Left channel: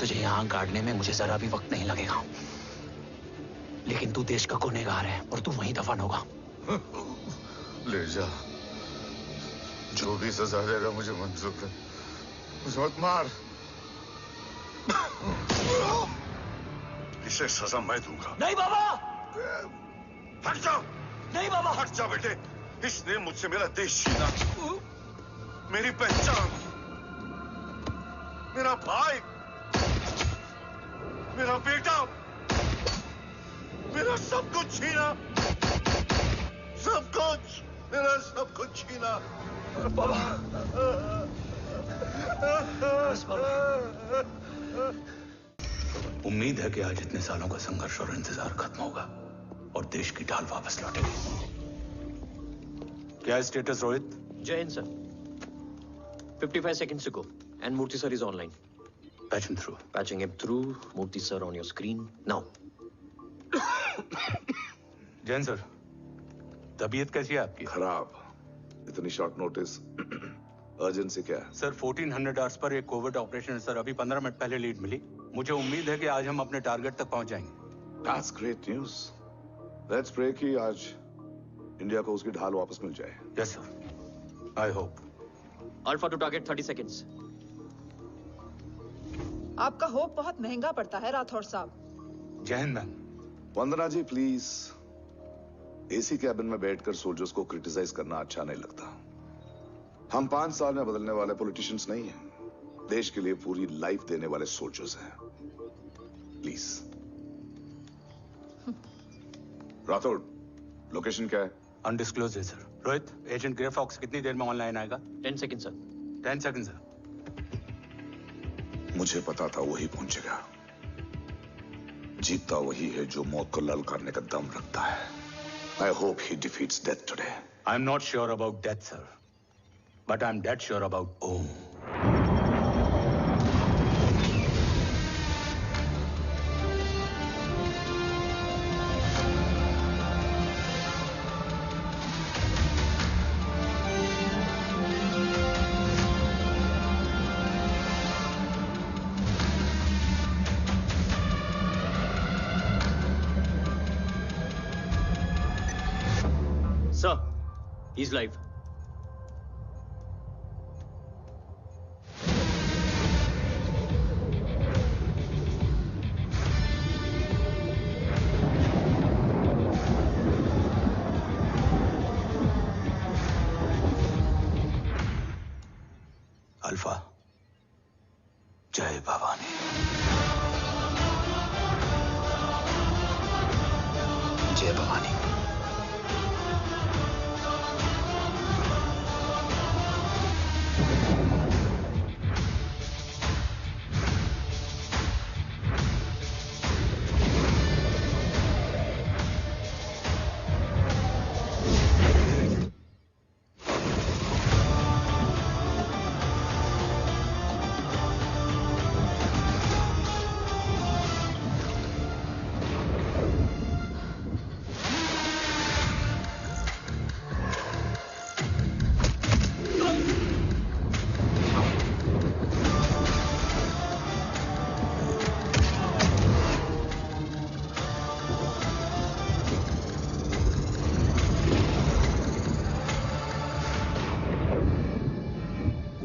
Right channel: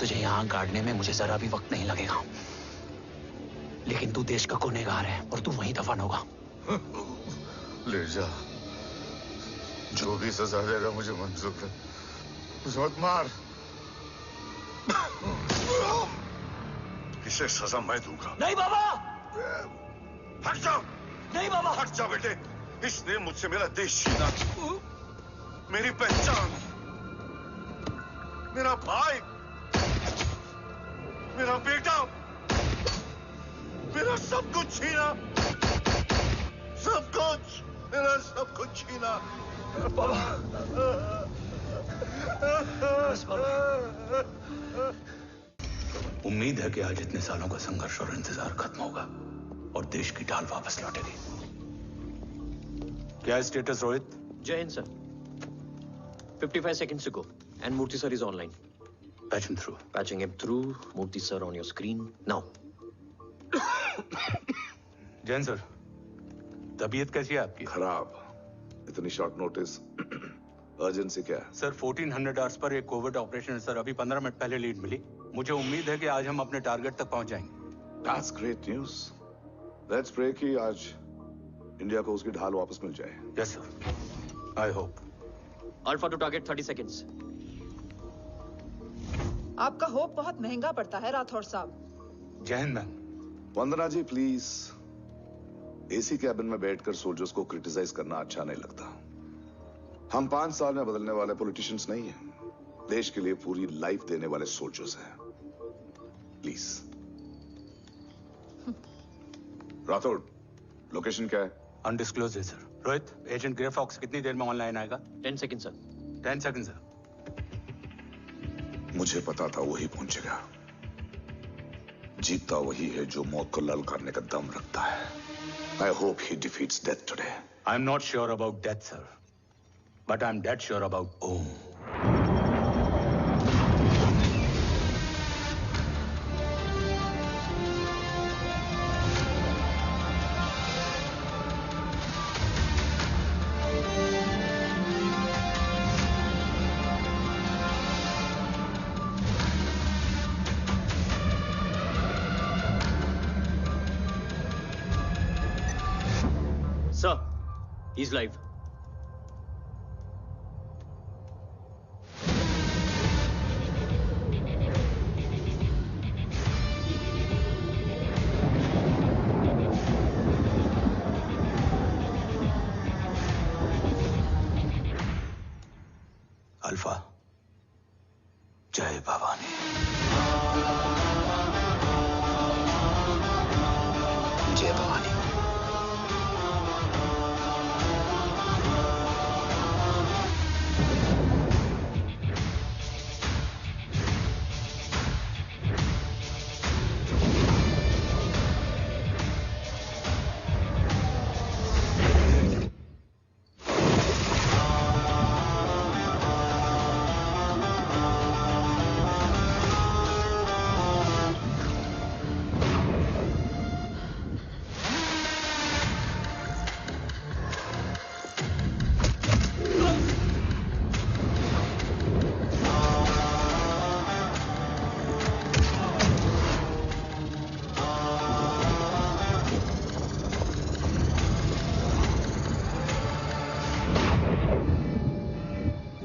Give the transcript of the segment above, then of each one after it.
तुझे यहाँ गाड़ने में मुझे जरा भी वक्त नहीं लगेगा, लेकिन तू देश का गुनहगार है और तू वहीं दफन होगा। ले जा, जो भी सजा देगा मुझे मंजूर है, मुझे मत मार। इसे सजा मैं दूंगा। नहीं बाबा, हट जाओ। नहीं बाबा, हट जा बेटे। इसने मुझसे मेरा देश छीना, मेरी पहचान, मेरा भाई, मेरा बेटा, मेरा सब कुछ छीना, सब कुछ, मेरा सब कुछ छीना। बाबा, बस बाबा। उम्मीद है कि आज इतने सालों का संघर्ष और इंतजार खत्म होगा और देश की ढाल वापस लौटेगी। क्या है स्टेटस रोहित? जय Hind sir. 55 seconds ago and Murthy sir is online. Patch him through. Patching him through. Murthy sir on your screen now. Jain sir, तबीयत कैसी है आपकी? खराब। इतनी शॉर्ट नोटिस, अर्जेंसी क्या है? सर 1400 आवर्स पर एक कोविड ऑपरेशन है सर। अभी 15 मिनट पहले लीड मिली। मुझे उम्मीद है कि आज हम अपने टारगेट तक पहुंच जाएंगे। That's great news. Let's pray कि आज इंडिया को उसकी ढाल वापस मिल जाए। Yes sir. I hope. Alpha to target 30 seconds. आपका होप बहुत महंगा पड़ता है राठौड़ साहब। जय हिंद ma'am. Vandana ji please, AC cabin में बैठकर सोल्जर्स को क्रिटिसाइज करना अच्छा नहीं लगता। हम 5 साल में बदलने वाले पॉलिटिशियंस नहीं हैं, देश के लिए पूरी लाइफ देने वाले सोल्जर्स हैं। प्लीज। राठौड़, लोकेशन क्या है? अनडिस्क्लोज है sir. Rohit, agent grey fox कितनी देर में ऑनलाइन आएगा? 10 seconds सर। 10 seconds sir. मुझे पता था वही पहुंचेगा। जीतता वही है जो मौत को ललकारने का दम रखता है। I hope he defeats death today. I'm not sure about death, sir. But I'm dead sure about Om. Sir, he's live. Alpha, जय भवानी। जय Bhavani.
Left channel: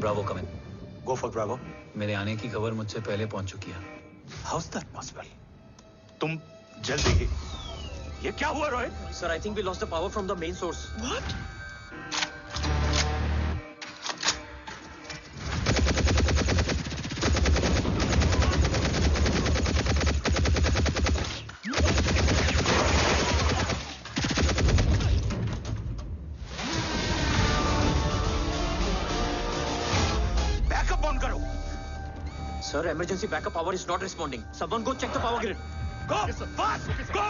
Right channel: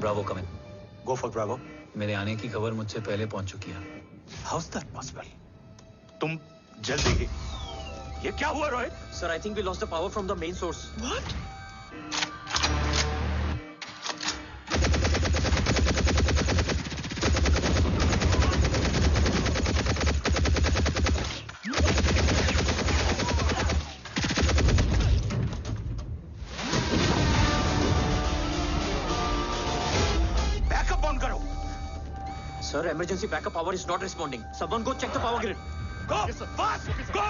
Bravo come in. Go for Bravo. मेरे आने की खबर मुझसे पहले पहुंच चुकी है। How is that possible? तुम जल्दी ही। ये क्या हुआ Rohit? Sir, I think we lost the power from the main source. What? Sir, emergency backup power is not responding. Someone go check the power grid. Go! Yes, sir. Fast! Okay, sir. Go!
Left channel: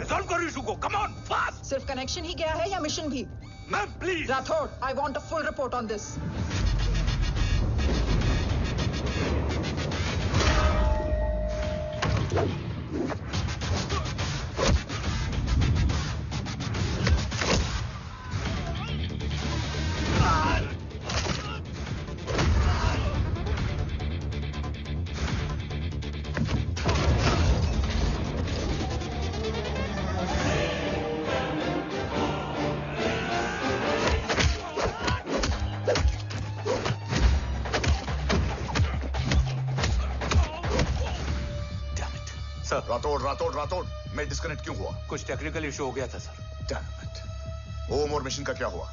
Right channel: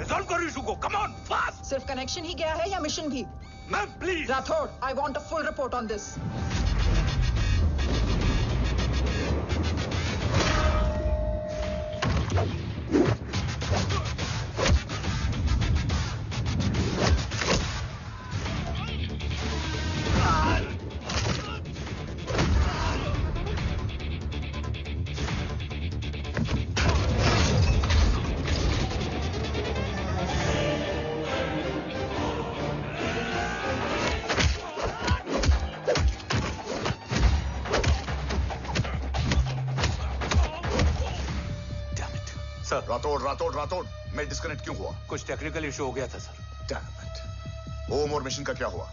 Resolve करो issue को. Come on, fast! सिर्फ connection ही गया है या mission भी? Ma'am, please. Rathod, I want a full report on this. Sir. Rathod Rathod Rathod, मैं disconnect क्यों हुआ? कुछ टेक्निकल इशू हो गया था सर। Damn it. ओम और मिशन का क्या हुआ?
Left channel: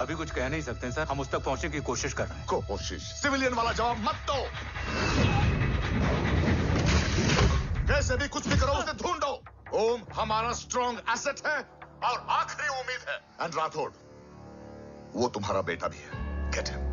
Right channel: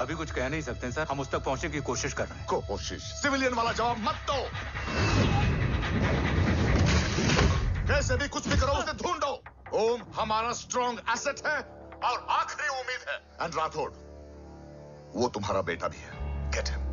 अभी कुछ कह नहीं सकते सर, हम उस तक पहुंचने की कोशिश कर रहे हैं। कोशिश? सिविलियन वाला जवाब मत दो। कैसे भी कुछ भी करो, उसे ढूंढो। ओम हमारा स्ट्रॉन्ग एसेट है और आखिरी उम्मीद है। एंड राठौड़, वो तुम्हारा बेटा भी है। Get him.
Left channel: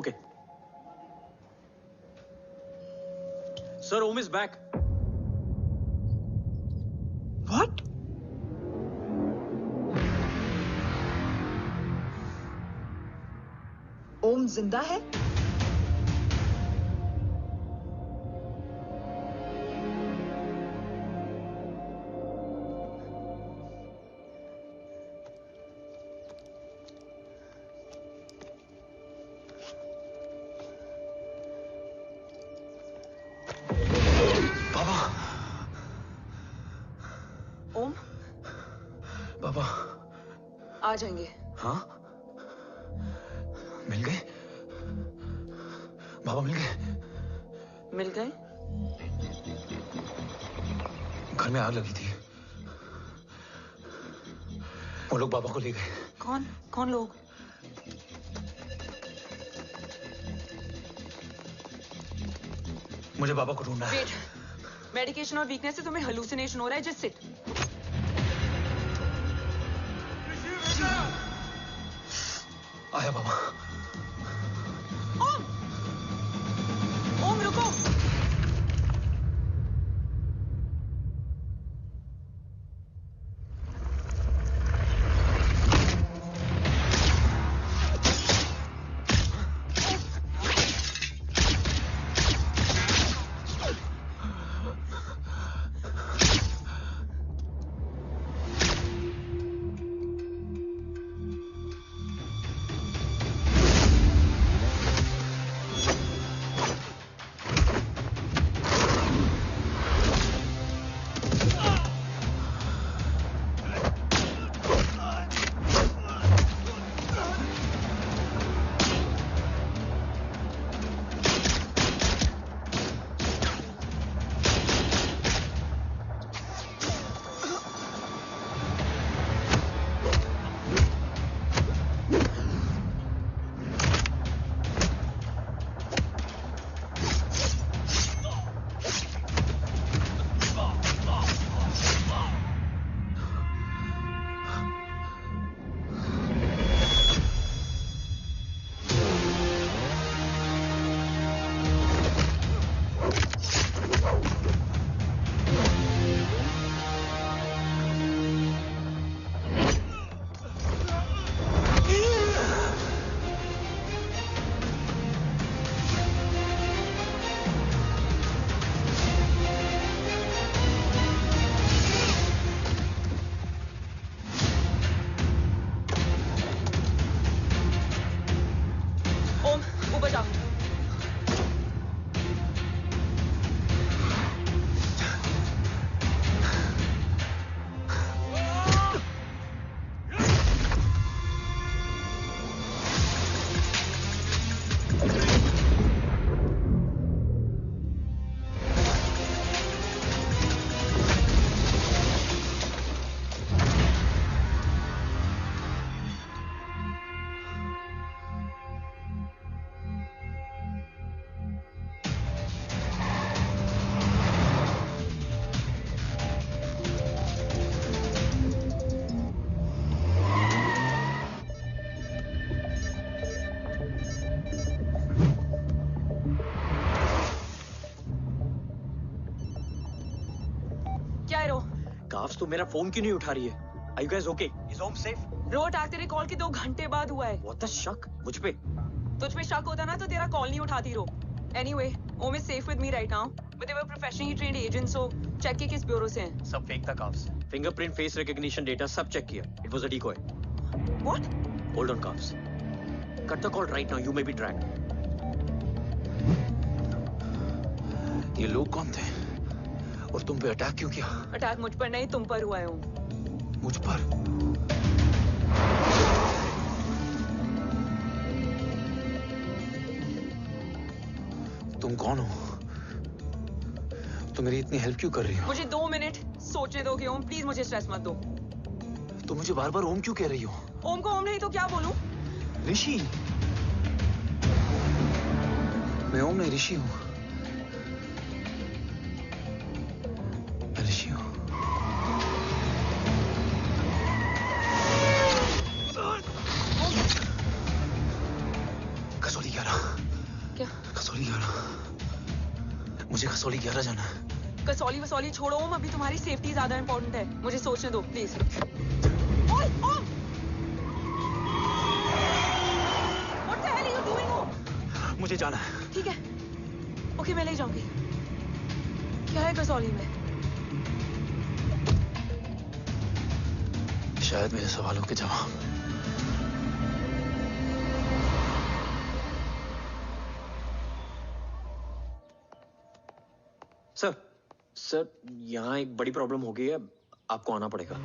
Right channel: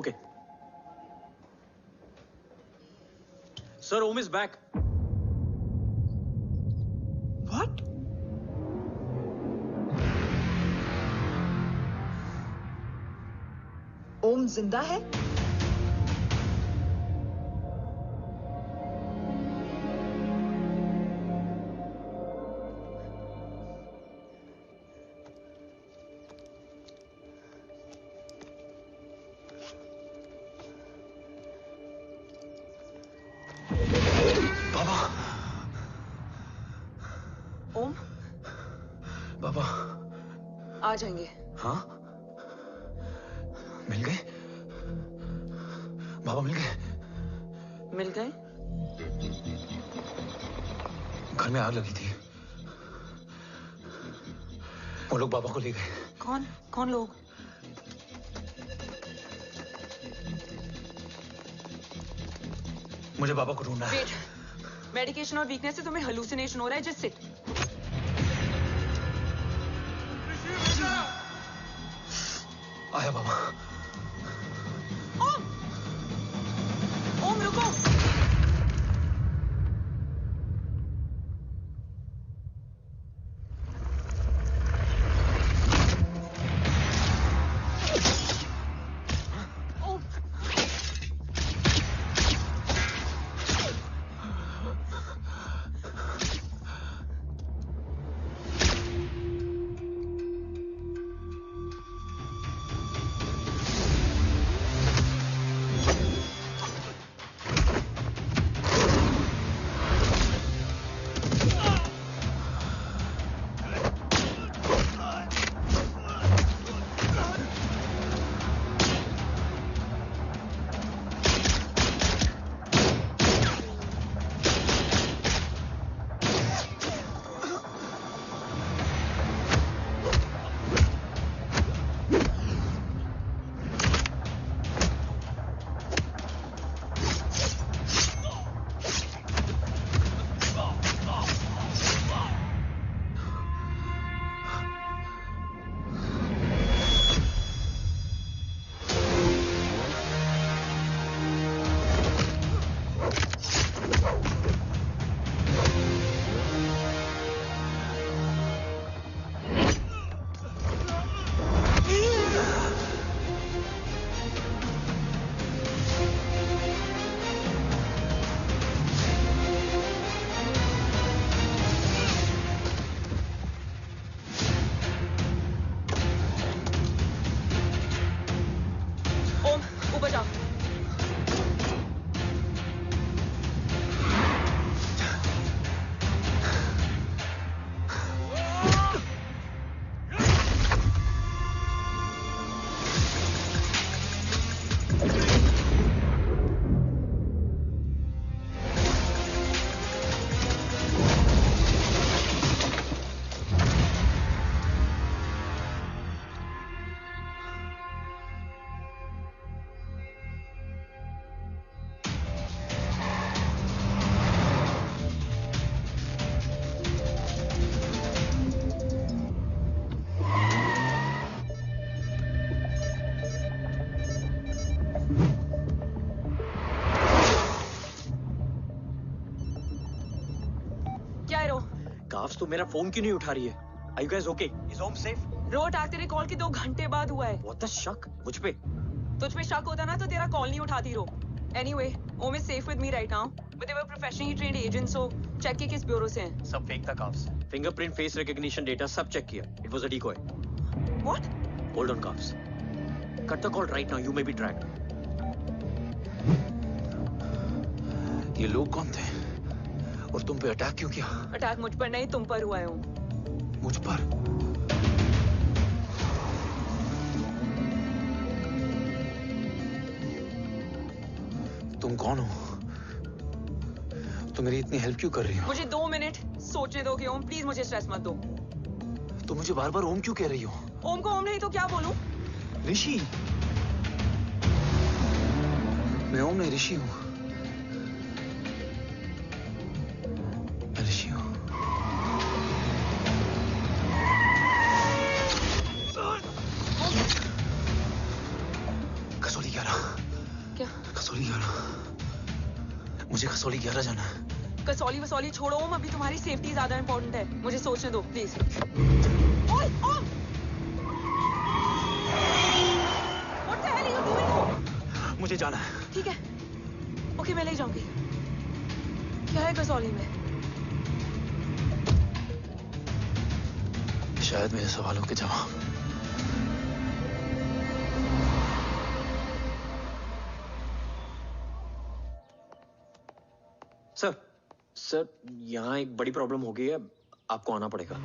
Okay. Sir, Om is back. What? ओम जिंदा है? ओम बाबा आ जाएंगे। हाँ, मिल गए बाबा, मिल गए। मिल गए? घर में आग लगी थी, वो लोग बाबा को ले गए। कौन कौन लोग? मुझे बाबा को ढूंढना है। वेट, मेडिकेशन और वीकनेस से तुम्हें हेलुसिनेशन हो रहा है। Just sit. आया बाबा। ओम, ओम रुको। कॉप्स, तो मेरा फोन क्यों नहीं उठा रही है? Are you guys okay? Is Om safe? रो अटैक तेरे कॉल के 2 घंटे बाद हुआ है। What the शक? मुझ पे? तुझ पे शक होता ना तो तेरा कॉल नहीं उठाती रो। Anyway, Om is safe with me right now. But they were professionally trained agents, so check के किस ब्यूरो से हैं। सब फेक था cops. Fingerprint, face recognition data सब चेक किया। It was a decoy. What? Hold on cops. Cut the call right now. You may be tracked. ये लोग कौन थे? और तुम पे अटैक क्यों किया? अटैक मुझ पर नहीं तुम पर हुआ है ओम। मुझ पर? तुम कौन हो? तुम मेरी इतनी हेल्प क्यों कर रही हो? मुझे 2 मिनट सोचने दोगे ओम, प्लीज मुझे स्ट्रेस मत दो। तुम मुझे बार बार ओम क्यों कह रही हो? ओम को ओम नहीं तो क्या बोलूं? ऋषि। मैं ओम नहीं, ऋषि हूं। मैं ऋषि हूं। कसौली 11। क्या? कसौली 11। मुझे कसौली 11 जाना है। कसौली वसौली छोड़ो ओम, अभी तुम्हारी सेफ्टी ज्यादा इंपॉर्टेंट है। मुझे सोचने दो प्लीज। ओए ओम! What the hell are you doing ओम? मुझे जाना है। ठीक है। ओके मैं ले जाऊंगी। क्या है कसौली में? शायद मेरे सवालों के जवाब। सर, यहाँ एक बड़ी प्रॉब्लम हो गई है, आपको आना पड़ेगा।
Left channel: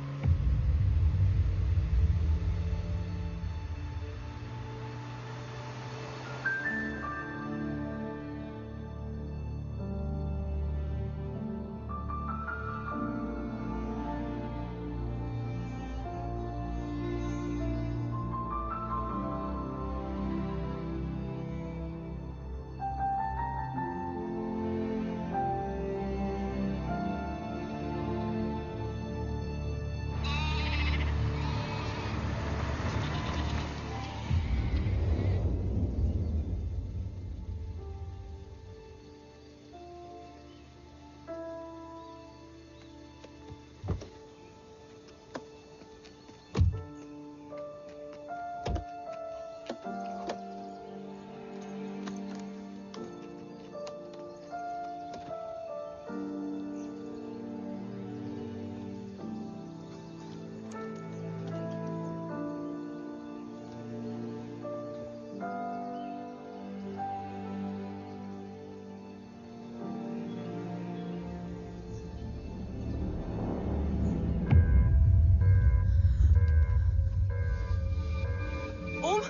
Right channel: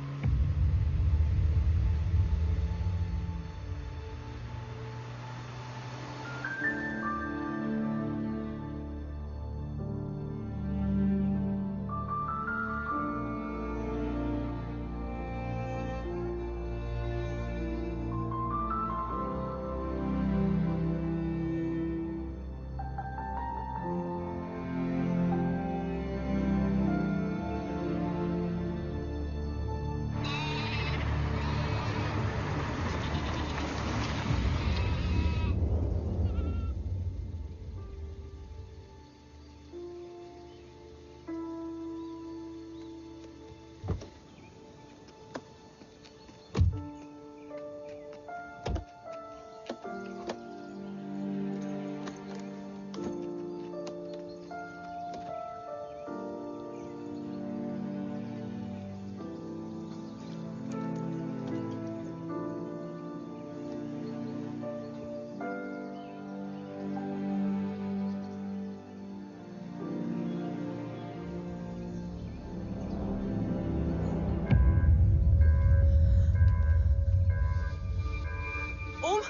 ओम!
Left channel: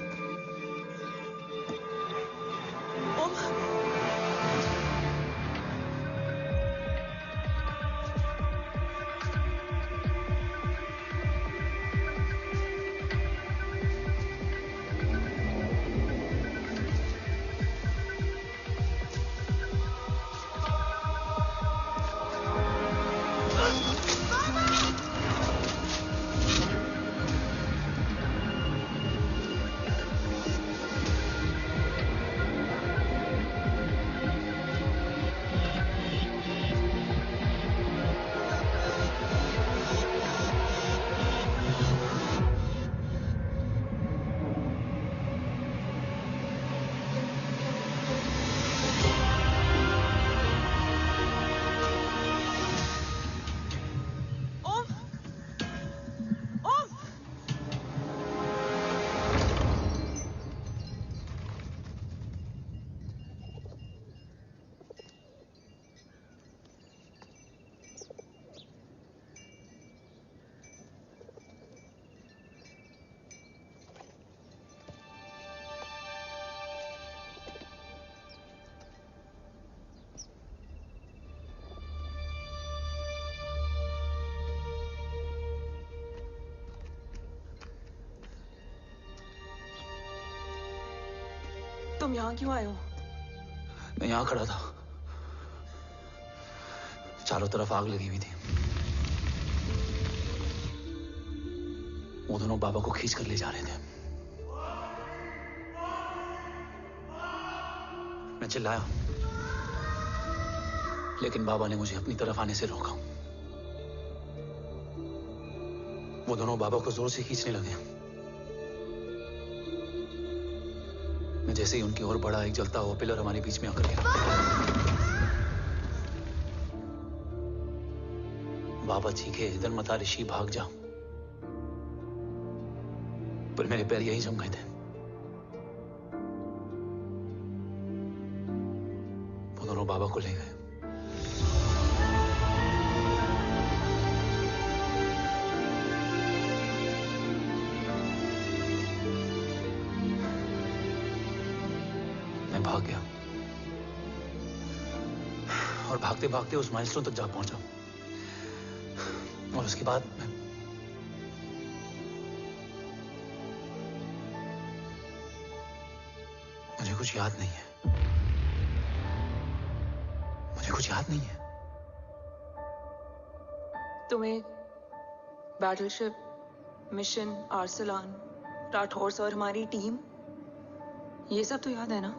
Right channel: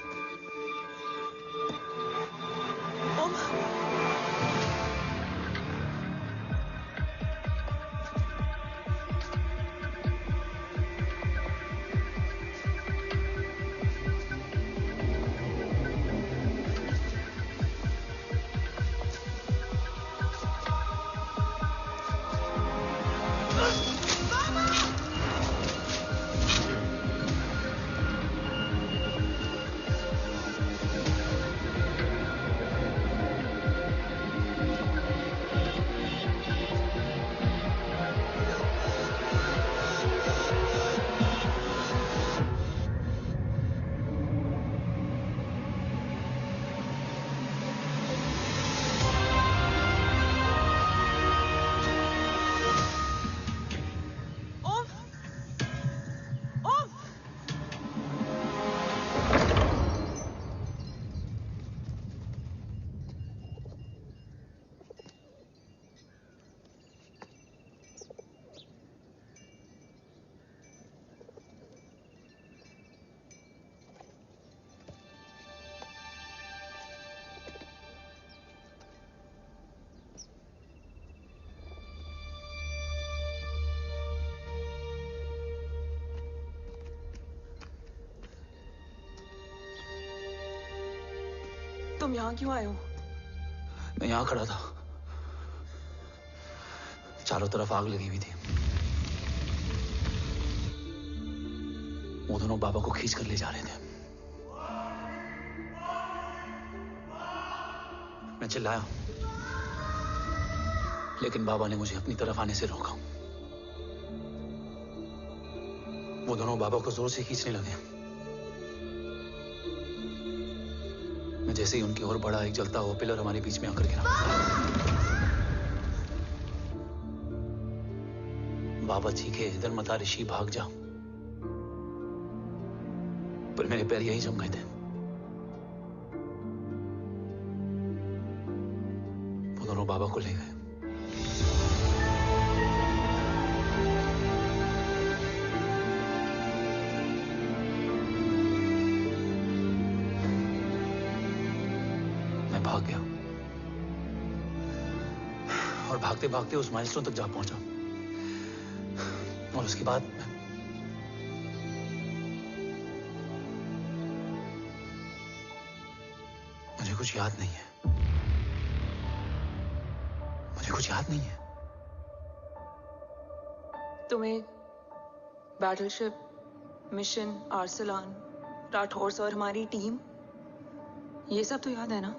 ओम! तुम यहाँ क्यों आए हो? मैं यहाँ खड़ा था, चारों तरफ आग लगी हुई थी। वो दोनों बाबा को खींच कर ले जा रहे थे। मैं चिल्लाया, लेकिन बाबा ने मुझे अपनी तरफ आने से रोका। वो दोनों बाबा को जोर से खींचने लगे। मैं जैसे ही उनकी ओर बढ़ा, एक जलता हुआ पिलर हमारे बीच में आकर गिरा। बाबा चीखे, इधर मत आ ऋषि, भाग जा। पर मेरे पैर यही जम गए थे। वो दोनों बाबा को ले गए। मैं भाग गया और भागते भागते उस माइलस्टोन तक जा पहुंचा। और उसके बाद मुझे कुछ याद नहीं है। मुझे कुछ याद नहीं है। तुम्हें बैटलशिप, मिशन, आर्सलान, राठौर और हमारी टीम, ये सब तो याद है ना?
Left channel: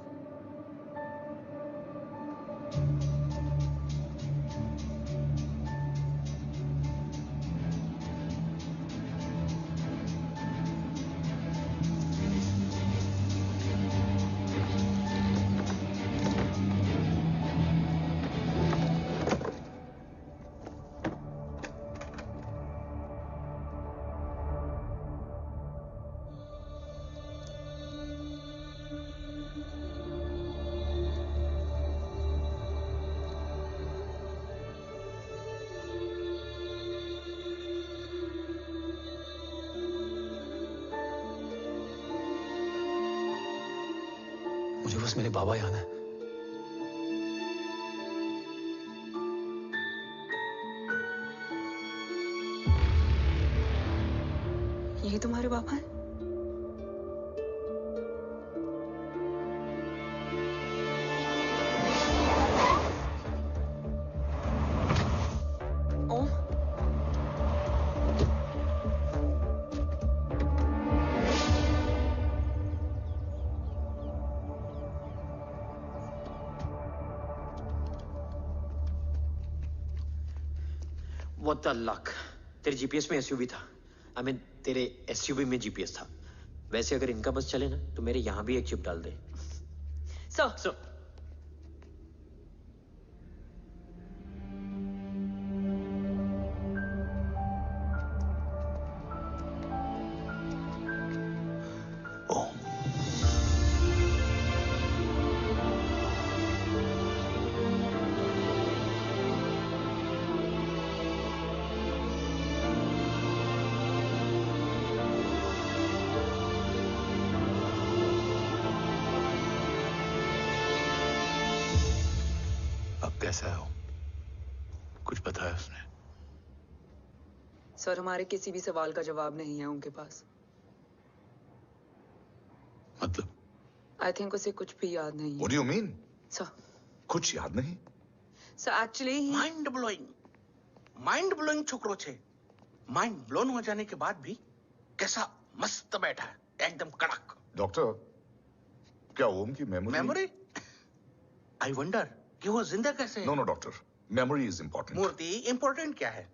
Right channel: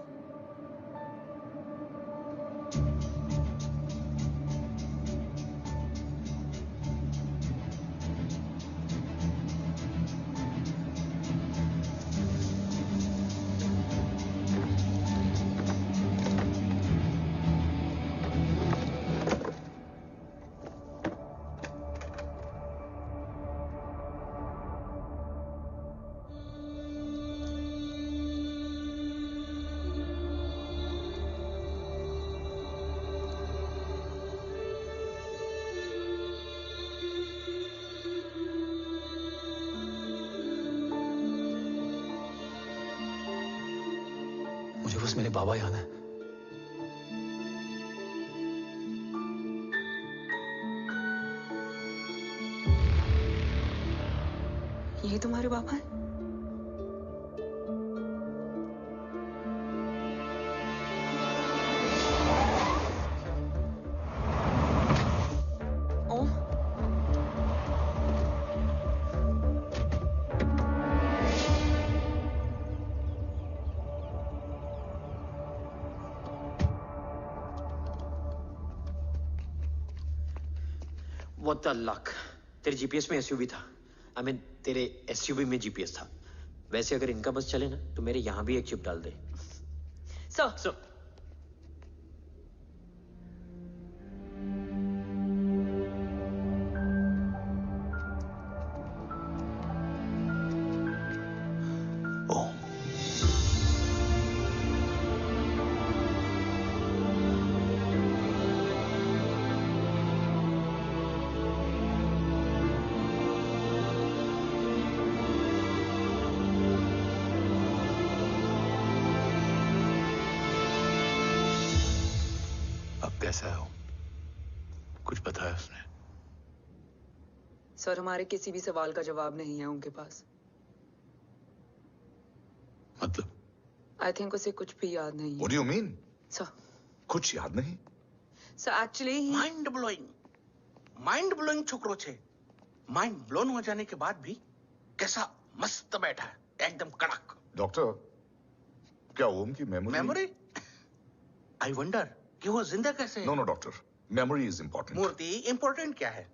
मुझे बस मेरे बाबा याद है। ये तुम्हारे बाबा हैं? ओम? What the luck? तेरे जीपीएस में एसयूवी था। I mean, तेरे एसयूवी में जीपीएस था। वैसे अगर इनका बस चले ना तो मेरे यहां भी एक चिप डाल दे। सर, ओम, अब कैसा है ओम? कुछ बताया उसने? सर, हमारे किसी भी सवाल का जवाब नहीं है उनके पास। मतलब? आई थिंक उसे कुछ भी याद नहीं है। What do you mean? Sir, कुछ याद नहीं? सर एक्चुअली माइंड ब्लोइंग छोकरो छे। माइंड ब्लोन हो जाने के बाद भी कैसा मस्त बैठा है, एकदम कड़क। डॉक्टर, क्या ओम की मेमोरी? आई वंडर कि वो जिंदा कैसे है? No doctor, memory is important. मूर्ति इंपॉर्टेंट क्या है?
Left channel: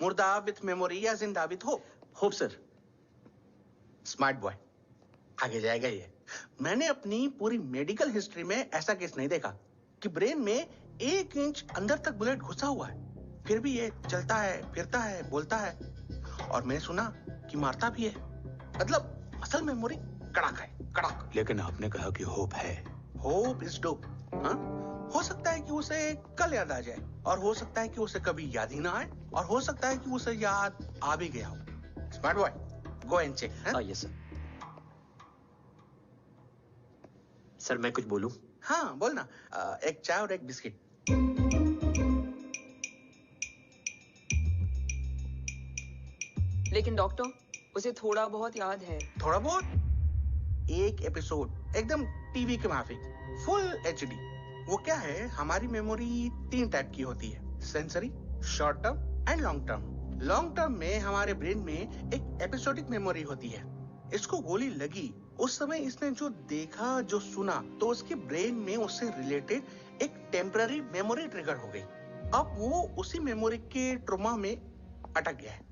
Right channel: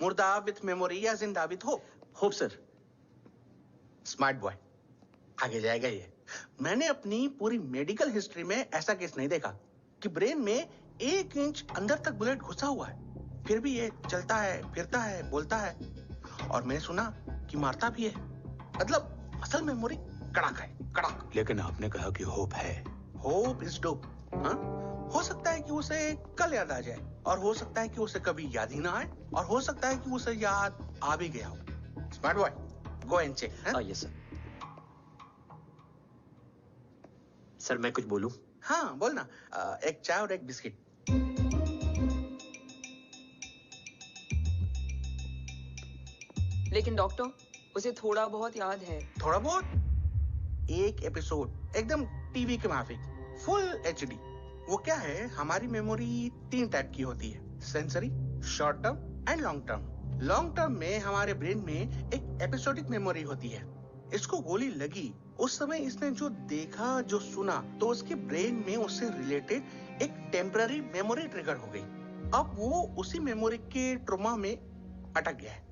मुर्दा विथ मेमोरी या जिंदा with hope? Hope sir. Smart boy, आगे जाएगा ये। मैंने अपनी पूरी मेडिकल हिस्ट्री में ऐसा केस नहीं देखा कि ब्रेन में 1 इंच अंदर तक बुलेट घुसा हुआ है, फिर भी ये चलता है, फिरता है, बोलता है, और मैंने सुना कि मारता भी है। मतलब असल मेमोरी कड़क है, कड़क। लेकिन आपने कहा कि होप है। Hope is dope. हाँ, हो सकता है कि उसे कल याद आ जाए, और हो सकता है कि उसे कभी याद ही ना आए, और हो सकता है कि उसे याद आ भी गया हो। Smart boy, go and check. Yes sir. Sir मैं कुछ बोलूं? हाँ बोलना। एक चाय और एक बिस्किट। लेकिन डॉक्टर, उसे थोड़ा बहुत याद है। थोड़ा बहुत? एक एपिसोड एकदम टीवी के माफिक, फुल एचडी। वो क्या है, हमारी मेमोरी 3 टाइप की होती है, sensory, short term and long term. Long term में हमारे ब्रेन में एक एपिसोडिक मेमोरी होती है। इसको गोली लगी, उस समय इसने जो देखा, जो सुना, तो उसके ब्रेन में उससे रिलेटेड एक टेम्पररी मेमोरी ट्रिगर हो गई। अब वो उसी मेमोरी के ट्रॉमा में अटक गया है।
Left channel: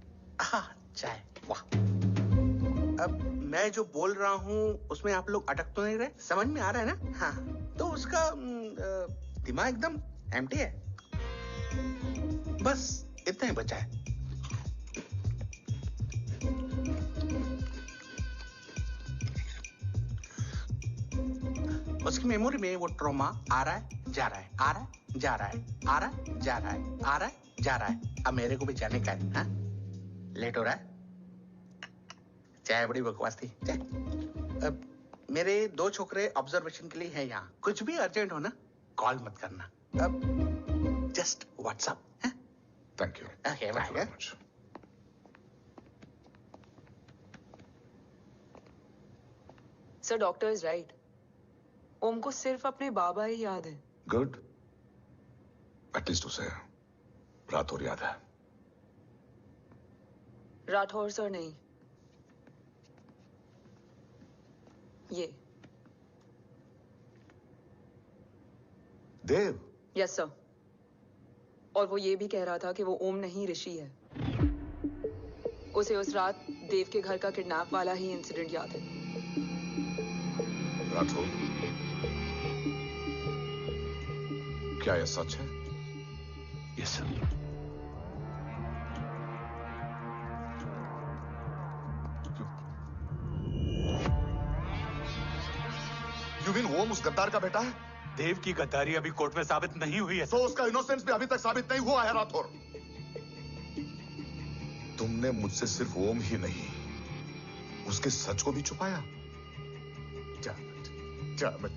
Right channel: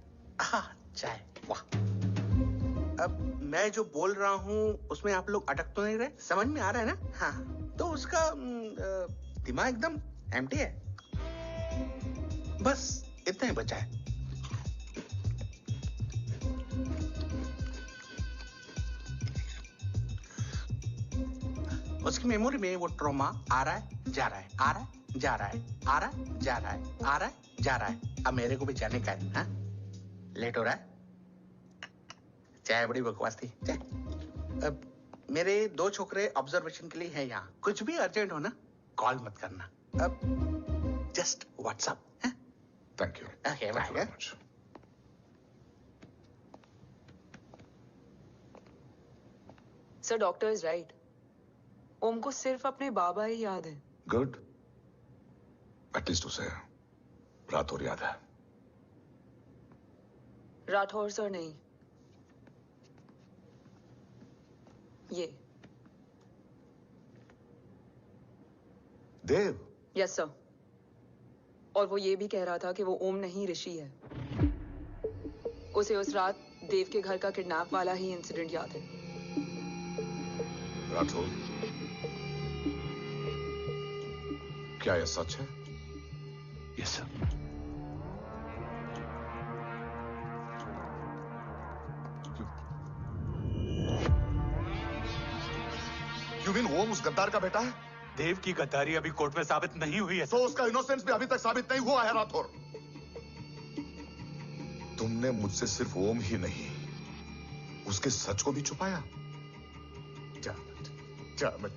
चाय, वाह। अब मैं जो बोल रहा हूँ उसमें आप लोग अटक तो नहीं रहे? समझ में आ रहा है ना? हाँ, तो उसका दिमाग एकदम एम्प्टी है। बस इतना ही बचा है। उसकी मेमोरी में वो ट्रॉमा आ रहा है, जा रहा है, आ रहा है, जा रहा है, आ रहा है, जा रहा है, आ रहा है, जा रहा है। अब मेरे को भी जाने का है, हाँ? लेट हो रहा है? चाय बड़ी बकवास थी। अब मेरे 2 छोकरे ऑब्जर्वेशन के लिए हैं यहाँ। कुछ भी अर्जेंट हो ना, कॉल मत करना। अब जस्ट व्हाट्सएप, हैं? Thank you. Okay, bye. Sir, doctor is right. Om को सिर्फ अपने बाबा ही याद है। गुड। एटलीस्ट उसे राठौर याद है। राठौर सर नहीं, ये देव। Yes sir. और वो ये भी कह रहा था कि वो ओम नहीं, ऋषि है। उसे उस रात देव के घर का किडनैप वाला ही इंसिडेंट याद है। राठौर, क्या यह सच है? Yes sir. यू मीन ओम उस गद्दार का बेटा है? देव की गद्दारी अभी कोर्ट में साबित नहीं हुई है। तो उसका इनोसेंस भी अभी तक साबित नहीं हुआ है राठौर। तुमने मुझसे सिर्फ ओम ही नहीं, उसके सच को भी छुपाया। Damn it!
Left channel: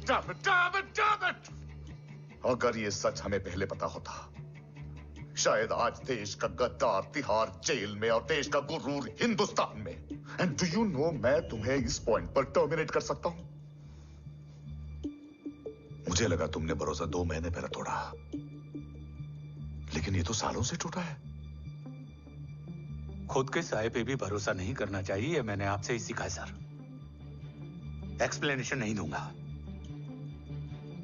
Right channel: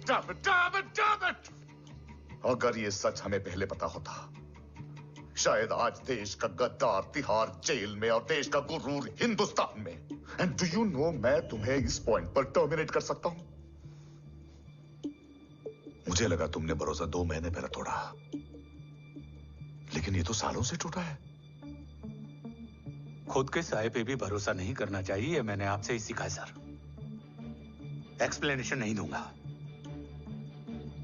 अगर ये सच हमें पहले पता होता, शायद आज देश का गद्दार तिहाड़ जेल में और देश का गुरूर हिंदुस्तान में। एंड डू यू नो, मैं तुम्हें इस पॉइंट पर टर्मिनेट कर सकता हूं। मुझे लगा तुमने भरोसा 2 महीने पहले तोड़ा, लेकिन ये तो सालों से टूटा है। खुद के साये पे भी भरोसा नहीं करना चाहिए, मैंने आपसे ही सीखा है सर। एक्सप्लेनेशन नहीं दूंगा,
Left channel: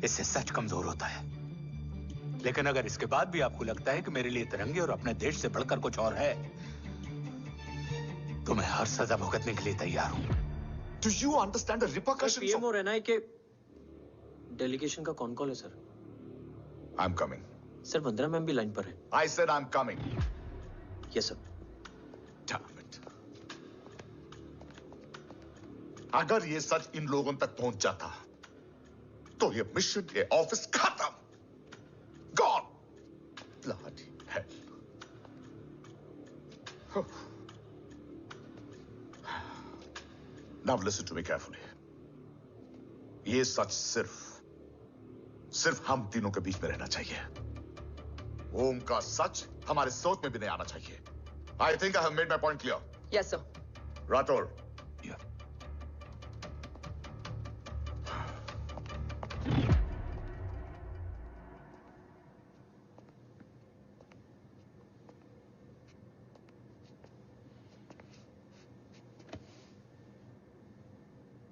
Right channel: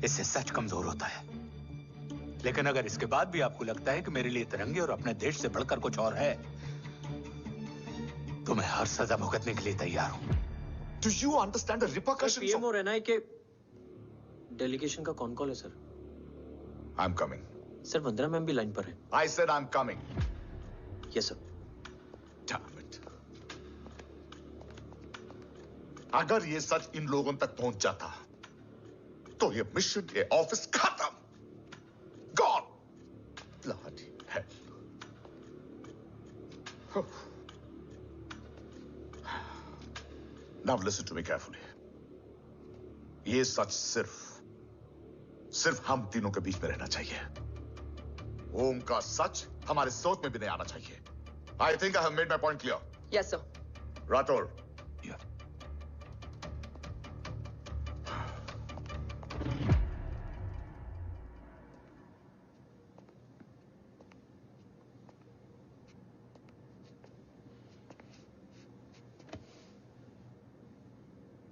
इससे सच कमजोर होता है। लेकिन अगर इसके बाद भी आपको लगता है कि मेरे लिए तिरंगे और अपने देश से बढ़कर कुछ और है, तो मैं हर सजा भुगतने के लिए तैयार हूं। Do you understand the repercussions? PM और एनआई के डेलीगेशन का कौन कॉल है sir? I'm coming. Sir, Vandana ma'am भी लाइन पर है। I said I'm coming. Yes sir. Damn it. अगर ये सच इन लोगों तक पहुंच जाता, तो ये मिशन, ये ऑफिस खत्म। Gone. Bloody hell. Now listen to me carefully. ये सच सिर्फ हम तीनों के बीच में रहना चाहिए। ओम का सच हमारे सोच में भी नहीं आना चाहिए। I think I have made my point clear. Yes sir. Rathore. Yeah.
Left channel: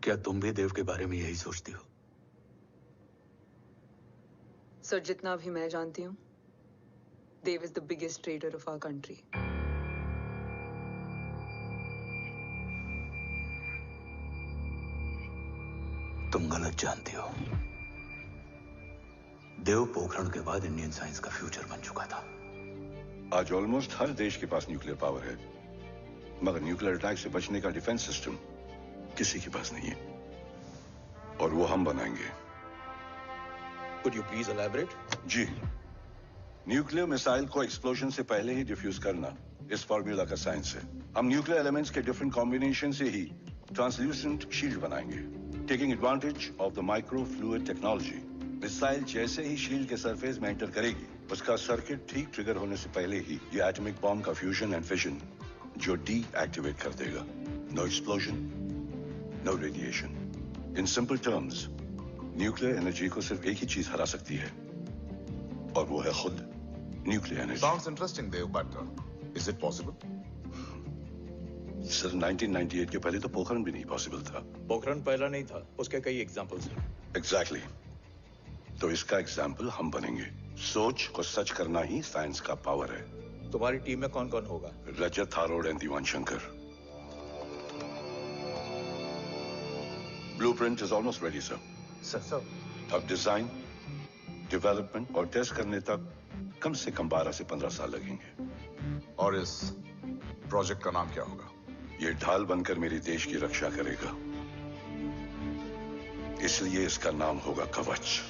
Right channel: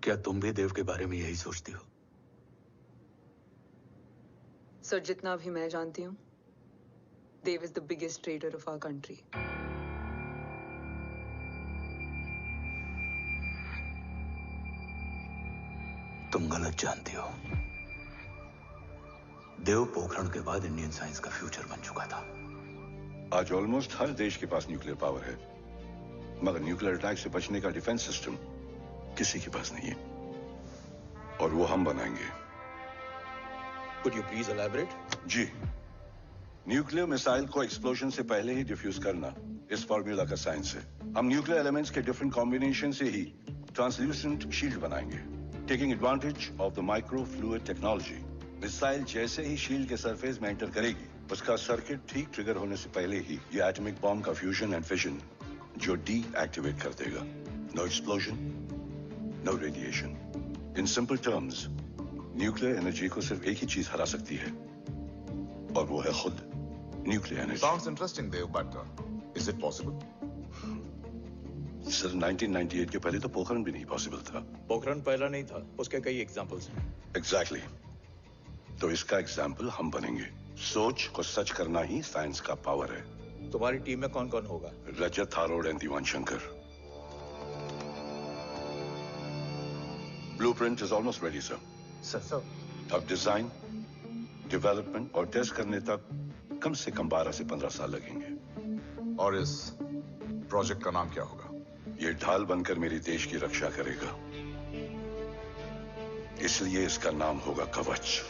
क्या तुम भी देव के बारे में यही सोचती हो? सर, जितना भी मैं जानती हूँ, Dev is the biggest trader of our country. तुम गलत जानती हो। देव पोखरण के बाद इंडियन साइंस का फ्यूचर बन चुका था। आज ऑलमोस्ट हर देश के पास न्यूक्लियर पावर है, मगर न्यूक्लियर अटैक से बचने का डिफेंस सिस्टम किसी के पास नहीं है, और वो हम बनाएंगे। Could you please elaborate? जी, न्यूक्लियर मिसाइल को एक्सप्लोजन से पहले ही डिफ्यूज करना इस फॉर्मूला का साइंस है। हम न्यूक्लियर एलिमेंट्स के डिफरेंट कॉम्बिनेशन से ही ट्रांसल्यूसेंट शील्ड बनाएंगे, taking advantage of the micro fluid technology. Missile जैसे ही शील्ड के सरफेस में एंटर करेगी, उसका सर्किट ठीक ट्रिगर होने से पहले ही ये एटॉमिक बॉम्ब का फ्यूजन एंड फिशन जो डीएक्टिवेट कर देगा। No explosion, no radiation. In simple terms, nuclear energy को सिर्फ एक ही चीज हरा सकती है, और वो है खुद nuclear energy. Sounds interesting, Dev, but is it possible? Sir, 1998 के पहले तो पोखरण भी नहीं पॉसिबल था। पोखरण पहला नहीं था, उसके कई एग्जांपल्स हैं। एग्जैक्टली। तो इसका एग्जाम्पल हम बनेंगे। सोच को सच करना ही साइंस का पावर है। तुम्हारी टीम में कौन कौन होगा? Rajat Tharod and Diwan Shankar. Blueprint is almost ready, sir. Sir. अब डिजाइन, डेवलपमेंट और टेस्ट करने तक कम से कम 12 से 15 साल लगेंगे. और इस प्रोजेक्ट का नाम क्या होगा? ये ढाल बनकर मेरे देश की रक्षा करेगा, इसलिए इसका नाम होगा कवच.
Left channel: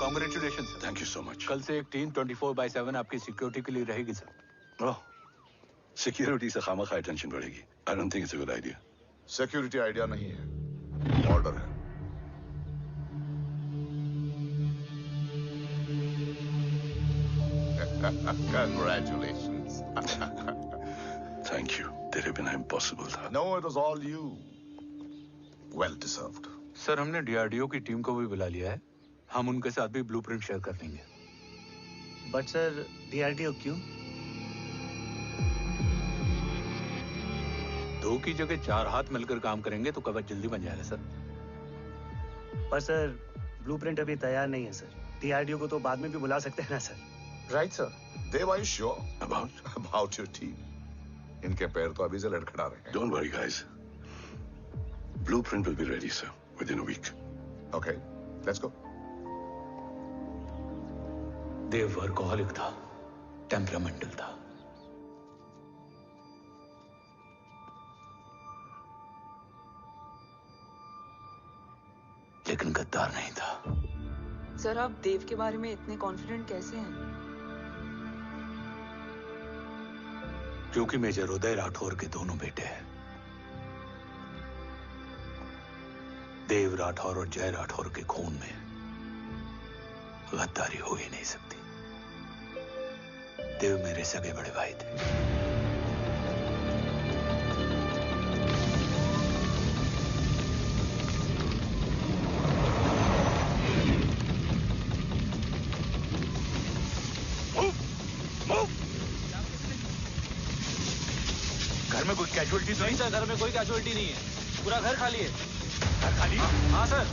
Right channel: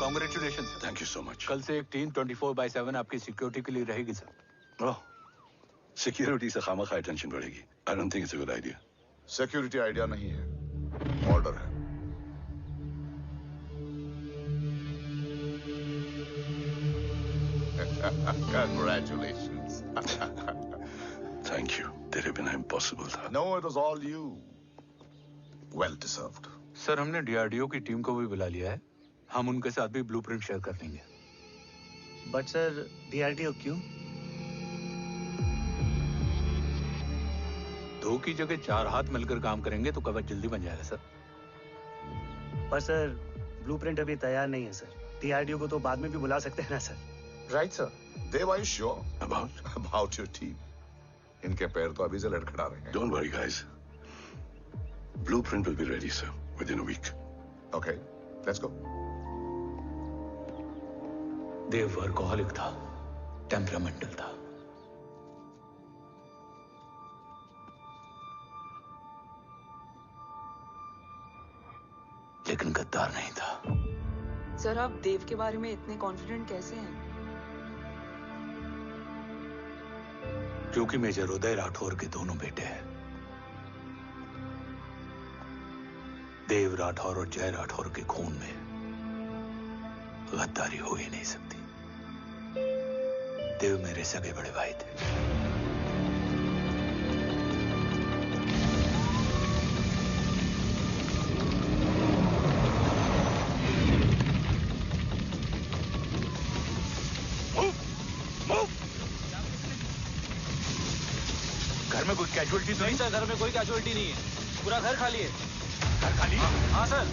Congratulation sir. Thank you so much. कल से एक टीम 24/7 आपकी सिक्योरिटी के लिए रहेगी सर. ओह, सिक्योरिटी से खामखा टेंशन बढ़ेगी. I don't think it's a good idea. Security idea नहीं है, ऑर्डर है. Congratulations. Thank you. तेरे बिना इम्पॉसिबल था. No, it was all you. Well deserved. Sir हमने डीआरडीओ की टीम को भी बुला लिया है. हम उनके साथ भी ब्लूप्रिंट शेयर कर लेंगे. बट सर डीआरडीओ क्यों? 2 की जगह 4 हाथ मिलकर काम करेंगे तो कवच जल्दी बन जाएगा सर. पर सर ब्लूप्रिंट अभी तैयार नहीं है सर. डीआरडीओ को तो बाद में भी बुला सकते हैं ना sir. Right, sir. Dev, are you sure about your team? इनके पैर तो अभी से लड़खड़ा रहे हैं. Don't worry, guys. Blueprint will be ready, sir, within a week. Okay, let's go. Dev workaholic था, टेम्परामेंटल था. लेकिन गद्दार नहीं था. सर आप देव के बारे में इतने कॉन्फिडेंट कैसे हैं? क्योंकि मेजर उदय राठौर के दोनों बेटे हैं. देव राठौर और जय राठौर के खून में गद्दारी हो ही नहीं सकती. देव मेरे सगे बड़े भाई थे. घर में कोई कैजुअलिटी तो नहीं? सर घर में कोई कैजुअलिटी नहीं है. पूरा घर खाली है. घर खाली? हाँ सर.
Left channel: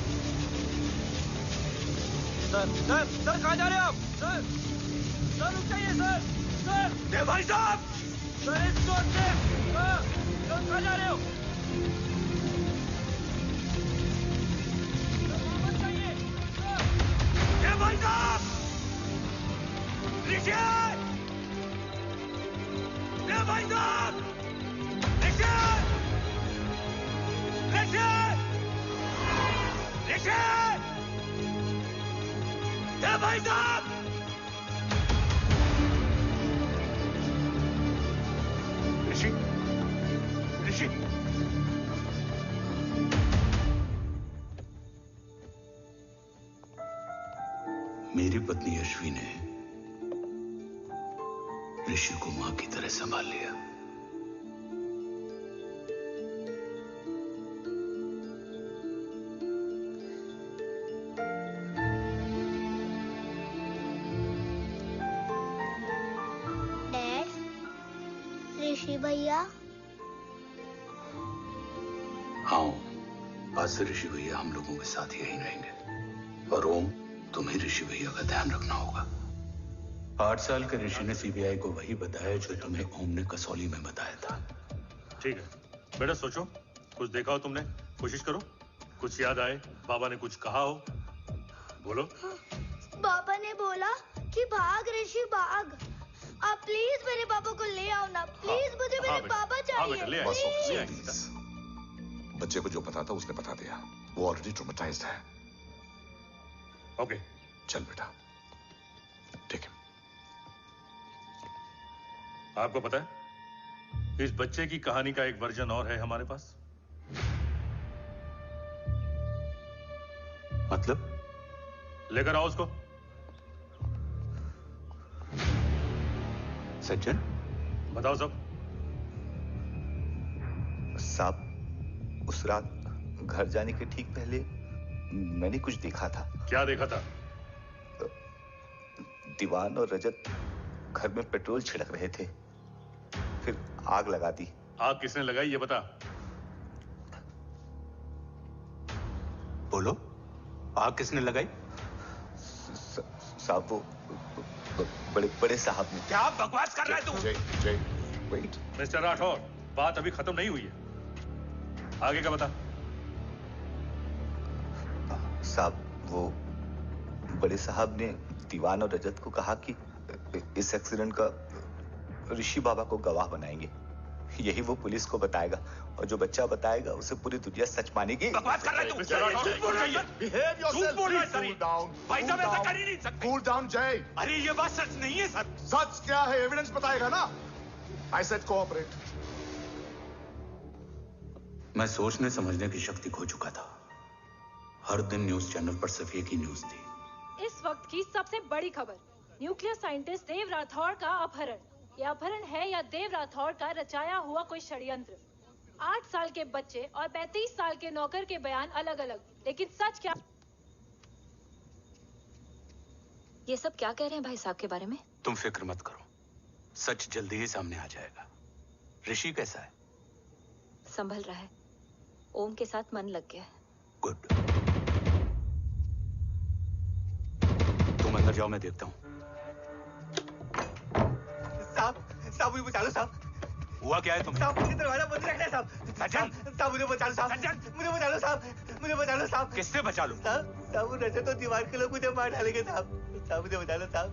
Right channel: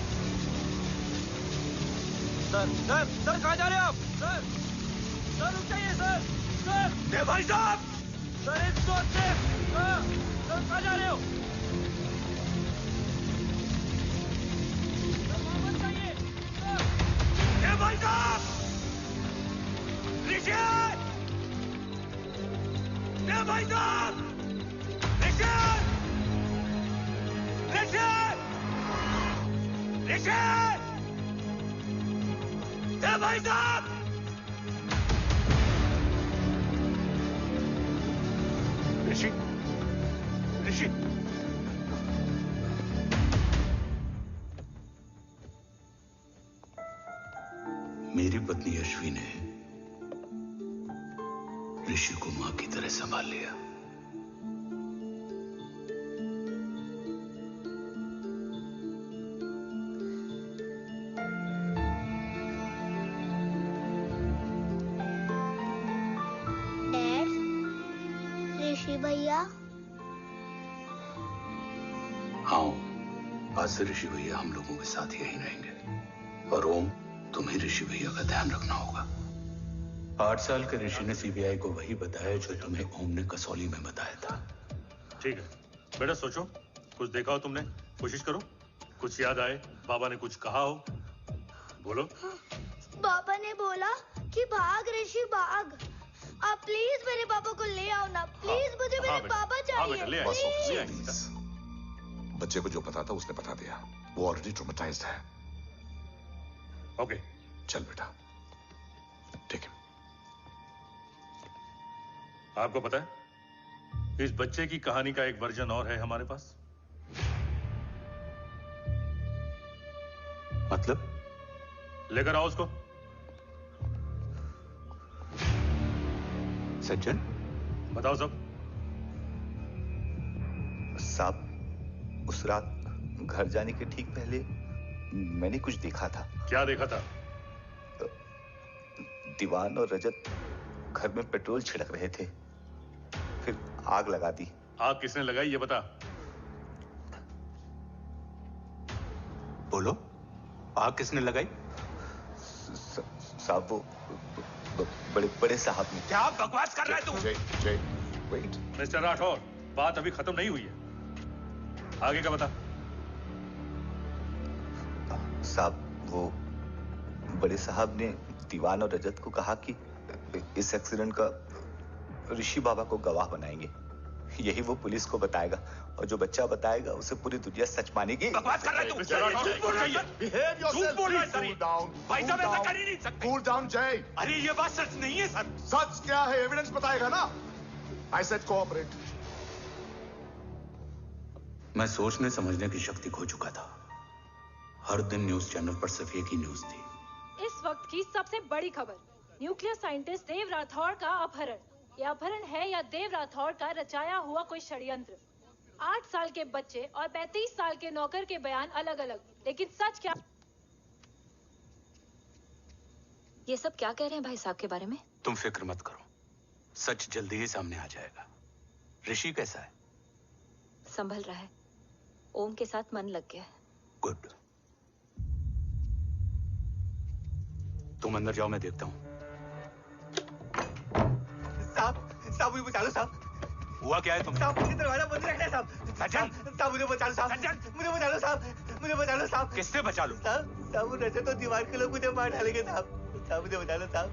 सर कहाँ जा रहे हैं आप? सर रुक जाइए सर. देव भाई साहब! सर इसको सर कहाँ जा रहे हो? सर वहाँ मत जाइए. देव भाई साहब! ऋषि! देव भाई साहब! ऋषि! देव भाई साहब! ऋषि! मेरी पत्नी अश्वी ने ऋषि को मां की तरह संभाल लिया. ऋषि भैया. हाँ, आज से ऋषि भैया हम लोगों के साथ यहीं रहेंगे. और ओम, तुम्हें ऋषि भैया का ध्यान रखना होगा. 8 साल के ऋषि ने सीबीआई को वही बताया जो तुम्हें ओम ने कसौली में बताया था. ठीक है बेटा, सोचो. कुछ देखा हो तुमने? कोशिश करो. कुछ याद आए, बाबा ने कुछ कहा हो. बोलो. बाबा ने बोला कि भाग ऋषि भाग. आप प्लीज मेरे पापा को ले आओ ना. प्लीज मुझे मेरे पापा चाहिए. प्लीज. बच्चे को जो पता था उसने बता दिया. वो ऑलरेडी ट्रॉमेटाइज्ड है. ओके चल बेटा. ठीक है. आपको पता है इस बच्चे की कहानी का एक वर्जन और है हमारे पास. मतलब? लेकर आओ उसको. सज्जन, बताओ सब. साहब, उस रात घर जाने के ठीक पहले मैंने कुछ देखा था. क्या देखा था? दीवान और रजत घर में पेट्रोल छिड़क रहे थे, फिर आग लगा दी. आग किसने लगाई ये बता. बोलो, आग किसने लगाई? साहब, वो बड़े बड़े साहब ने। क्या बकवास कर रहा है तू? जय वेट। मिस्टर राठौर, बात अभी खत्म नहीं हुई है, आगे का बता। साहब, वो बड़े साहब ने दीवान और रजत को कहा कि इस एक्सीडेंट का ऋषि बाबा को गवाह बनाएंगे। यही वो पुलिस को बताएगा और जो बच्चा बताएगा उसे पूरी दुनिया सच मानेगी। बकवास कर रहा है तू? झूठ बोल रही है। Behave yourself, झूठ बोल रहा है please, सर। cool down, भाई साहब cool ऐसा down. कर ही नहीं सकते। Cool down, जय। अरे ये बात सच नहीं है सर। सच क्या है? एविडेंस बताएगा ना। I said cooperate. मैं सोचने समझने की शक्ति खो चुका था। हर दिन न्यूज चैनल पर सिर्फ एक ही न्यूज थी। इस वक्त की सबसे बड़ी खबर, न्यूक्लियर साइंटिस्ट देव राठौड़ का अपहरण। यह अपहरण है या देव राठौड़ का रचाया हुआ कोई षड्यंत्र। 8 साल के बच्चे और 35 साल के नौकर के बयान अलग अलग, लेकिन सच क्या? ये सब क्या कह रहे हैं भाई साहब के बारे में? तुम फिक्र मत करो, सच जल्दी ही सामने आ जाएगा। ऋषि कैसा है? संभल रहा है। ओम के साथ मन लग गया है। गुड। तुम अंदर जाओ, मैं देखता हूँ। साहब मुझे बचा लो साहब। हुआ क्या है तुम? साहब मुझे दरवाजा बंद रखना है साहब। सज्जन, साहब मुझे बचा लो साहब। सज्जन, मुझे बचा लो साहब। मुझे बचा लो साहब। किससे बचा लो? साहब रजत तो दीवार के लोग मुझे मार डालेंगे साहब। साहब मुझे बचा लो साहब।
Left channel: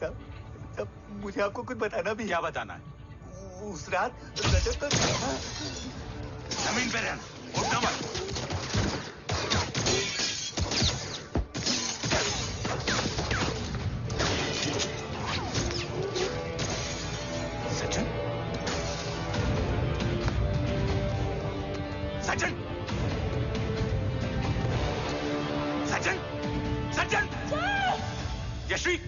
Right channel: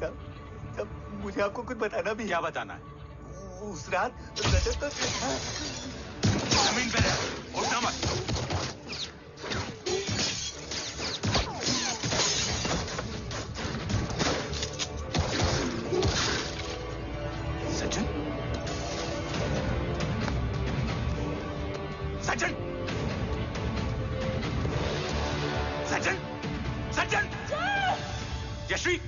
साहब मुझे आपको कुछ बताना भी। क्या बताना है? उस रात रजत तो जमीन पे रह, उठना मत। सज्जन, सज्जन, सज्जन, सज्जन, यश्वी,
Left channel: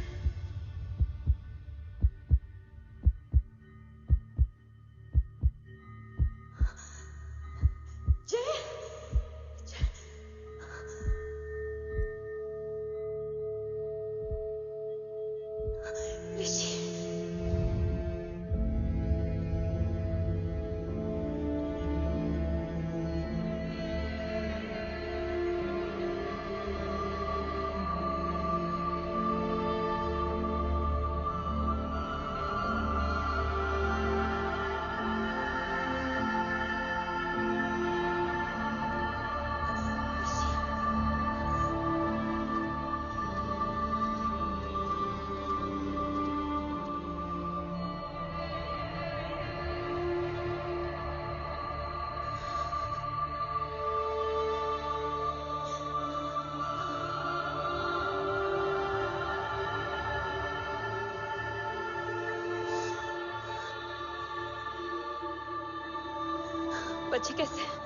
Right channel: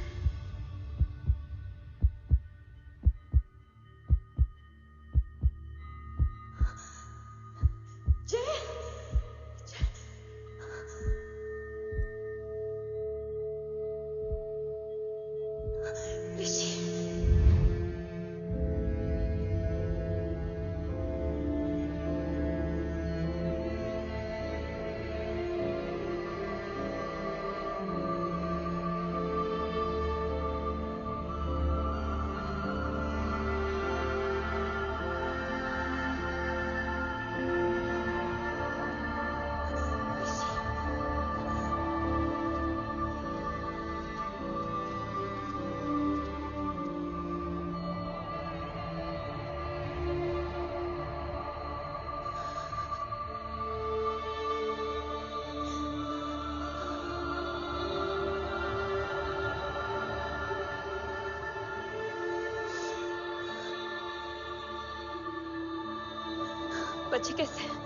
बच्चे कैसे हैं?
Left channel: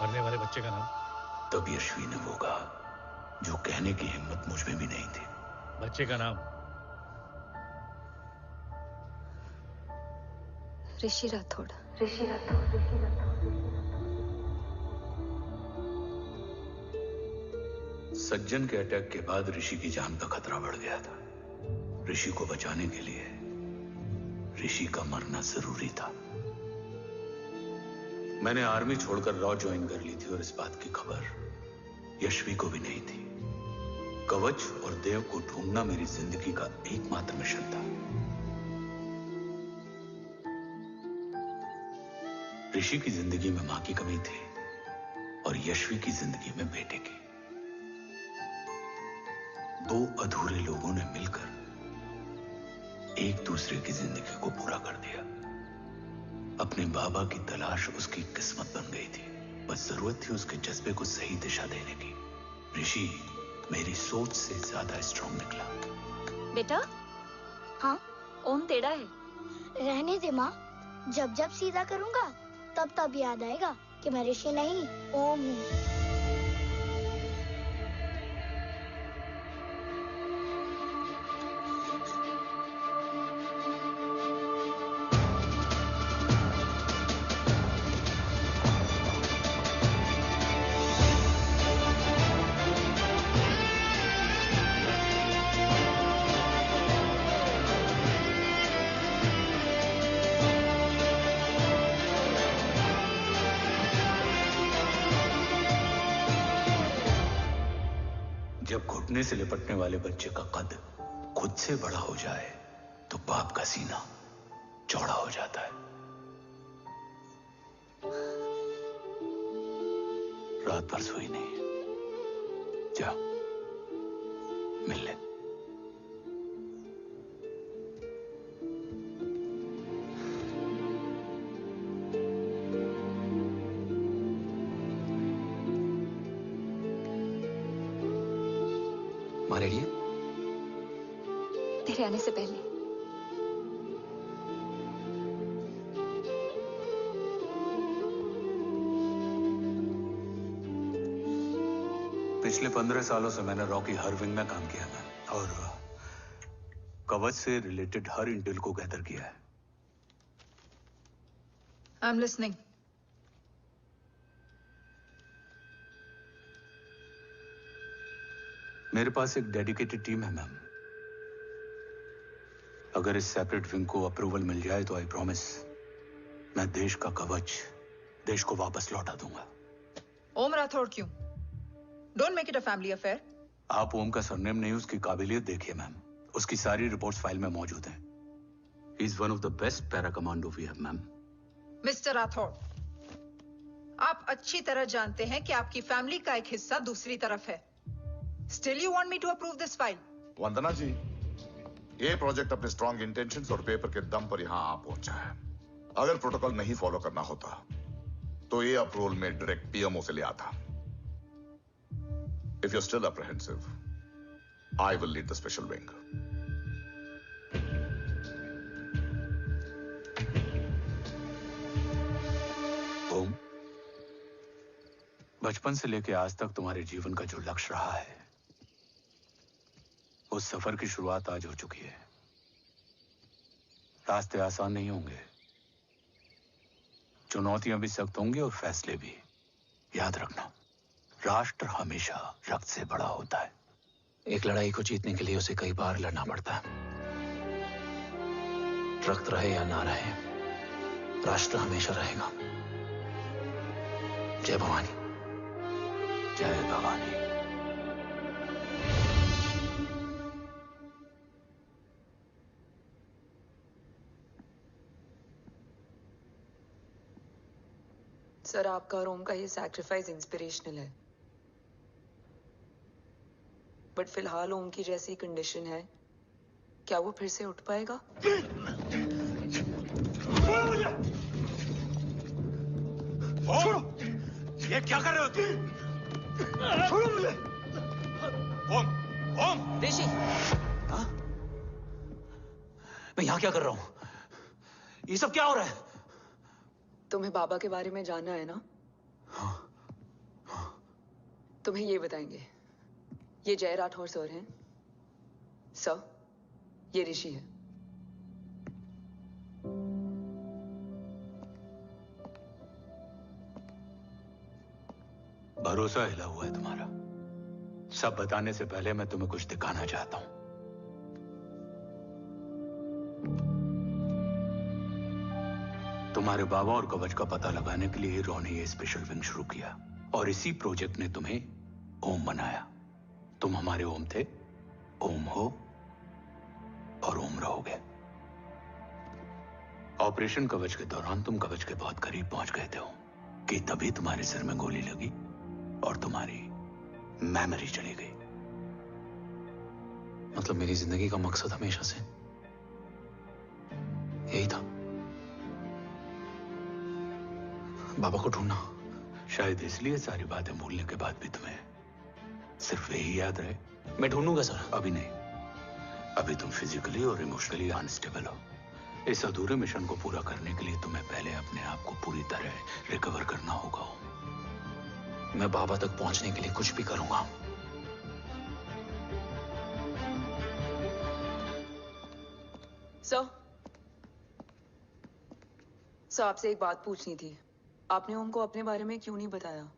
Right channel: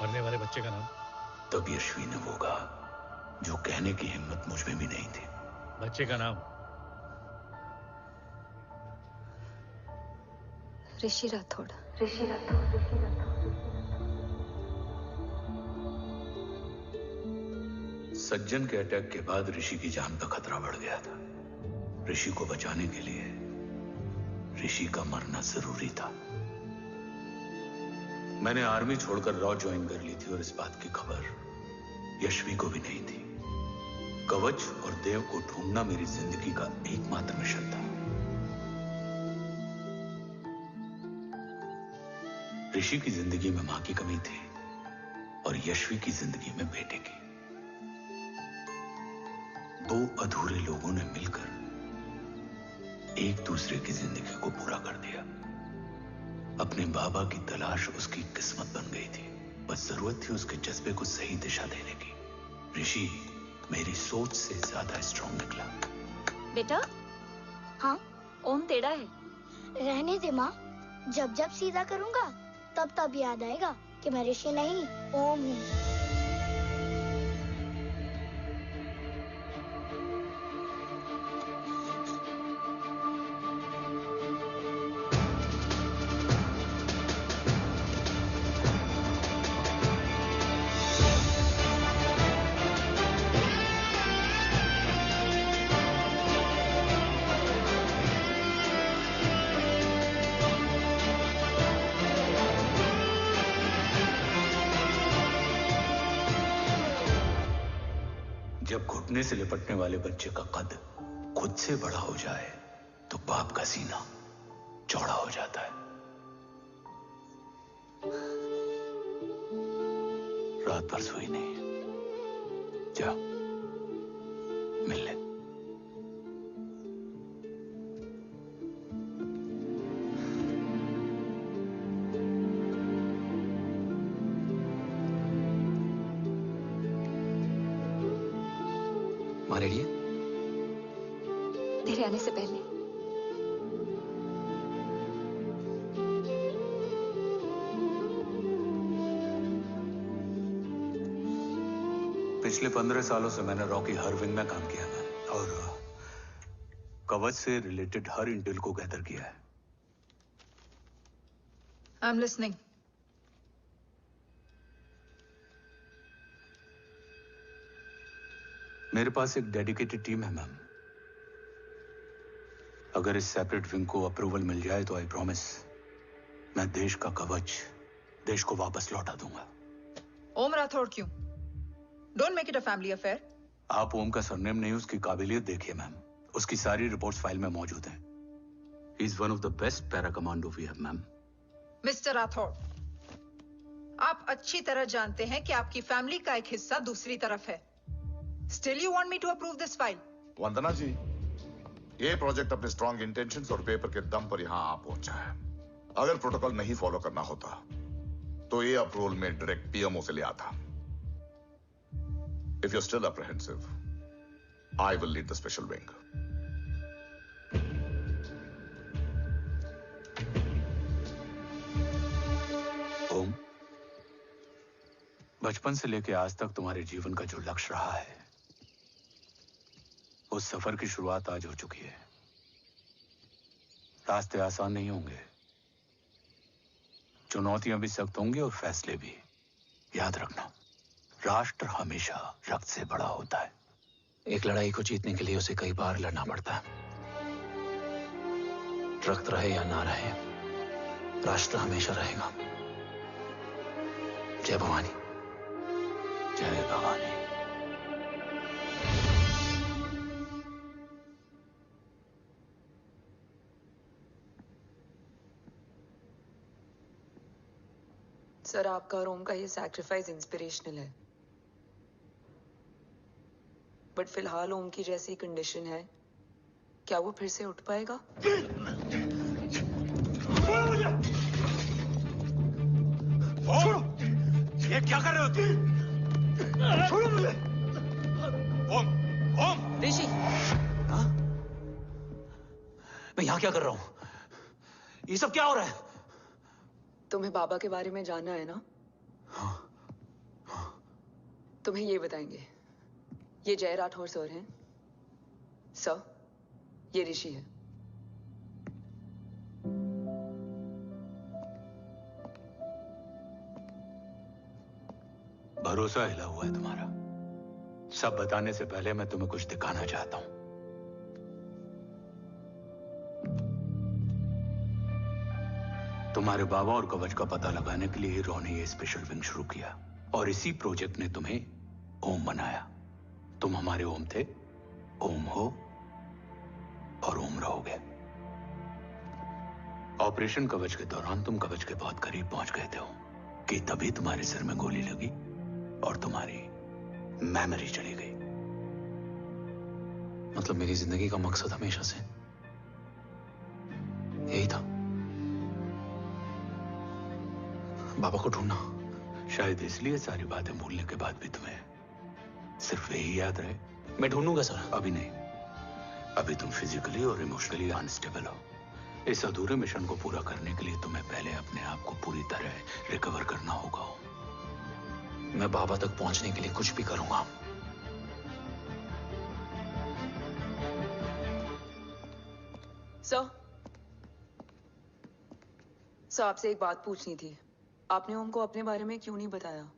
मरने वाले बच्चे का नाम? तब यश्वी ने वो कहा जो कहने की हिम्मत मुझ में भी नहीं थी। बच्चे का नाम? ऋषि राठौड़। सज्जन के अटैक के बाद ऋषि की जान का खतरा बढ़ गया था। ऋषि को बचाने के लिए ऋषि का मरना जरूरी था। मैंने आर्मी छोड़कर रॉ ज्वाइन कर ली थी और इस बात की खबर यश्वी को भी नहीं थी। कवच और देव को ढूंढना मेरी जिंदगी का एकमात्र मिशन था। ऋषि की जिंदगी में मां की कमी थी, और यशवी की जिंदगी में बेटे की। दो अधूरे लोगों ने मिलकर एक दूसरे की जिंदगी को पूरा कर दिया। अपने बाबा की तलाश उसकी किस्मत बन गई थी, बस जरूरत थी उसके जज्बे को सही दिशा देने की। ऋषि मेरी सोच से ज्यादा स्ट्रांग निकला। बेटा, हाँ, ओम टेढ़ा है। रहने दे माँ, जब जब सीधा करूँगा तब तब याद आएगा कि मैं ऋषि नहीं ओम हूँ। जब घुटने से लिपटने वाले बच्चे का कद खुद से बड़ा हो जाए तो बाप का सीना चौड़ा हो जाता है। रात भर सोई नहीं, जा मिल ले। माँ रेडी है? तेरे आने से पहले। पिछले 15 सालों से मैंने रॉकी हर विंग में काम किया है और कवच से रिलेटेड हर इंटेल को गैदर किया है। I am listening. मेरे पास एक डेडिकेटेड टीम है मैम। अगर इस सेपरेट विंग को अप्रूवल मिल जाए तो आई प्रॉमिस मैं देश का कवच देश को वापस लौटा दूंगा। ओम राठौड़ क्यों? Don't make it a family affair. आप ओम का सरनेम नहीं, उसकी काबिलियत देखिए मैम। उसकी सारी रिपोर्ट्स फाइल में मौजूद हैं। He is one of the best para commando we have ma'am. Mister Rathore, आप अच्छी तरह जानते हैं कि आपकी फैमिली का एक हिस्सा दूसरी तरफ है। Still you want me to approve this file? वंदना जी, ये प्रोजेक्ट अपने स्ट्रॉन्ग इंटेंशंस और पेपर के दम पर यहां आ पहुंचा है। अगर प्रोटोकॉल नहीं फॉलो करना होता तो ये अप्रूवल में डायरेक्ट पीएमओ से ले आता। If you're still apprehensive, I will lead the special wing. ओम, बचपन से लेकर आज तक तुम्हारे जीवन का जो लक्ष्य रहा है, उस सफर की शुरुआत आज हो चुकी है। रास्ते आसान नहीं होंगे, चुनौतियां भी सख्त होंगी और फैसले भी। याद रखना, राष्ट्र हमेशा रक्त से बड़ा होता है। एक लड़ाई को जीतने के लिए उसे कई बार लड़ना पड़ता है। रक्त रहे या ना रहे, राष्ट्र हमेशा रहेगा। जय भवानी। जय भवानी। सर, आपका और ओम का ये सैक्रिफाइस इंस्पिरेशनल है, बट फिलहाल ओम की जैसी कंडीशन है, क्या वो फिर से उठ पाएगा? छोड़ो! ये क्या कर रहे हो तुम? छोड़ो मुझे! ओम! ओम! ऋषि! हाँ? मैं यहाँ क्या कर रहा हूँ? ये सब क्या हो रहा है? तुम्हें बाबा के बारे में जानना है ना? तुम्हें ये बताएंगे। ये जय राठौर सर हैं। सर, ये ऋषि है। भरोसा हिला हुआ है तुम्हारा। सब बताने से पहले मैं तुम्हें कुछ दिखाना चाहता हूं। तुम्हारे बाबा और कवच का पता लगाने के लिए रॉ ने ये स्पेशल विंग शुरू किया और इसी प्रोजेक्ट ने तुम्हें ओम बनाया। तुम हमारे ओम थे, ओम हो और ओम रहोगे। ऑपरेशन कवच के दौरान तुम कवच के बहुत करीब पहुंच गए थे कि तभी तुम्हारे सिर में गोली लगी और तुम्हारी मेमोरी चली गई। मतलब मेरी जिंदगी का मकसद हमेशा से यही था, बाबा को ढूंढना। शायद इसलिए सारी बातें भूलने के बाद भी तुम्हें सिर्फ यही याद रहे। मैं ढूंढूंगा सर। अभी नहीं, अभी तुम फिजिकली और इमोशनली अनस्टेबल हो। इस अधूरे मिशन को पूरा करने के लिए तुम्हें पहले अपने आप को पूरी तरह रिकवर करना होगा। मैं बाबा तक पहुंचने के लिए कुछ भी करूंगा। सर, आपसे एक बात पूछनी थी। आपने ओम को अपने बारे में क्यों नहीं बताया?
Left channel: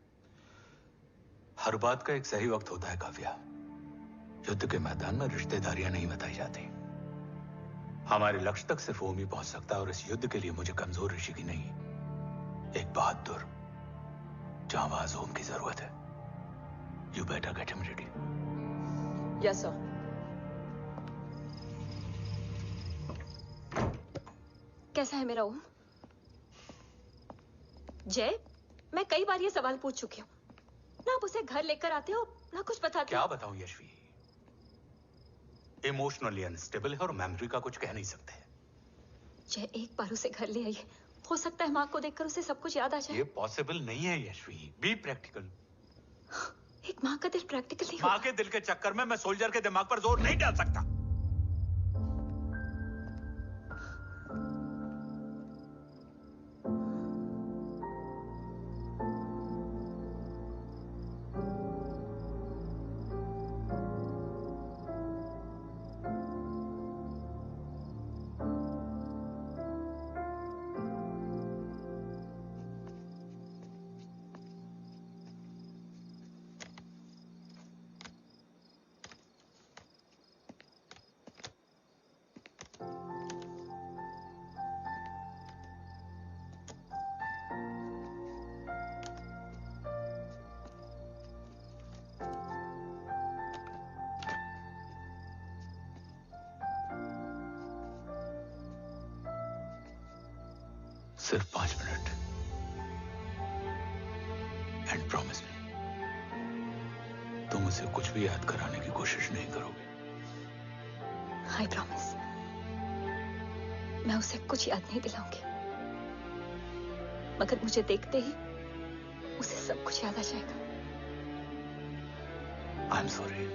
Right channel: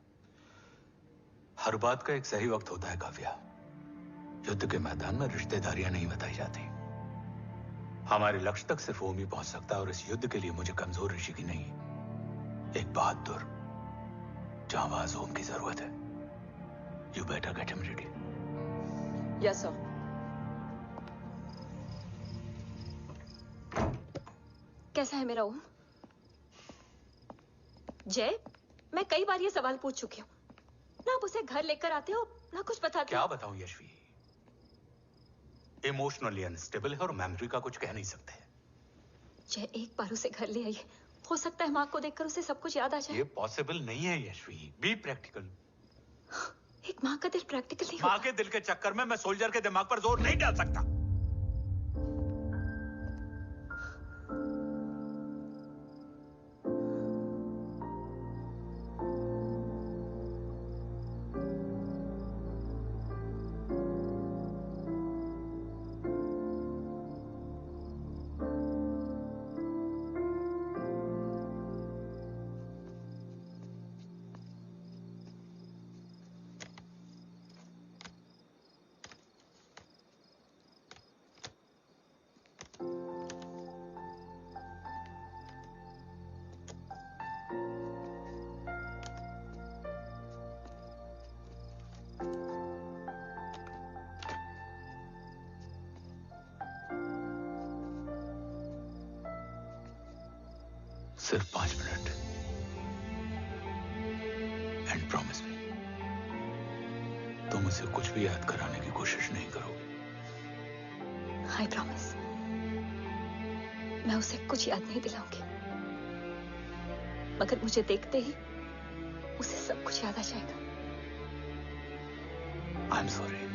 हर बात का एक सही वक्त होता है काव्या। युद्ध के मैदान में रिश्तेदारियां नहीं बताई जाती। हमारे लक्ष्य तक सिर्फ ओम ही पहुंच सकता है, और इस युद्ध के लिए मुझे कमजोर ऋषि की नहीं, एक बहादुर जांबाज ओम की जरूरत है। You better get him ready. Yes sir. कैसा है मेरा ओम? जय, मैं कई बार ये सवाल पूछ चुकी हूँ ना। आप उसे घर लेकर आते हो ना कुछ बताते। क्या बताऊं यशवी, इमोशनली अनस्टेबल है और मेमोरी का कुछ कह नहीं सकते। जय, एक बार उसे घर ले आइए। हो सकता है माँ को देखकर उसे सब कुछ याद आ जाए। ये पॉसिबल नहीं है यशवी। Be practical. एक माँ का दिल प्रैक्टिकल नहीं माँ के दिल के चक्कर में मैं सोल्जर के दिमाग पर जोर नहीं डाल सकता। सिर्फ 5 मिनट। एंड प्रॉमिस मी, तुम उसे कुछ भी याद कराने की कोशिश नहीं करोगे। आई प्रॉमिस, मैं उसे कुछ याद नहीं दिलाऊंगी, मगर मुझे देखते ही उसे सब कुछ याद आ जाएगा। I am sorry.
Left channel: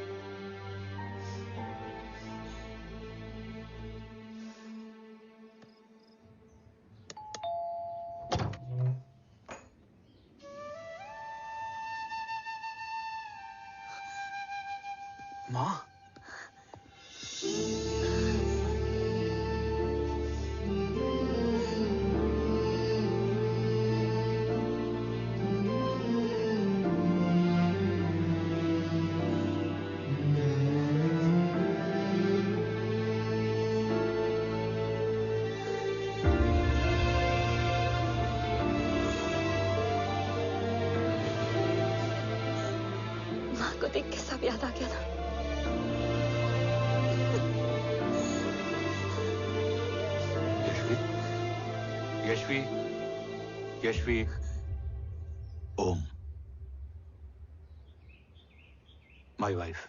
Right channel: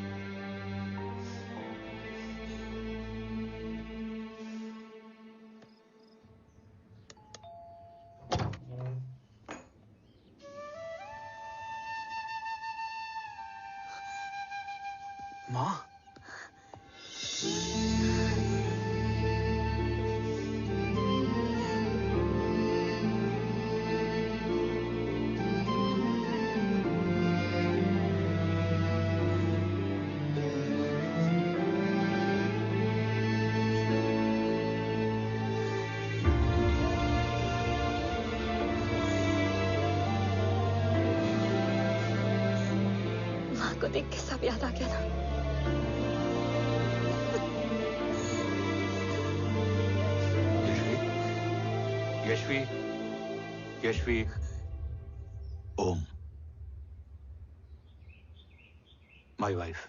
माँ, माँ को देख के सब याद आ गया ना। Yashvi, Yashvi, Om, my wife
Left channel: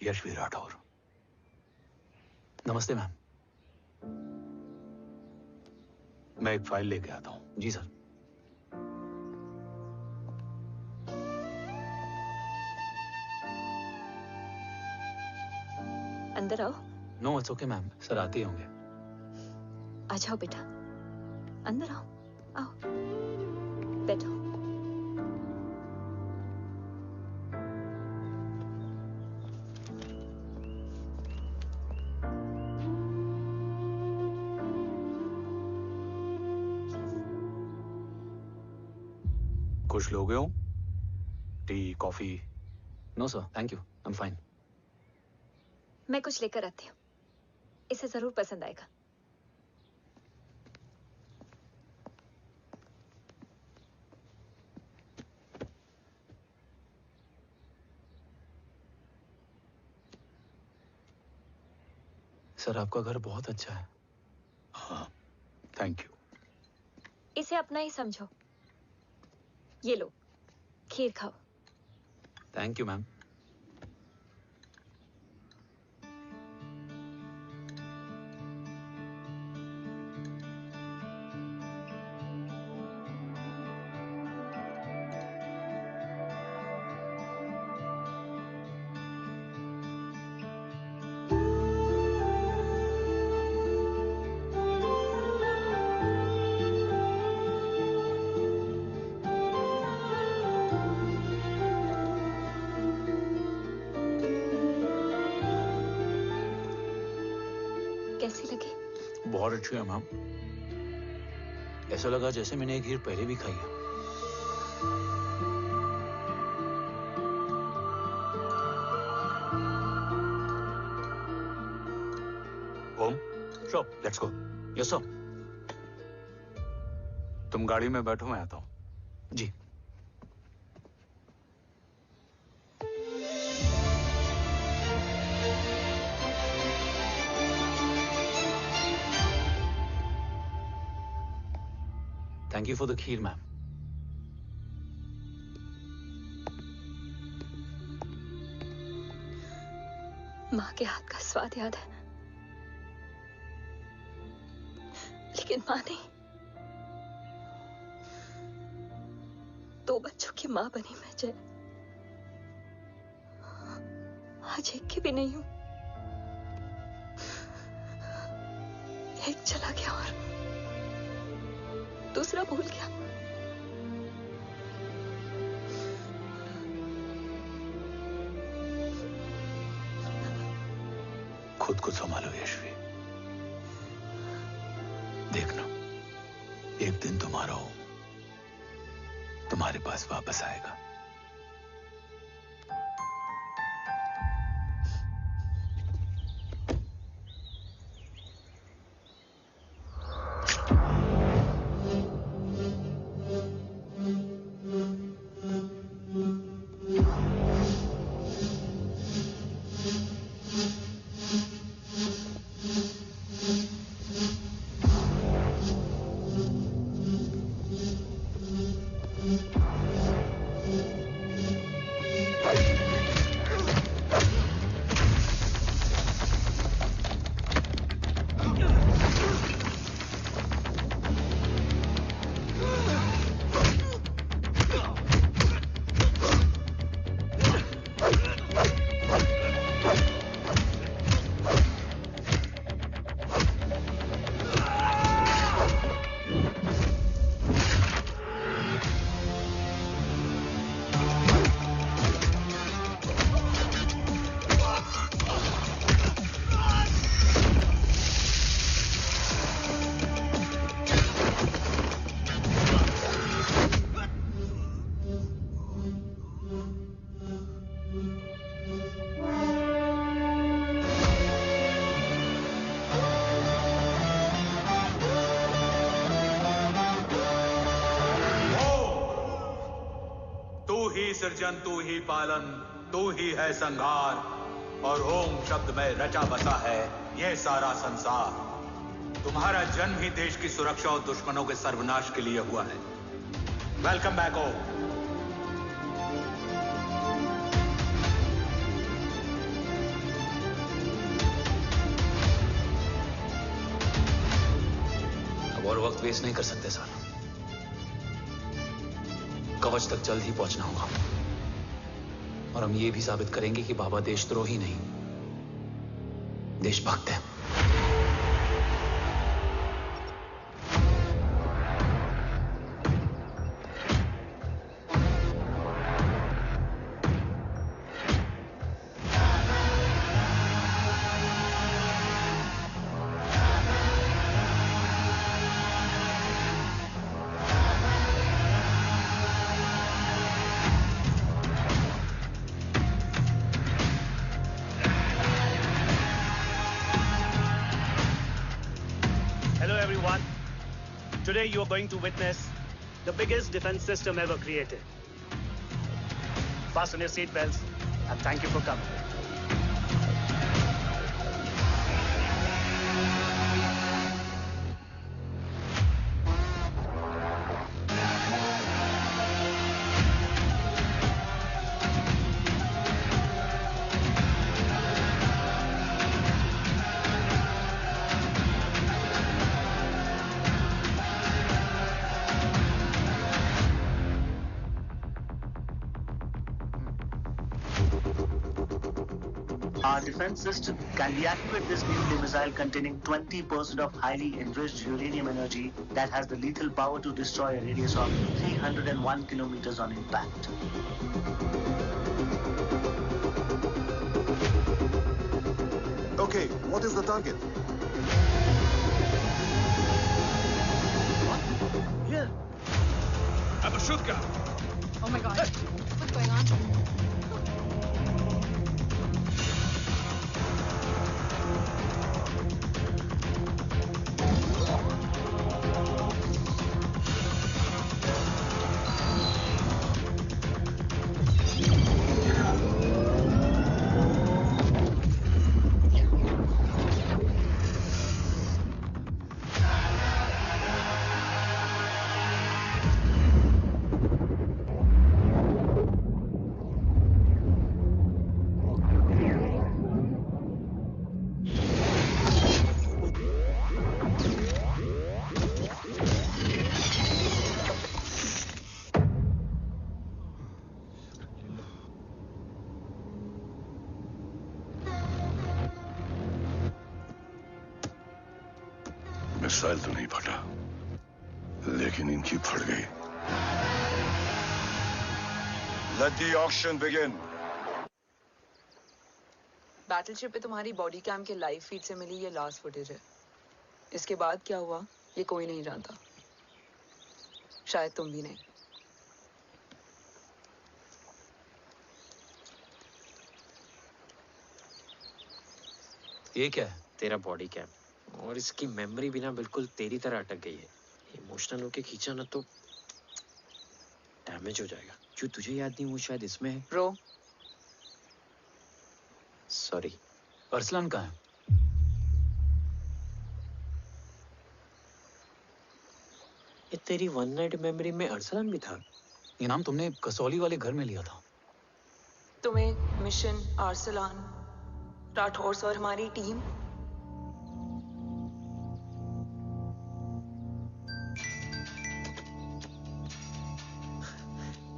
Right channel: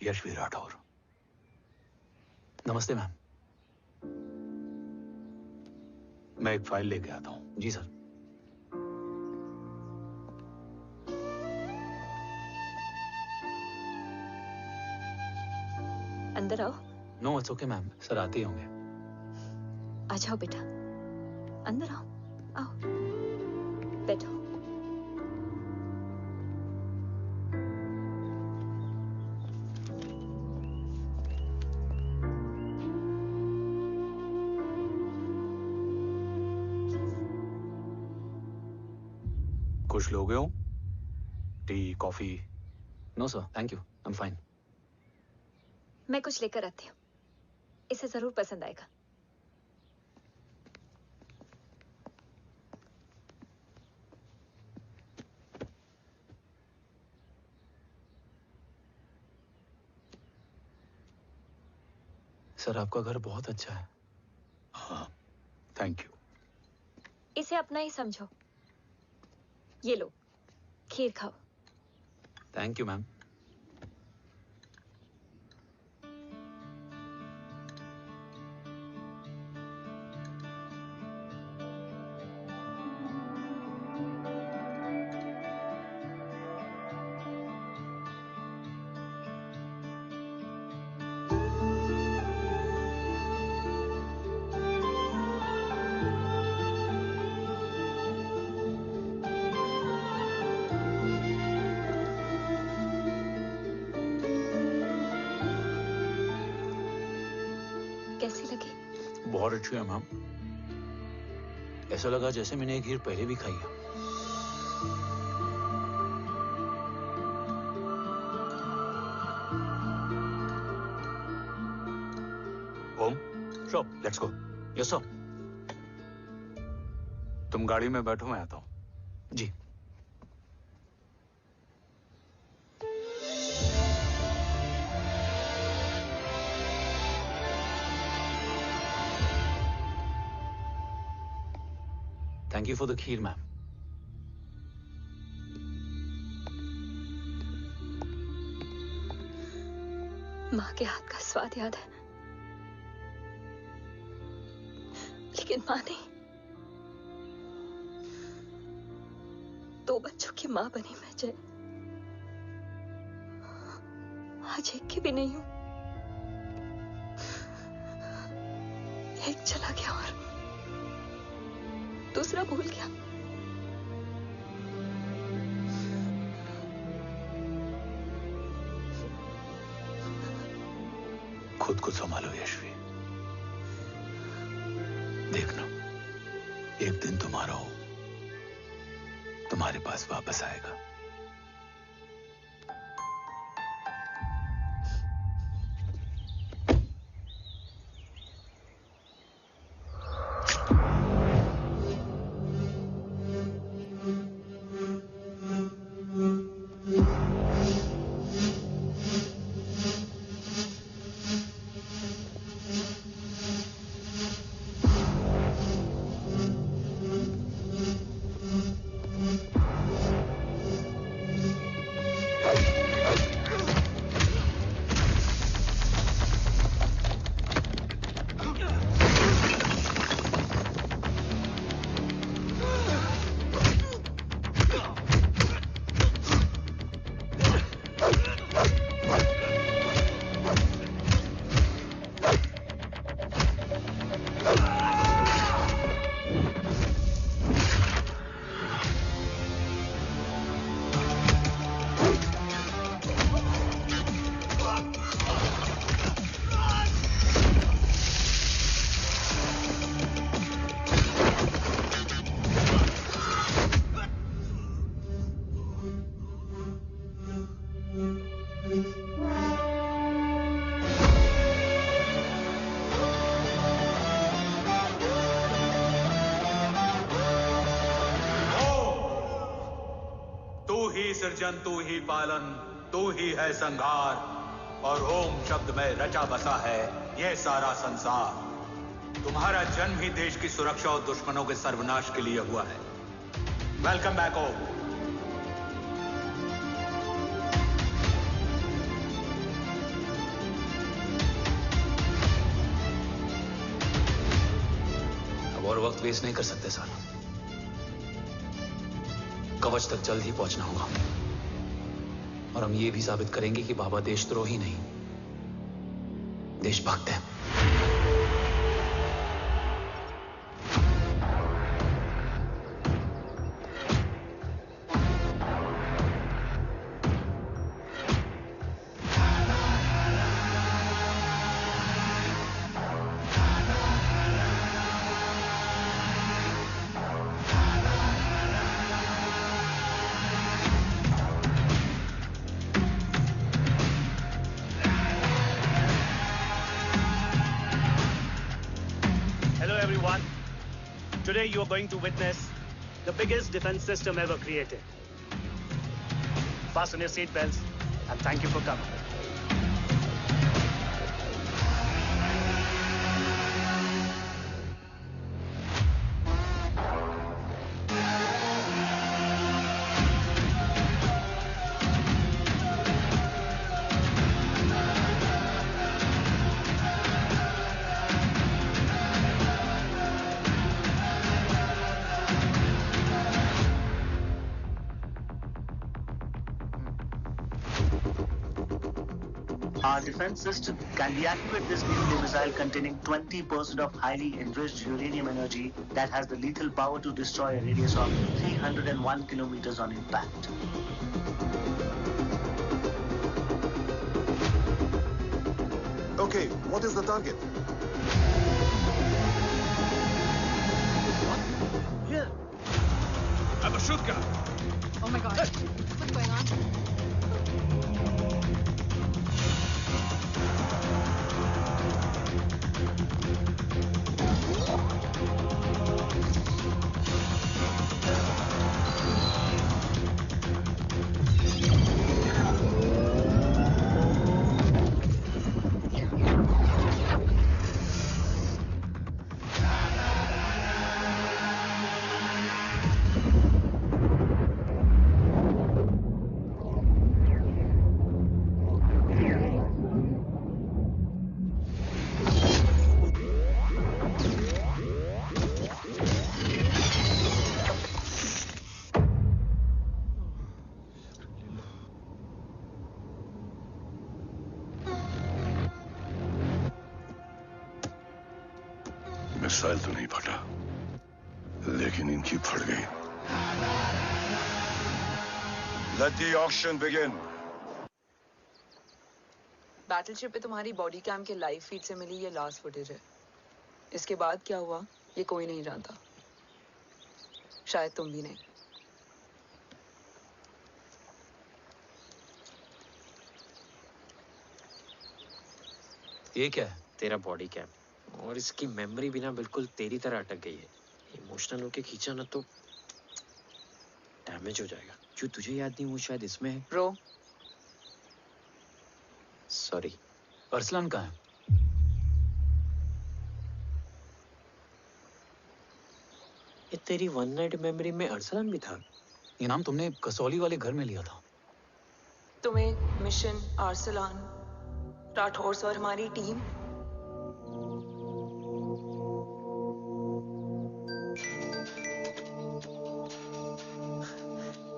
Yashvi Rathore. नमस्ते मैम। मैं एक फाइल लेके आता हूं। जी सर। अंदर आओ। No it's okay ma'am, sir आते ही होंगे। आ जाओ बेटा, अंदर आओ। आओ, बैठो। कुछ लोगे हो? Tea, coffee? No sir, thank you, I am fine. मैं कुछ लेकर आती हूँ, इसे जरूर पसंद आएगा। सर आपका घर बहुत अच्छा है। हाँ, थैंक यू। इसे अपना ही समझो। ये लो, खीर खाओ। Thank you ma'am. कैसी लगी? बहुत अच्छी है मैम। ऐसा लगा जैसे मैंने एक खीर पहले भी खाई है। Om, sure, let's go. Yes sir. तुम गाड़ी में बैठो, मैं आता हूं। जी। Thank you for the kheer, ma'am. माँ के हाथ का स्वाद याद है, लेकिन माँ नहीं। 2 बच्चों की माँ बनी मैं जय। आज एक की भी नहीं हूं। एक चला गया और दूसरा भूल गया। खुद को संभालो यशवी। देखना, एक दिन तुम्हारा हो तुम्हारे पास वापस आएगा। सृजन तू ही पालन, तू ही है संहार, और ओम शब्द में रचा बसा है यह सारा संसार। तुम्हारा जन्म ही देश की सुरक्षा और दुश्मनों के सर्वनाश के लिए हुआ है। वेलकम बैक ओम। अब और वक्त वेस्ट नहीं कर सकते सर। कवच तक जल्द ही पहुंचना होगा और हम ये भी साबित करेंगे कि बाबा देशद्रोही नहीं, देशभक्त है। Today you are going to witness the biggest defense system ever created. Fasten your seat belts and thank you for coming. Our defense system can deactivate this nuclear missile containing 20% of highly enriched uranium energy that has the lethal power to destroy a radius of 301 kilometers on impact. Okay, what is the target? What? Here. I have a shotgun. Oh my God. What's going on? Missile तो नहीं फटा, लेकिन इनकी फट गई। Let the auction begin. Battleship पे तुम्हारी body cam के लाइव फीड से मिली ये लास्ट फुटेज है। इसके बाद क्या हुआ ये कोई नहीं जानता, शायद तुम भी नहीं। ये क्या है? तेरा बॉडी कैम, और इसकी मेमोरी बिना बिल्कुल तेरी तरह अटक गई है। इमोशनल होके खींचा ना तो डैमेज हो जाएगा। जो तुझे याद नहीं वो शायद इसमें है। Bro sorry. अरसलान कहाँ है? ये तेरी वन नाइट मेमोरी में अरसलान भी था? ये नाम तुमने कसौली वाले घर में लिया था। तुम्हें मिशन अरसलान राठौर और हमारी टीम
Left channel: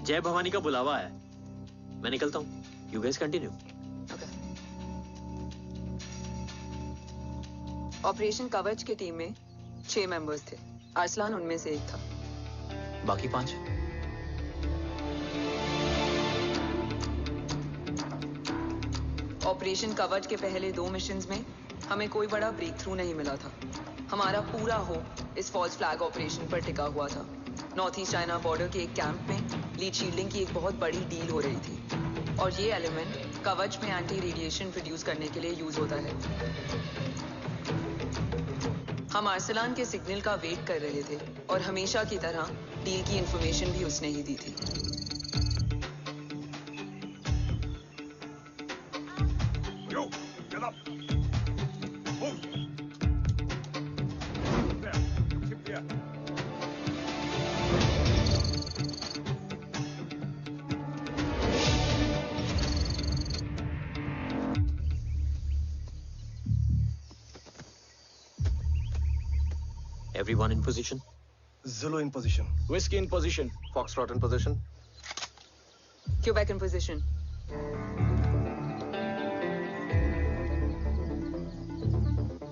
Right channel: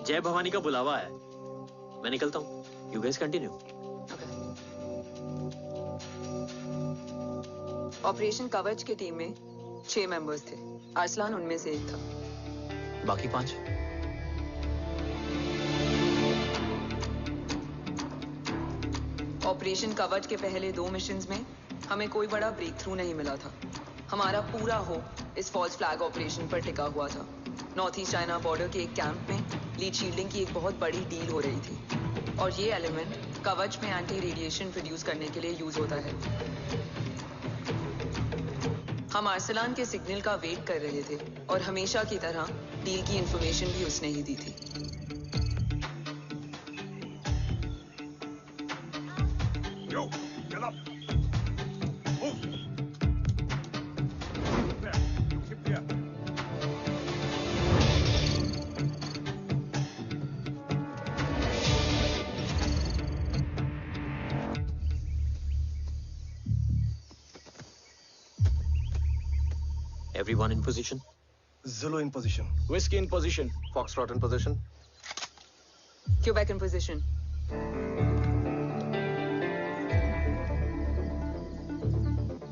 जय भवानी का बुलावा है, मैं निकलता हूँ। You guys continue. ऑपरेशन कवच की टीम में 6 मेंबर्स थे, अरसलान उनमें से एक था। बाकी 5? ऑपरेशन कवच के पहले 2 मिशंस में हमें कोई बड़ा ब्रेक थ्रू नहीं मिला था। हमारा पूरा होप इस फॉल्स फ्लैग ऑपरेशन पर टिका हुआ था। नॉर्थ ईस्ट चाइना बॉर्डर के एक कैंप में लीड शील्डिंग की एक बहुत बड़ी डील हो रही थी, और ये एलिमेंट कवच में एंटी रेडिएशन प्रोड्यूस करने के लिए यूज होता है। हम अरसलान के सिग्नल का वेट कर रहे थे, और हमेशा की तरह डील की इंफॉर्मेशन भी उसने ही दी थी। Yo, get up. Move. There. You keep there. Everyone in position? Zulu in position. Whiskey in position. Foxtrot in position. Quebec in position.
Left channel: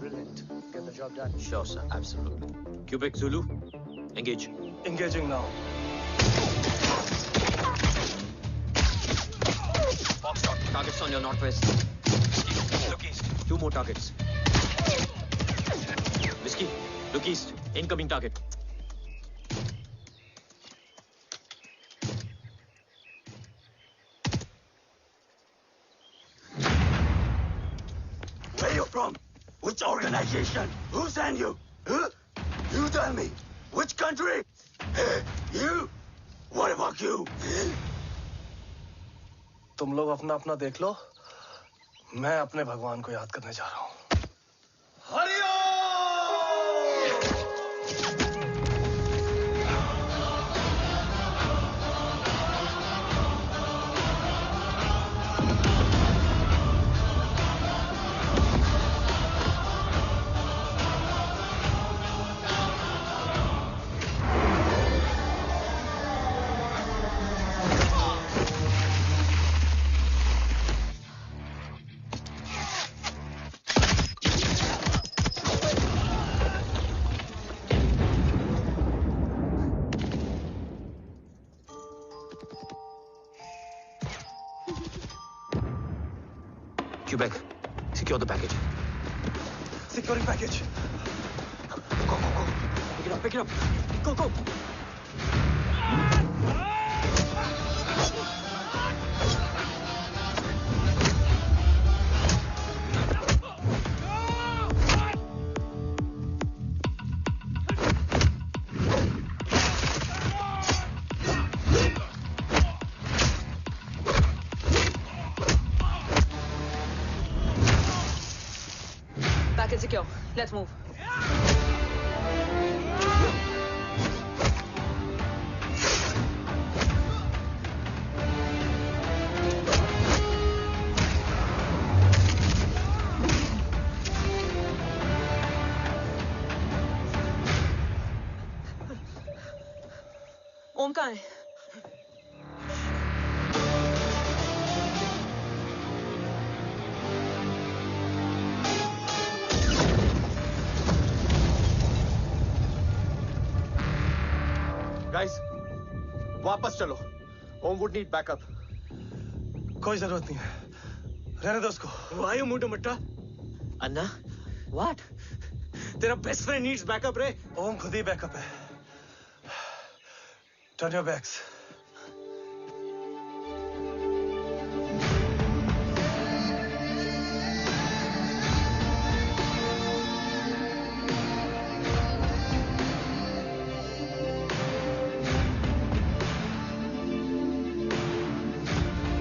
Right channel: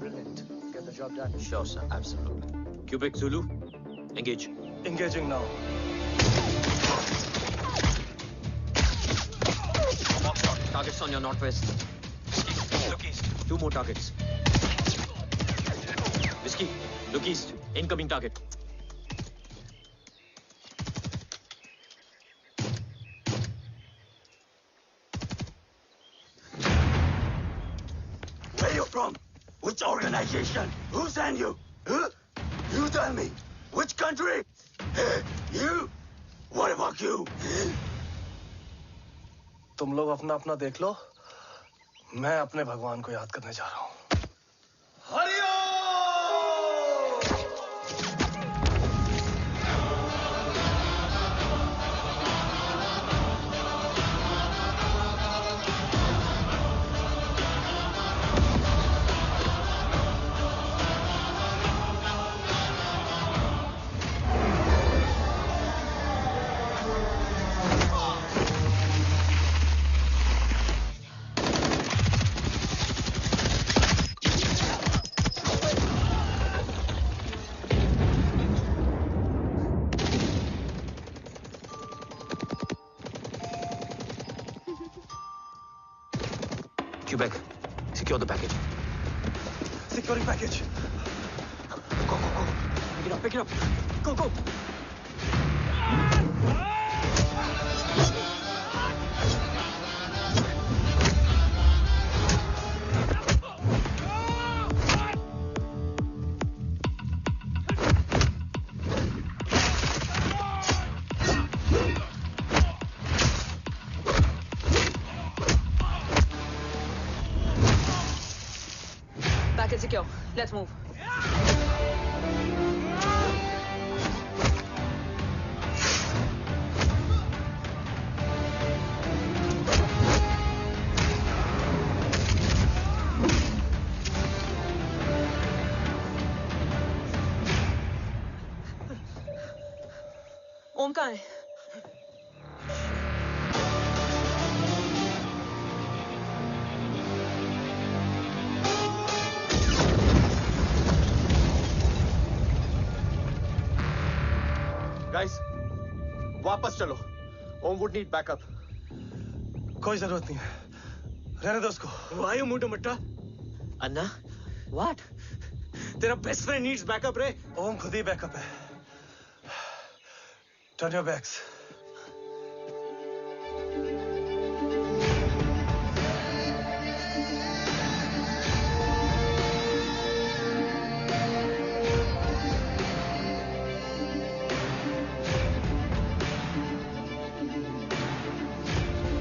Brilliant. Get the job done. Sure, sir. Absolutely. Quebec Zulu, engage. Engaging now. Foxtrot, targets on your northwest. Look east. 2 more targets. Whiskey, look east. Incoming target. Where you from? Which organization? Who sent you? Huh? You tell me. Which country? Hey, you? What about you? तुम लोग अपना अपना देख लो, मैं अपने भगवान को याद करने जा रहा हूँ। Quebec, secure the package. Securing package. Go, go, go. Pick it up, pick it up. Go, go. Package secure. Let's move. ओम कहाँ है? गाइस, वापस चलो। Om would need backup. कोई जरूरत नहीं है, रहने दो उसको। Why you मुंडो मट्टा? अन्ना, what? तेरा बेस्ट फ्रेंड नीड्स बैकअप रे। ओम खुद ही बैकअप है। Turn your backs.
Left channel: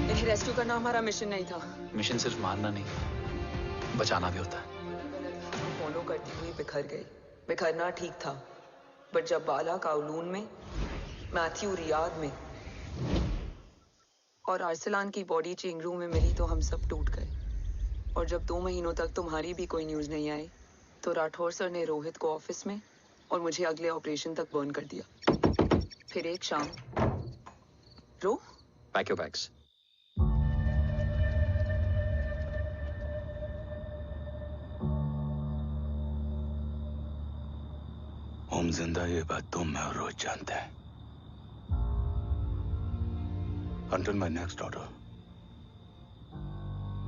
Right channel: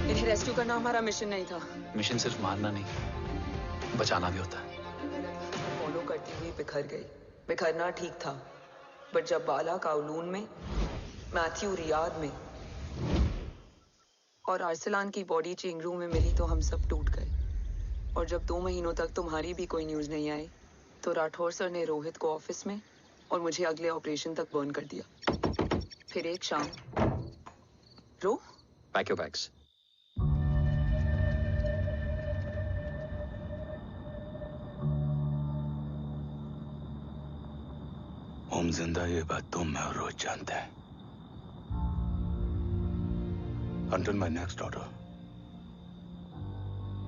इन्हें रेस्क्यू करना हमारा मिशन नहीं था। मिशन सिर्फ मारना नहीं, बचाना भी होता है। उसको फॉलो करती हुई बिखर गई। बिखरना ठीक था, बट जब बाला काउलून में, मैथ्यू रियाद में और आर्सलान की बॉडी चेंज रूम में मिली तो हम सब टूट गए। और जब 2 महीनों तक तुम्हारी भी कोई न्यूज नहीं आई तो राठौर सर ने रोहित को ऑफिस में और मुझे अगले ऑपरेशन तक बर्न कर दिया। फिर एक शाम रो पैक योर बैग्स। ओम जिंदा, ये बात तुम मैं और रोज जानते हैं। Until my next order,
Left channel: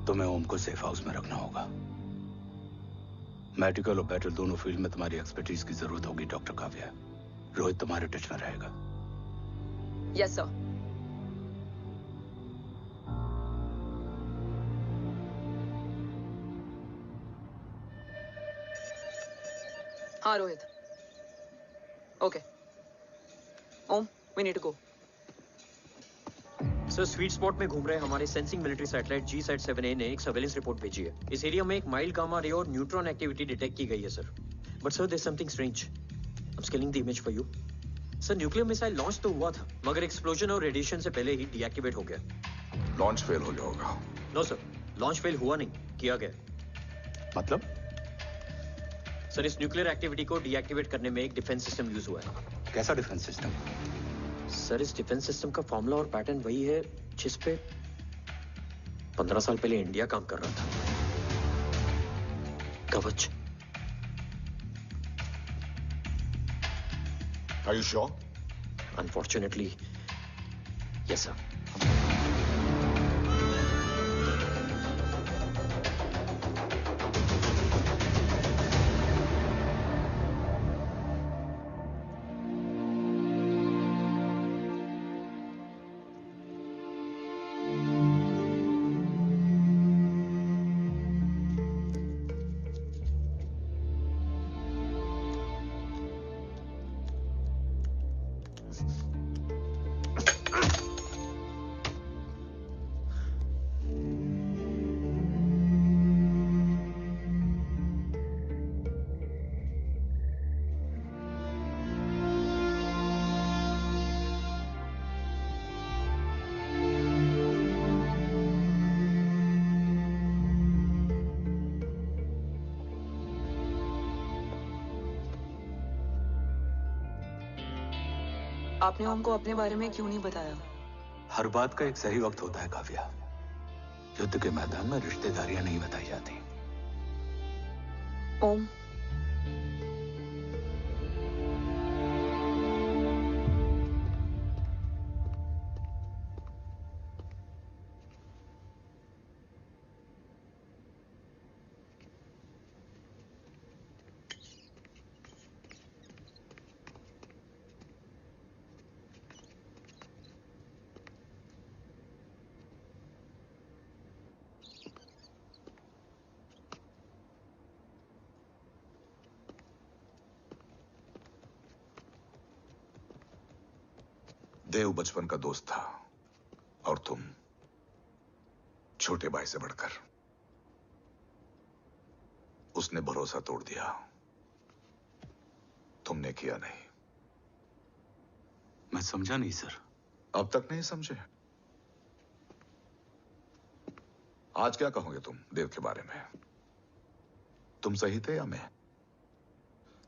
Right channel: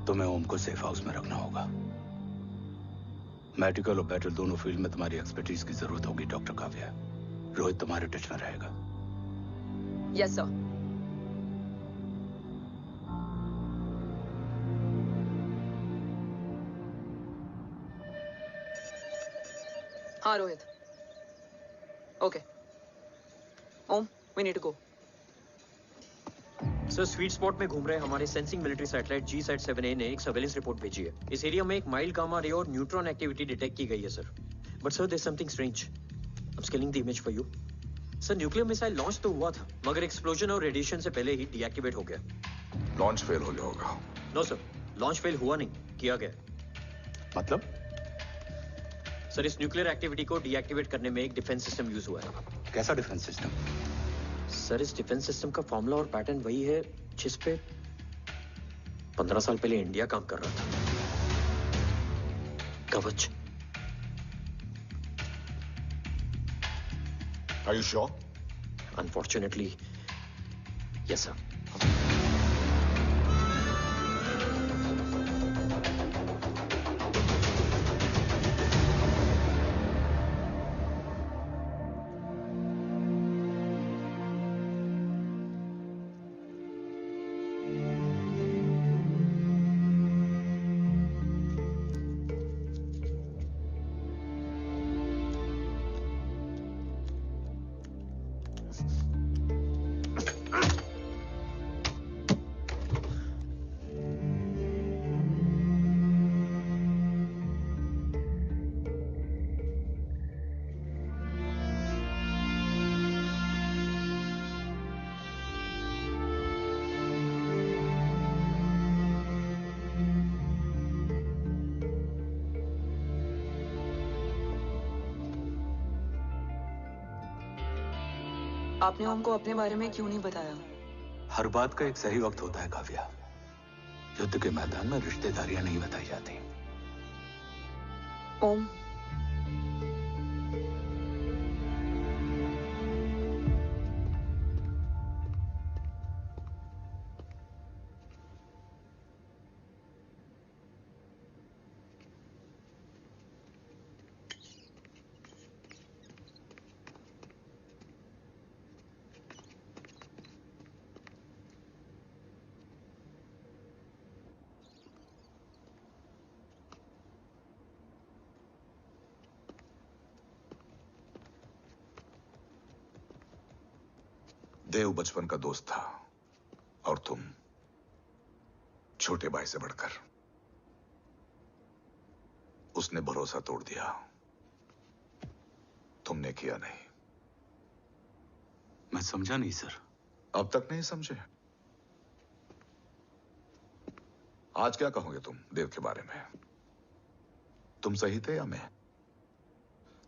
तुम्हें ओम को सेफ हाउस में रखना होगा। मेडिकल और बैटल दोनों फील्ड में तुम्हारी एक्सपर्टीज की जरूरत होगी डॉक्टर काव्या। रोहित तुम्हारे टच में रहेगा। Yes sir. हाँ Rohit. Okay Om, we need to go. Sir, sweet spot में घूम रहे हमारे सेंसिंग मिलिट्री सैटेलाइट G-SAT-7A ने एक सर्वेलेंस रिपोर्ट भेजी है। इस एरिया में एक माइल्ड गामा रे और न्यूट्रॉन एक्टिविटी डिटेक्ट की गई है sir. But sir, there is something strange. I am scaling the image for you. Sir, nuclear missile launch तो हुआ था, मगर एक्सप्लोजन और रेडिएशन से पहले ही डीएक्टिवेट हो गया। लॉन्च फेल हो गया होगा। नो सर, लॉन्च फेल हुआ नहीं, किया गया। मतलब? सर, इस न्यूक्लियर एक्टिविटी को डीएक्टिवेट करने में एक डिफेंस सिस्टम यूज हुआ है। कैसा डिफेंस सिस्टम? सर, इस डिफेंस सिस्टम का फॉर्मूला और पैटर्न वही है जिस पे 15 साल पहले इंडिया काम कर रहा था। कवच। Are you sure? Unfortunately, yes sir. आपने ओम को अपने बारे में क्यों नहीं बताया? हर बात का एक सही वक्त होता है काव्या। युद्ध के मैदान में रिश्तेदारियां नहीं बताई जाती। ओम, देव बचपन का दोस्त था और तुम छोटे भाई से बढ़कर। उसने भरोसा तोड़ दिया, तुमने किया नहीं। मैं समझा नहीं सर। अब तक नहीं समझे? आज क्या कहोगे तुम देव के बारे में? तुम सही थे या मैं?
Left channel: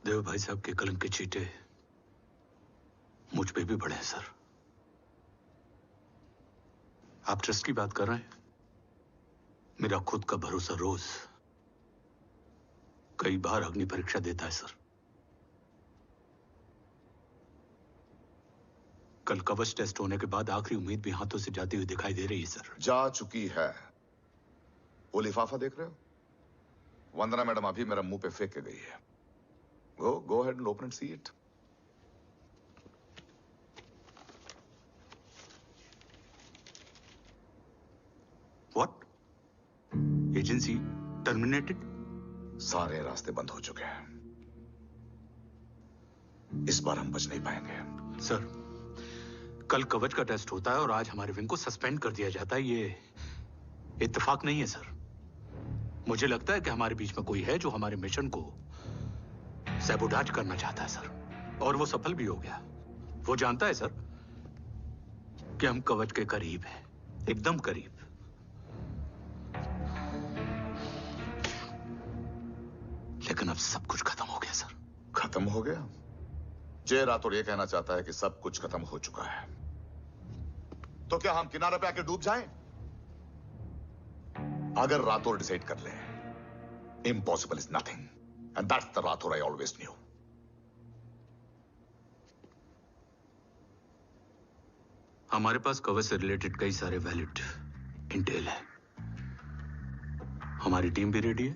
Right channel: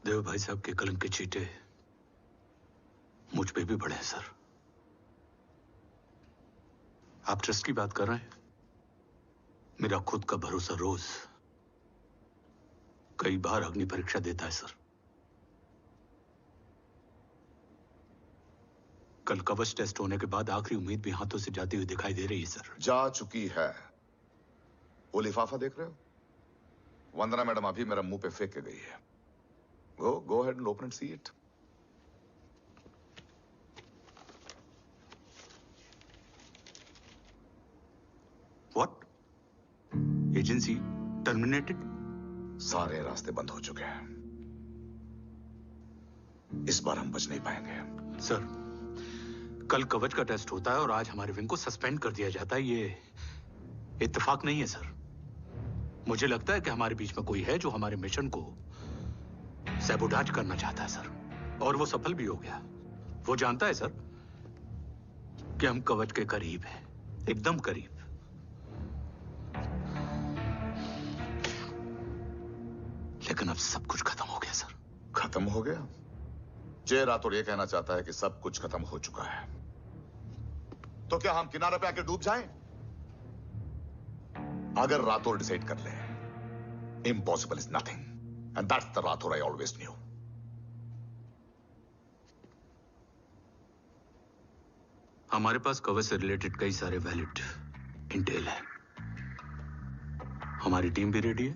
देव भाई साहब के कलंक के छींटे मुझ पे भी पड़े हैं सर। आप ट्रस्ट की बात कर रहे हैं? मेरा खुद का भरोसा रोज कई बार अग्नि परीक्षा देता है सर। कल कवच टेस्ट होने के बाद आखिरी उम्मीद भी हाथों से जाती हुई दिखाई दे रही है सर। जा चुकी है। वो लिफाफा देख रहे हो? वंदना मैडम अभी मेरा मुंह पे फेंक के गई है। गो ahead and open and see it. What? Agency terminated? सारे रास्ते बंद हो चुके हैं। इस बार हम बच नहीं पाएंगे। सर, कल कवच का टेस्ट होता है और आज हमारे विंग को सस्पेंड कर दिया जाता है। ये इत्तेफाक नहीं है सर। मुझे लगता है कि हमारे बीच में कोई है जो हमारे मिशन को सैबोटाज करना चाहता है सर, और वो सफल भी हो गया। वो जानता है सर कि हम कवच के करीब हैं, एकदम करीब। लेकिन अब सब कुछ खत्म हो गया सर। खत्म हो गया? जय राठौड़ ये कहना चाहता है कि सब कुछ खत्म हो चुका है। तो क्या हम किनारे पे आके डूब जाएं? अगर राठौड़ डिसाइड कर ले, impossible is nothing, and that's the Rathore I always new. हमारे पास कवच से रिलेटेड कई सारे वैलिड इंटेल है। हमारी टीम भी रेडी है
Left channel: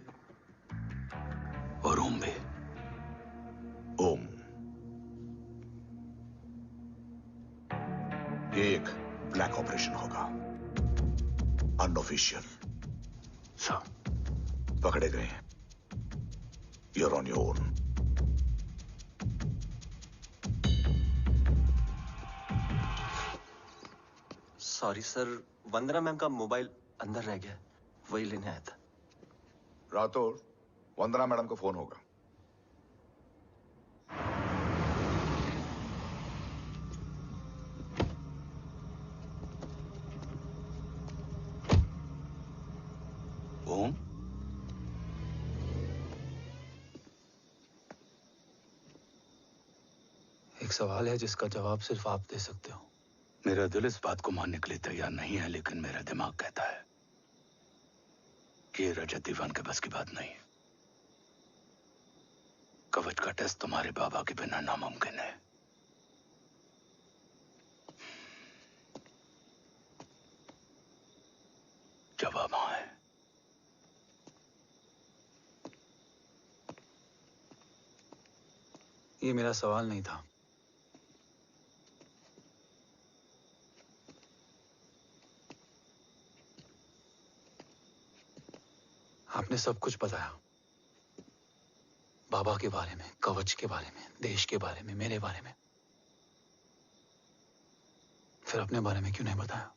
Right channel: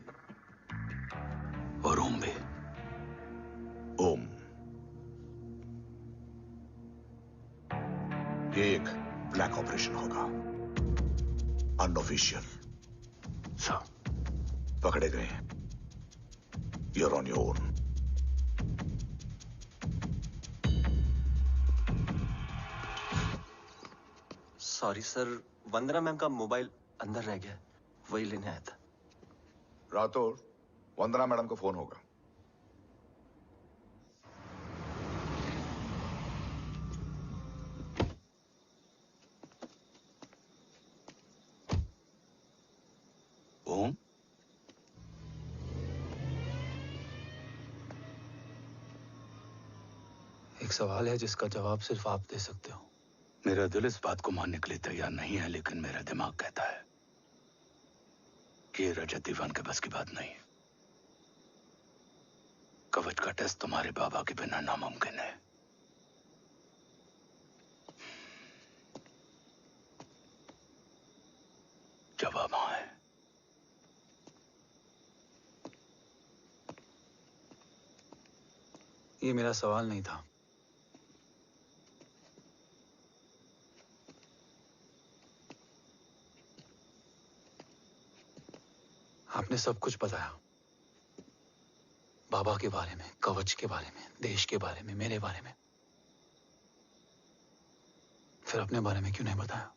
और ओम भी। ओम, ये एक ब्लैक ऑपरेशन होगा, अनऑफिशियल। सर, पकड़े गए हैं। You're on your own. Sorry sir, Vandana ma'am का मोबाइल अंदर रह गया, वही लेने आया था। राठौड़, वंदना मैडम को फोन होगा। ओम, एक सवाल है जिसका जवाब सिर्फ आप दे सकते हो। मेरा दिल इस बात को मानने के लिए तैयार नहीं है, लेकिन मेरा दिमाग कहता है कि ये रजत दीवान के बस की बात नहीं है। कवच का टेस्ट तुम्हारे बाबा के बिना नामुमकिन है। जवाब हाँ है। ये मेरा सवाल नहीं था। आपने सब कुछ बताया, बाबा के बारे में, कवच के बारे में, देश के बारे में, मेरे बारे में। फिर अपने बारे में क्यों नहीं बताया?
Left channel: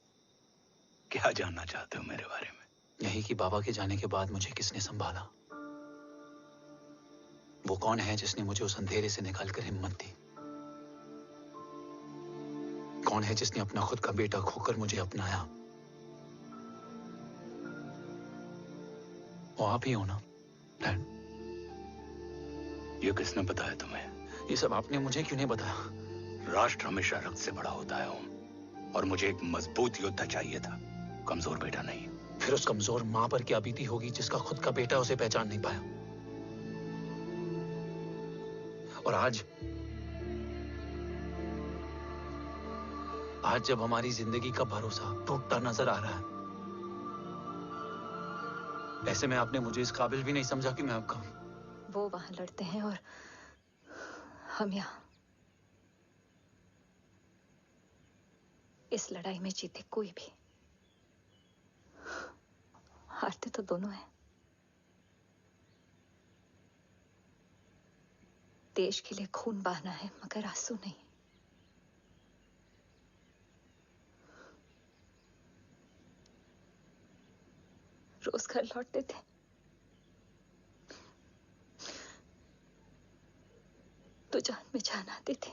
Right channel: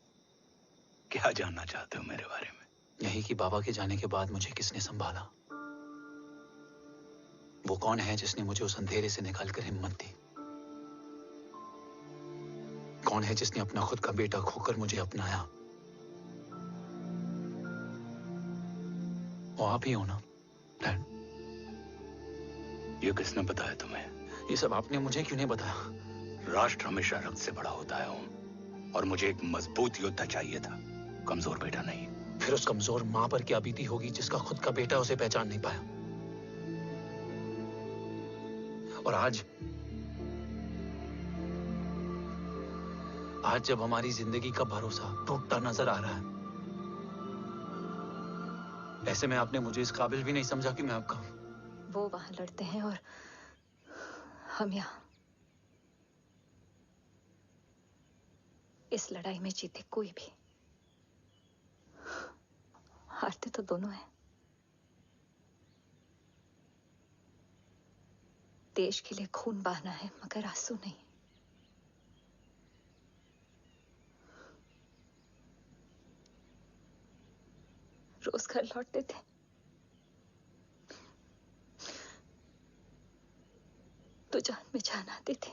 क्या जानना चाहते हो मेरे बारे में? यही कि बाबा के जाने के बाद मुझे किसने संभाला? वो कौन है जिसने मुझे उस अंधेरे से निकालकर हिम्मत दी? कौन है जिसने अपना खुद का बेटा खोकर मुझे अपनाया? वो आप ही हो ना, डैड? ये किसने बताया तुम्हें? ये सब आपने मुझे क्यों नहीं बताया? राष्ट्र हमेशा रक्त से बड़ा होता है ओम, और मुझे एक मजबूत योद्धा चाहिए था, कमजोर बेटा नहीं। फिर उस कमजोर मां पर क्या बीती होगी जिसका खुद का बेटा उसे पहचान नहीं पाया? और आज जब हमारी जिंदगी का भरोसा टूटता नजर आ रहा है, ऐसे में आपने मुझे इस काबिल भी नहीं समझा कि मैं आपका। वो वहां लड़ते हैं और हम यहाँ। इस लड़ाई में जीते कोई भी, हारते तो दोनों हैं। देश के लिए खून बहाना है, मगर आंसू नहीं। रोज घर लौटते थे। तो जान में जान आती थी।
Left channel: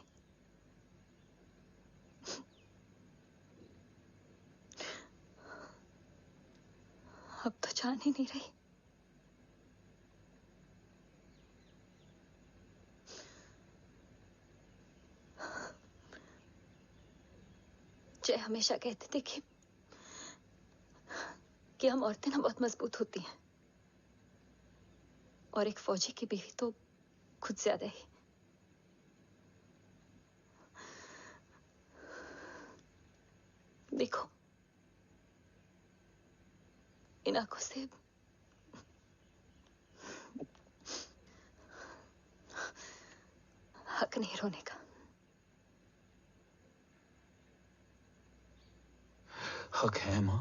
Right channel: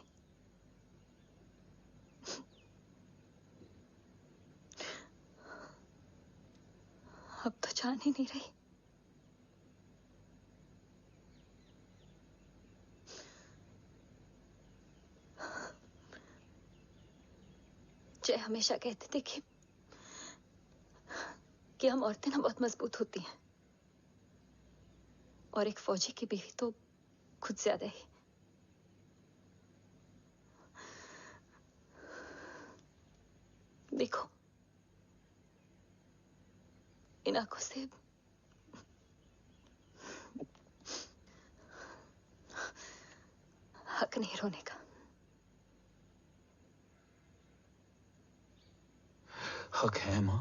अब तो जान ही नहीं रही। जय हमेशा कहते थे कि हम औरतें ना बहुत मजबूत होती हैं, और एक फौजी की बीवी तो खुद ज्यादा ही। देखो, इन आंखों से हक नहीं रोने का। हक है माँ,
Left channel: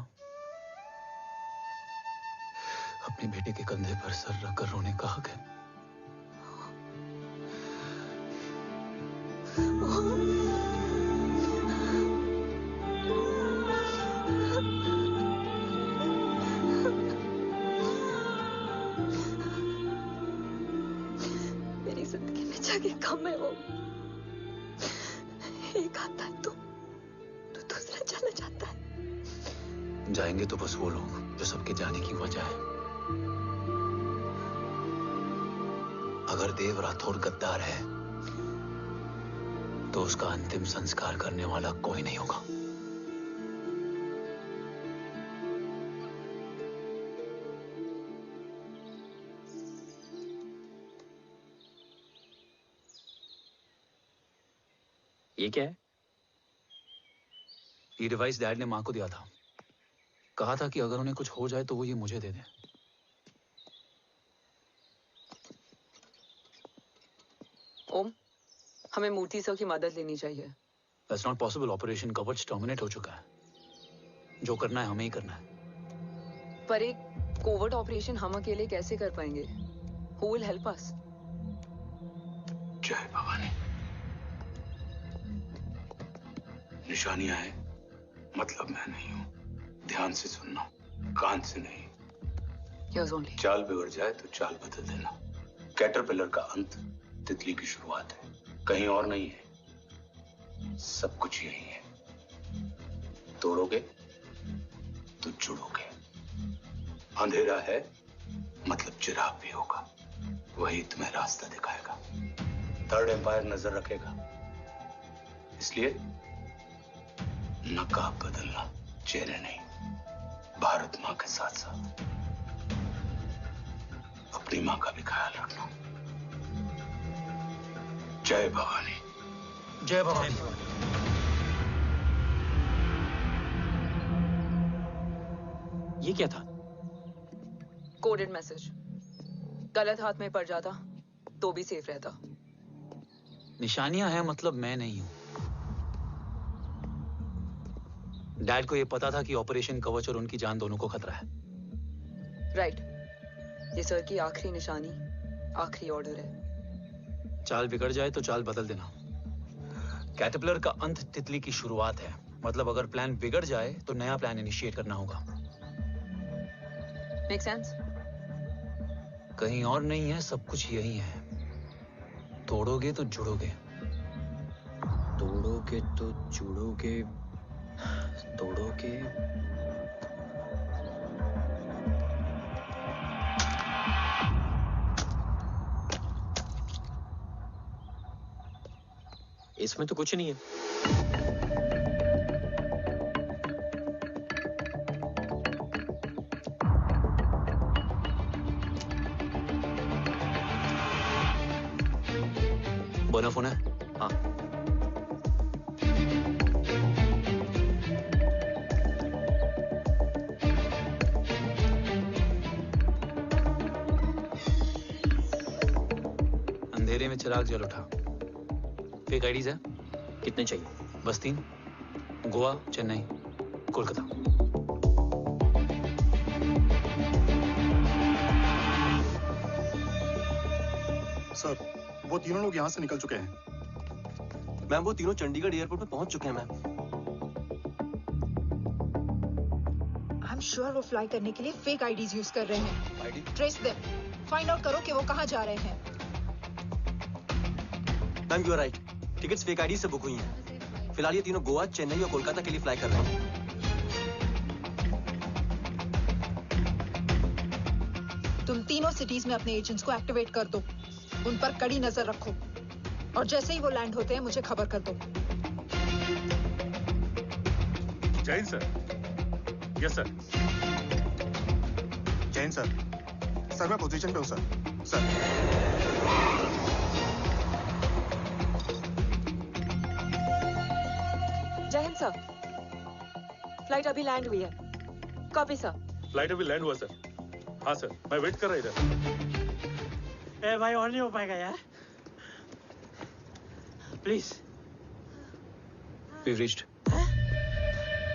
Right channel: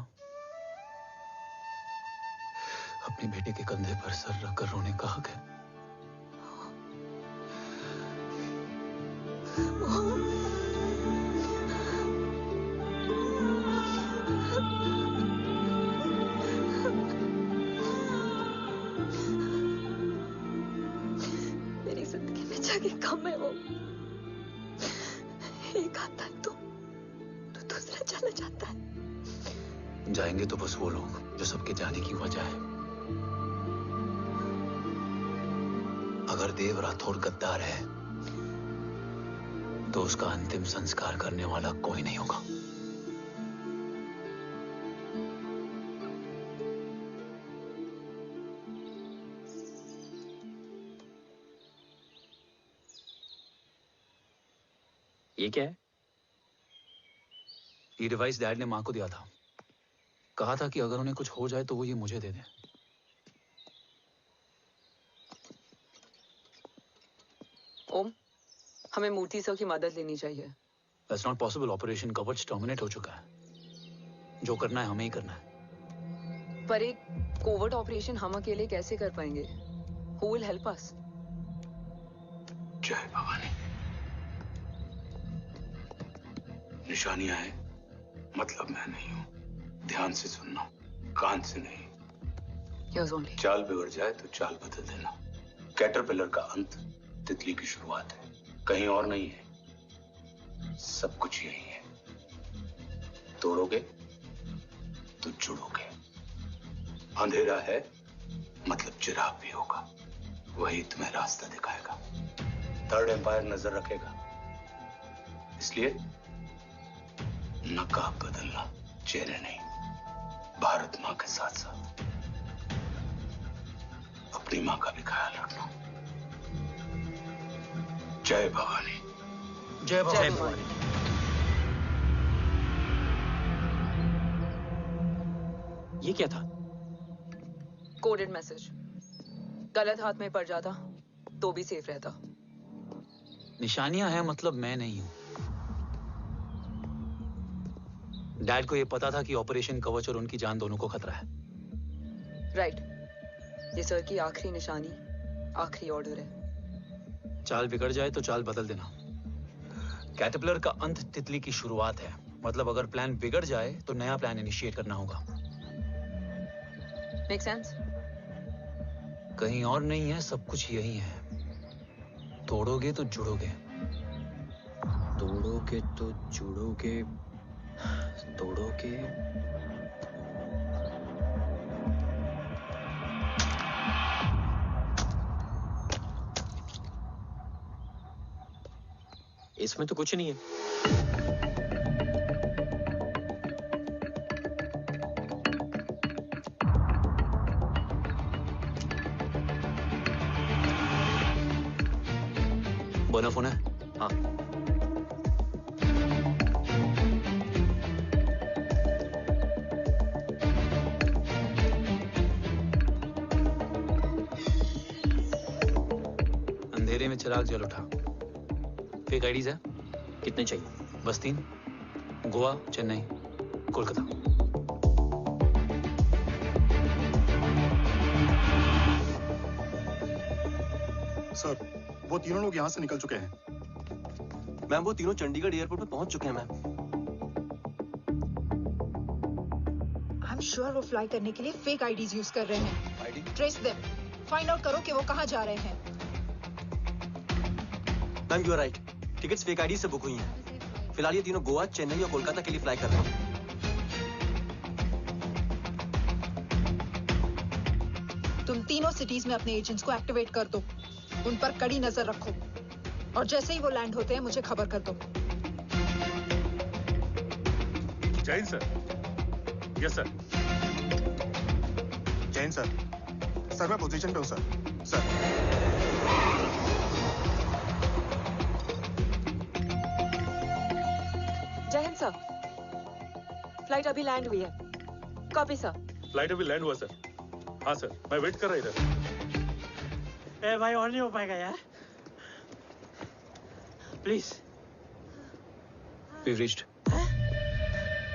अपने बेटे के कंधे पर सर रखकर रोने का हक है। मेरी जिंदगी में जगह कम है वो। एक आता है तो दूसरा चला जाता है। जाएंगे तो बस वो लोग जो सबके जाने की वजह है। अगर देव राठौर गद्दार है तो उसका अंतिम संस्कार करने वाला कोई नहीं होगा। ये क्या है? ये डिवाइस डैड ने मां को दिया था। कहा था कि अगर उन्हें कुछ हो जाए तो वो ये मुझे दे दें। ओम, हमें मूर्ति सर की मदद लेनी चाहिए। That's not possible. ऑपरेशन कवच टर्मिनेट हो चुका है। जो करना है हमें ही करना है। पर एक कोवर्ट ऑपरेशन हम अकेले कैसे कर पाएंगे? Who will help us? जय भवानी। निशानियां हैं, मतलब मैं नहीं हूं। ध्यान से सुनना, कान से नहीं। Yes, only. चाल बिगड़ जाए तो चाल बदल देना। कैटरपिलर का अंत तितली की शुरुआत है, कहीं और नहीं है। सब कुछ यही है। तोड़ोगे तो जुड़ोगे। अंधेरा है मतलब चिराग भी होगा, वही तुम्हें रास्ता दिखाएगा। थर्ड एम्पायर नजर रखेगा, इसलिए नकाब बदलना, चेहरे नहीं। भारत मां के साथ साथ अपनी मां का भी ख्याल रखना। जय भवानी। जय भवानी। ये क्या था? Coded message. गलत हाथ में पड़ जाता तो भी सेफ रहता। निशानियां हैं मतलब मैं नहीं हूं। डैड को यह पता था कि ऑपरेशन कवच और उनकी जान दोनों को खतरा है। राइट। ये सर की आखिरी निशानी, आखिरी ऑर्डर है। चाल बिगड़ जाए तो चाल बदल देना। कैटरपिलर का अंत तितली की शुरुआत है, मतलब अगर प्लान बिगड़ जाए तो नया प्लान इनिशिएट करना होगा। Make sense? कहीं और नहीं है, सब कुछ यही है। तोड़ोगे तो जुड़ोगे। तोड़ोगे तो जुड़ोगे। तोड़ोगे। इसमें तो कुछ नहीं है। बोना फोन है? हाँ। अंधेरे में चिराग जल उठा। फेक आईडीज है? कितने चाहिए? बस 3। गोवा, चेन्नई, कोलकाता। सर, वो तीनों लोग यहाँ से निकल चुके हैं। मैम, वो तीनों चंडीगढ़ एयरपोर्ट पे पहुंच चुके हैं मैम। I'm I'm sure वो फ्लाई करने के लिए फेक आईडीज यूज कर रहे हैं। ID? Trace them, find out करो कि वो कहाँ जा रहे हैं। Ma'am you are right, tickets fake ID से बुक हुई हैं। फिलहाल ये तीनों गोवा, चेन्नई और कोलकाता के लिए फ्लाई कर रहे हैं। तुम तीनों सिटीज में अपने एजेंट्स को एक्टिवेट कर दो, उन पर कड़ी नजर रखो और जैसे ही वो लैंड होते हैं मुझे खबर कर दो। Jain sir. Yes sir. Jain sir. Sir मैं पोजीशन पे हूँ सर। सर जय हिंद सर, फ्लाइट अभी लैंड हुई है। Copy sir. फ्लाइट अभी लैंड हुआ सर। हाँ सर, मैं वेट कर रहा इधर। ए भाई और नहीं हो पाएगा यार, प्लीज। We've reached.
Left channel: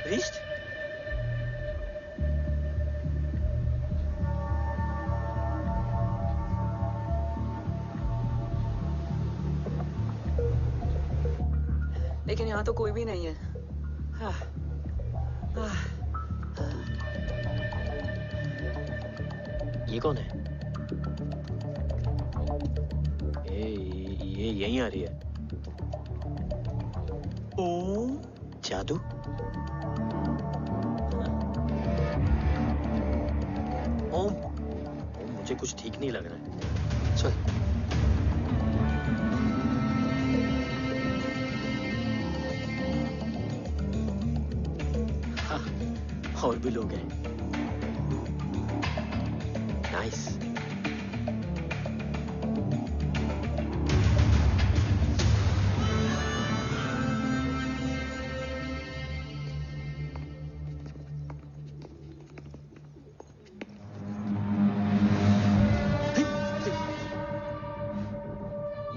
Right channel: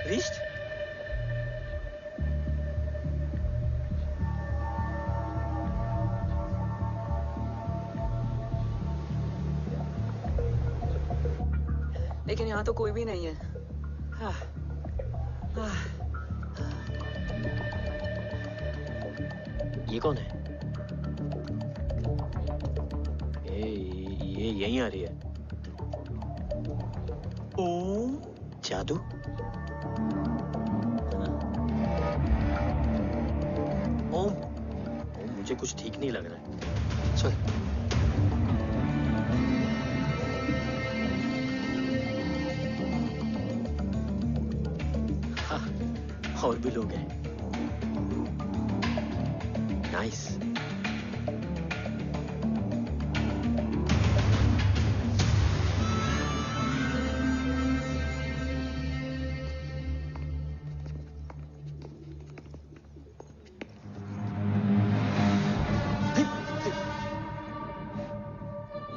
Reached? लेकिन यहाँ तो कोई भी नहीं है। ये कौन है? ये यहीं आ रही है। ओम जादू। ओम मुझे कुछ ठीक नहीं लग रहा है। चल। और भी लोग हैं। नाइस।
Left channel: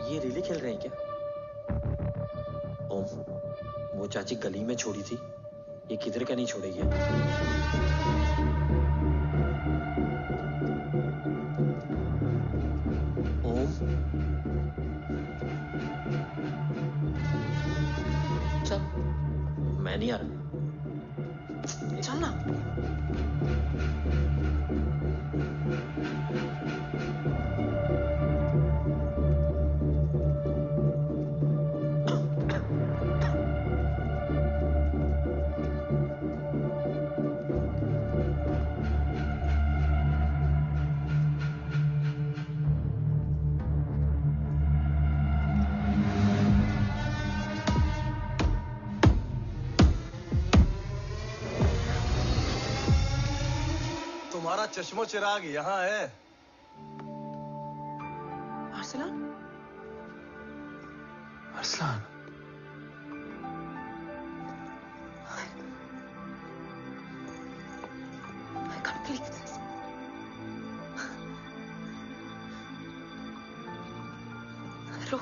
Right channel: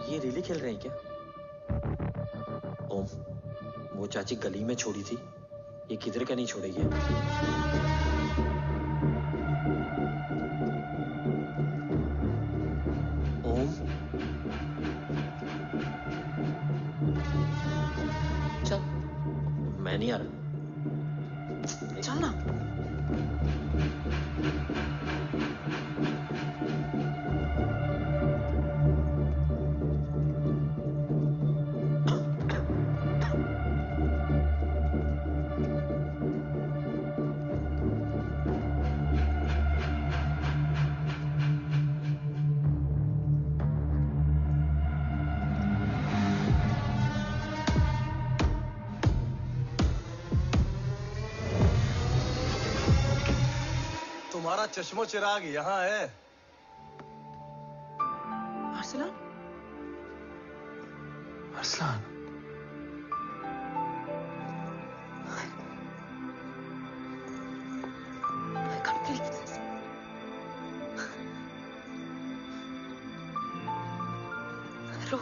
ये रिले खेल रहे हैं क्या? ओम, वो चाची गली में छोड़ी थी, ये किधर का नहीं छोड़ेगी। ओम, चल। मैं नहीं आ रहा। चल ना। तुम्हारा चश्मो चिराग यहाँ है। Arsalan? Arsalan. I can't believe this. रो।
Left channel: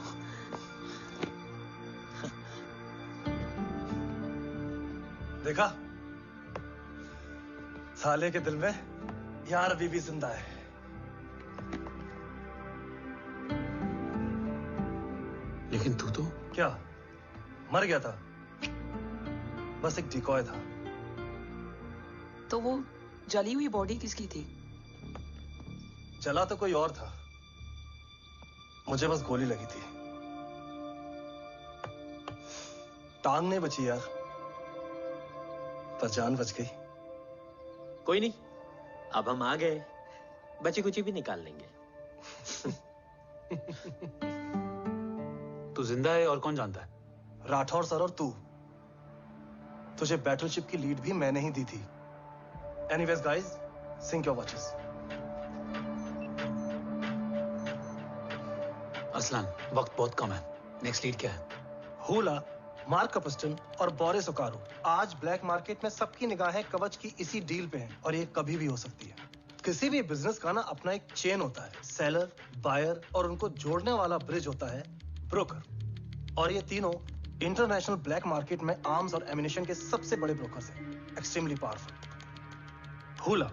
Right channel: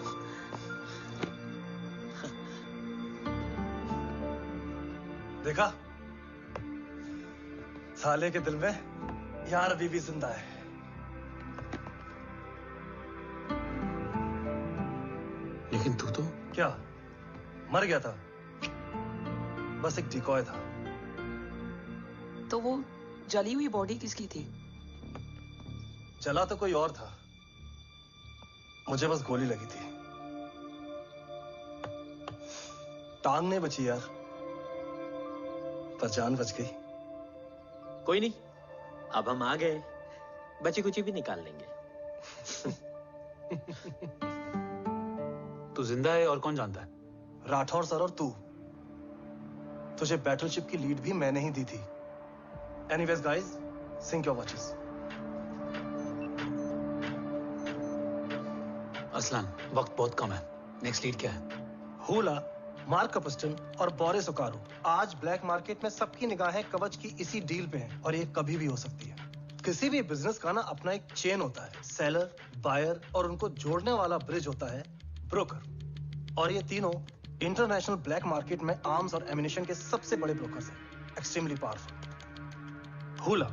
देखा? साले के दिल में यार अभी भी जिंदा है। लेकिन तू तो क्या मर गया था? बस एक डिकॉय था। तो वो जली हुई बॉडी किसकी थी? जला तो कोई और था, मुझे बस गोली लगी थी। टांग नहीं बची यार, पर जान बच गई। कोई नहीं, अब हम आ गए, बची कुची भी निकाल लेंगे। तू जिंदा है और कौन जानता है? राठौर सर और तू। तुझे बैटलशिप की लीड भी मैंने ही दी थी। Anyways guys, sync your watches. Arsalan, वक्त बहुत कम है। नेक्स्ट लीड क्या है? हुला, मार्क कपस्टन और बोरिस ओकारो आज ब्लैक मार्केट में सबकी निगाहें कवच की इसी डील पे हैं और ये कभी भी हो सकती है। किसी भी बिजनेस का ना अपना एक चेन होता है, सेलर, बायर और उनको जोड़ने वाला ब्रिज होता है ब्रोकर। और ये तीनों इंटरनेशनल ब्लैक मार्केट में आर्म्स और एमिनेशन के सबसे बड़े ब्रोकर्स हैं, एक्सट्रीमली पावरफुल। हुला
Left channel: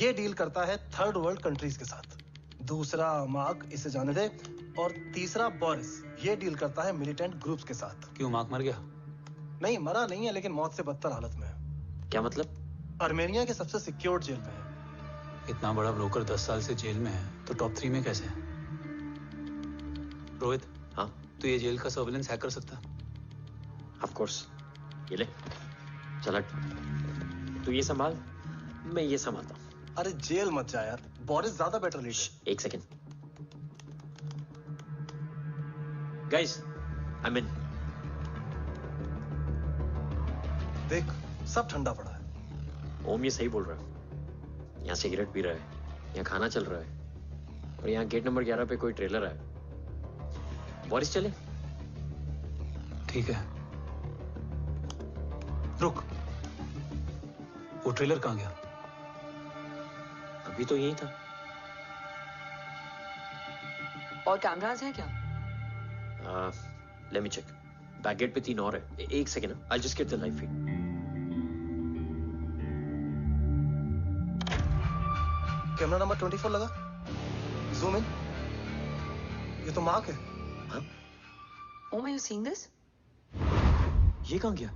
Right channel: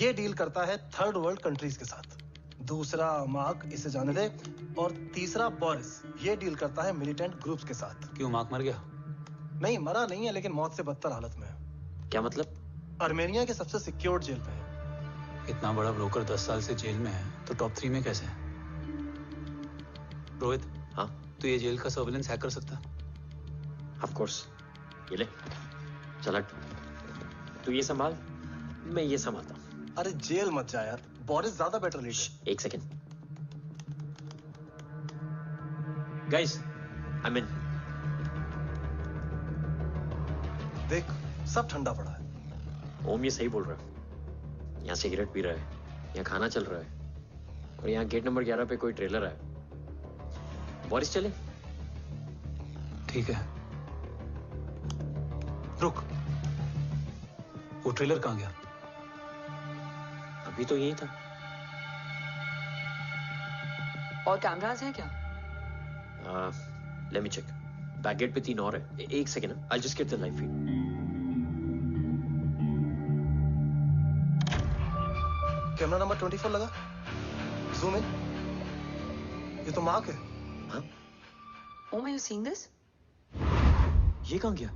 ये डील करता है थर्ड वर्ल्ड कंट्रीज के साथ। दूसरा मार्क, इसे जाने दे। और तीसरा बोरिस, ये डील करता है मिलिटेंट ग्रुप्स के साथ। क्यों, मार्क मर गया? नहीं, मरा नहीं है, लेकिन मौत से बदतर हालत में है। क्या मतलब? आर्मेनिया के सबसे सिक्योर्ड जेल में है। इतना बड़ा ब्रोकर 10 साल से जेल में है तो टॉप 3 में कैसे है? रोहित, हाँ तो ये जेल का सर्विलेंस हैक कर सकता? Of course. ये ले, चला तू ये संभाल, मैं ये संभालता हूँ। अरे जेल मत जा यार, बोरिस ज्यादा बेटर लीडर। एक सेकेंड गाइस, आई मीन देख सब ठंडा पड़ा है। ओम ये सही बोल रहा है। यहाँ सिगरेट पी रहा है, यहाँ खाना चल रहा है, और यहाँ गेट नंबर 11 पे कोई ट्रेलर है। बोरिस चले? ठीक है, रुक, वो ट्रेलर कहाँ गया? अभी तो यही था। और कैमरास हैं क्या? Let me check. Back gate पे 3 और है। एक second, I just get the live feed. Camera number 24 लगा, जूम इन। ये तो मार्क है। हाँ? Oh, are you seeing this? ये कहाँ गया?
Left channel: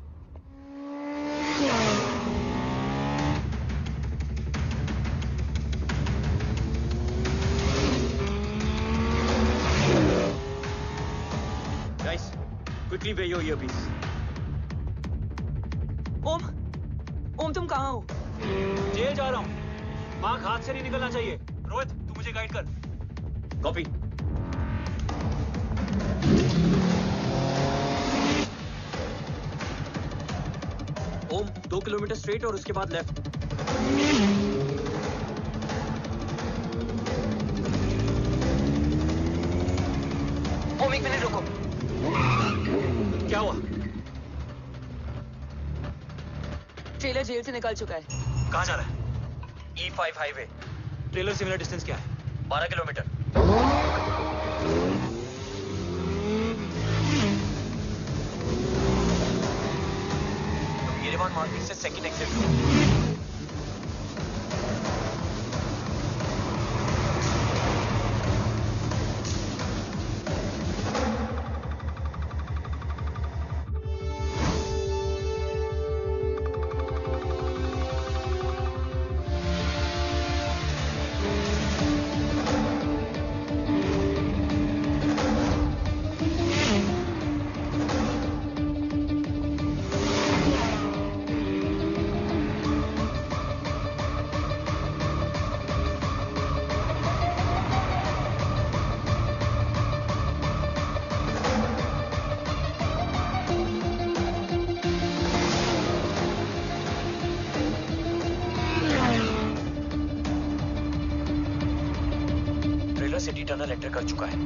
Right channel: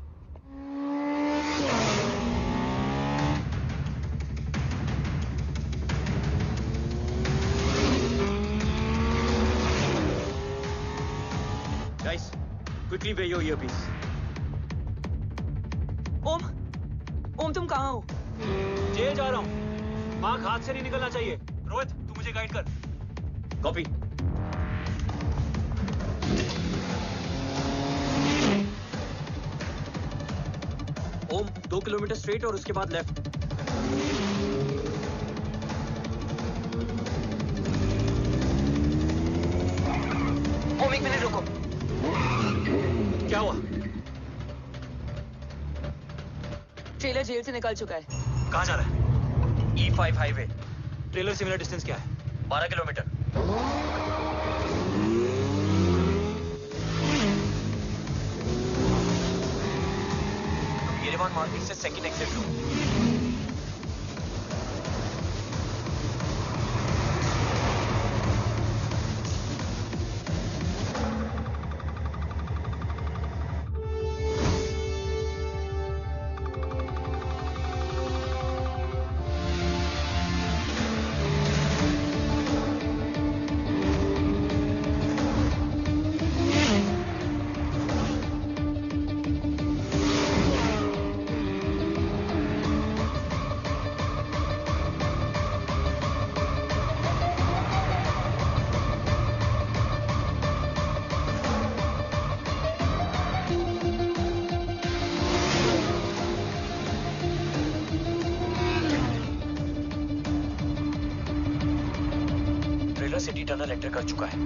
Guys, quickly wear your earpiece. ओम तुम कहाँ हो? जेल जा रहा हूँ। मार्क हाथ से नहीं निकलना चाहिए। रोहित, तू मुझे गाइड कर। कॉपी। ओम 2 किलोमीटर स्ट्रेट और उसके बाद लेफ्ट। ओम 1 मिनट रुको। क्या हुआ? ट्रेलर जेल से निकल चुका है। कहाँ जा रहा है? E5 highway. ट्रेलर से मेरा डिस्टेंस क्या है? 12 किलोमीटर। तुम येरेवान मार्केट से सेकंड एग्जिट लो। सिटी टनल एंटर कर चुका है।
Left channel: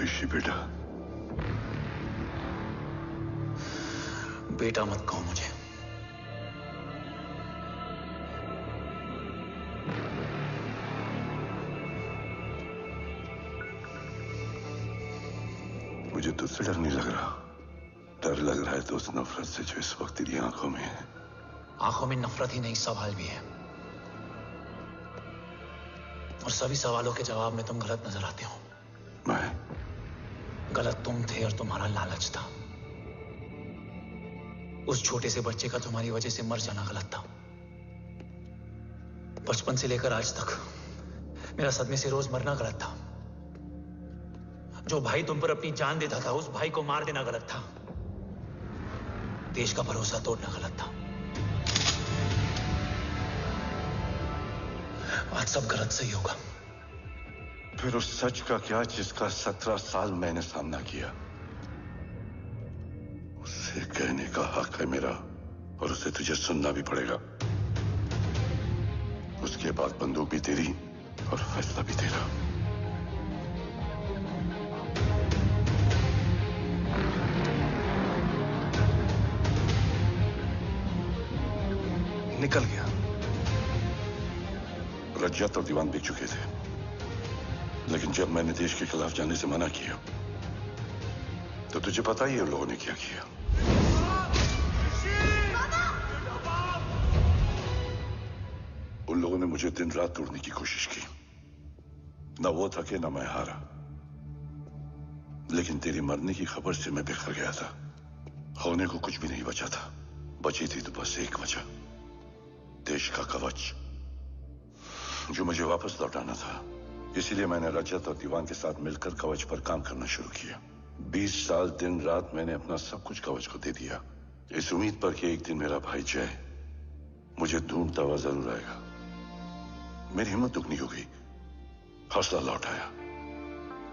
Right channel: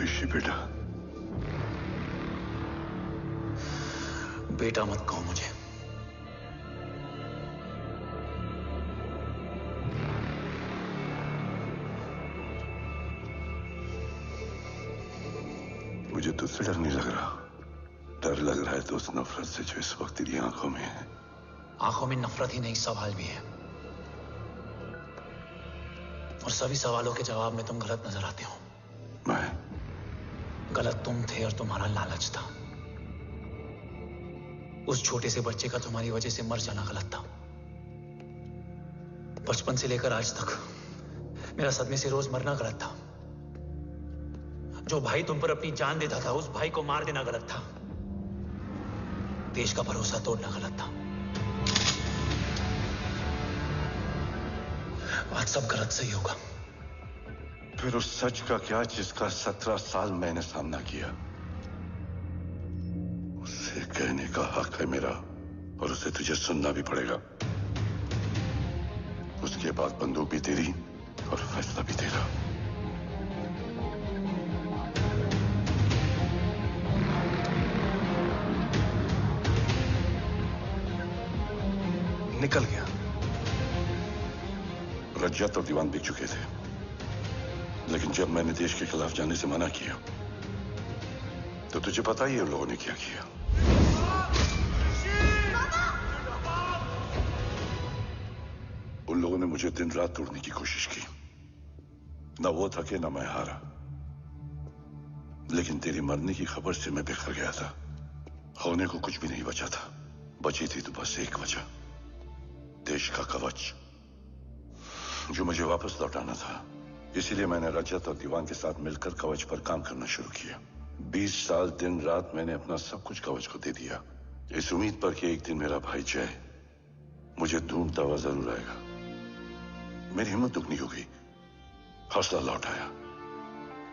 ऋषि बेटा। बेटा मत कहो मुझे। मुझे तुझसे डर नहीं लग रहा, डर लग रहा है तो उस नफरत से जो इस वक्त तेरी आंखों में है। आंखों में नफरत ही नहीं, सवाल भी है, और सभी सवालों के जवाब में तुम गलत नजर आते हो। मैं गलत तुम थे और तुम्हारा लालच था। उस छोटे से बच्चे का तुम्हारी वजह से मर जाना गलत था। बचपन से लेकर आज तक मेरा सदमे से रोज मरना गलत था। जो भाई तुम पर अपनी जान देता था, उस भाई को मार देना गलत था। देश का भरोसा तोड़ना गलत था। आज सब गलत सही होगा। फिर उस सच का क्या जिसका 17 साल मैंने सामना किया? उसे कहने का हक है मेरा, और उसे तुझे सुनना भी पड़ेगा। उसके बाद बंदूक भी तेरी और फैसला भी तेरा। निकल गया। रज्जत और दीवान बिक चुके थे, लेकिन जब मैंने देश के खिलाफ जाने से मना किया तो तुझे पता ही है उन लोगों ने क्या किया। उन लोगों ने मुझे दिन रात तोड़ने की कोशिश की। ना वो थके ना मैं हारा, लेकिन तेरी मरने की खबर से मैं बिखर गया था। होने को कुछ भी नहीं बचा था। बची थी तो बस एक वजह, देश का कवच, जो मुझे वापस लौटाना था। इसीलिए मैंने रजत और दीवान के साथ मिलकर कवच पर काम करना शुरू किया। 20 साल दिन रात मैंने अपना सब कुछ कवच को दे दिया, इस उम्मीद पर कि एक दिन मेरा भाई जय मुझे ढूंढता हुआ जरूर आएगा। मेरी हिम्मत दुगनी हो गई, हौसला लौट आया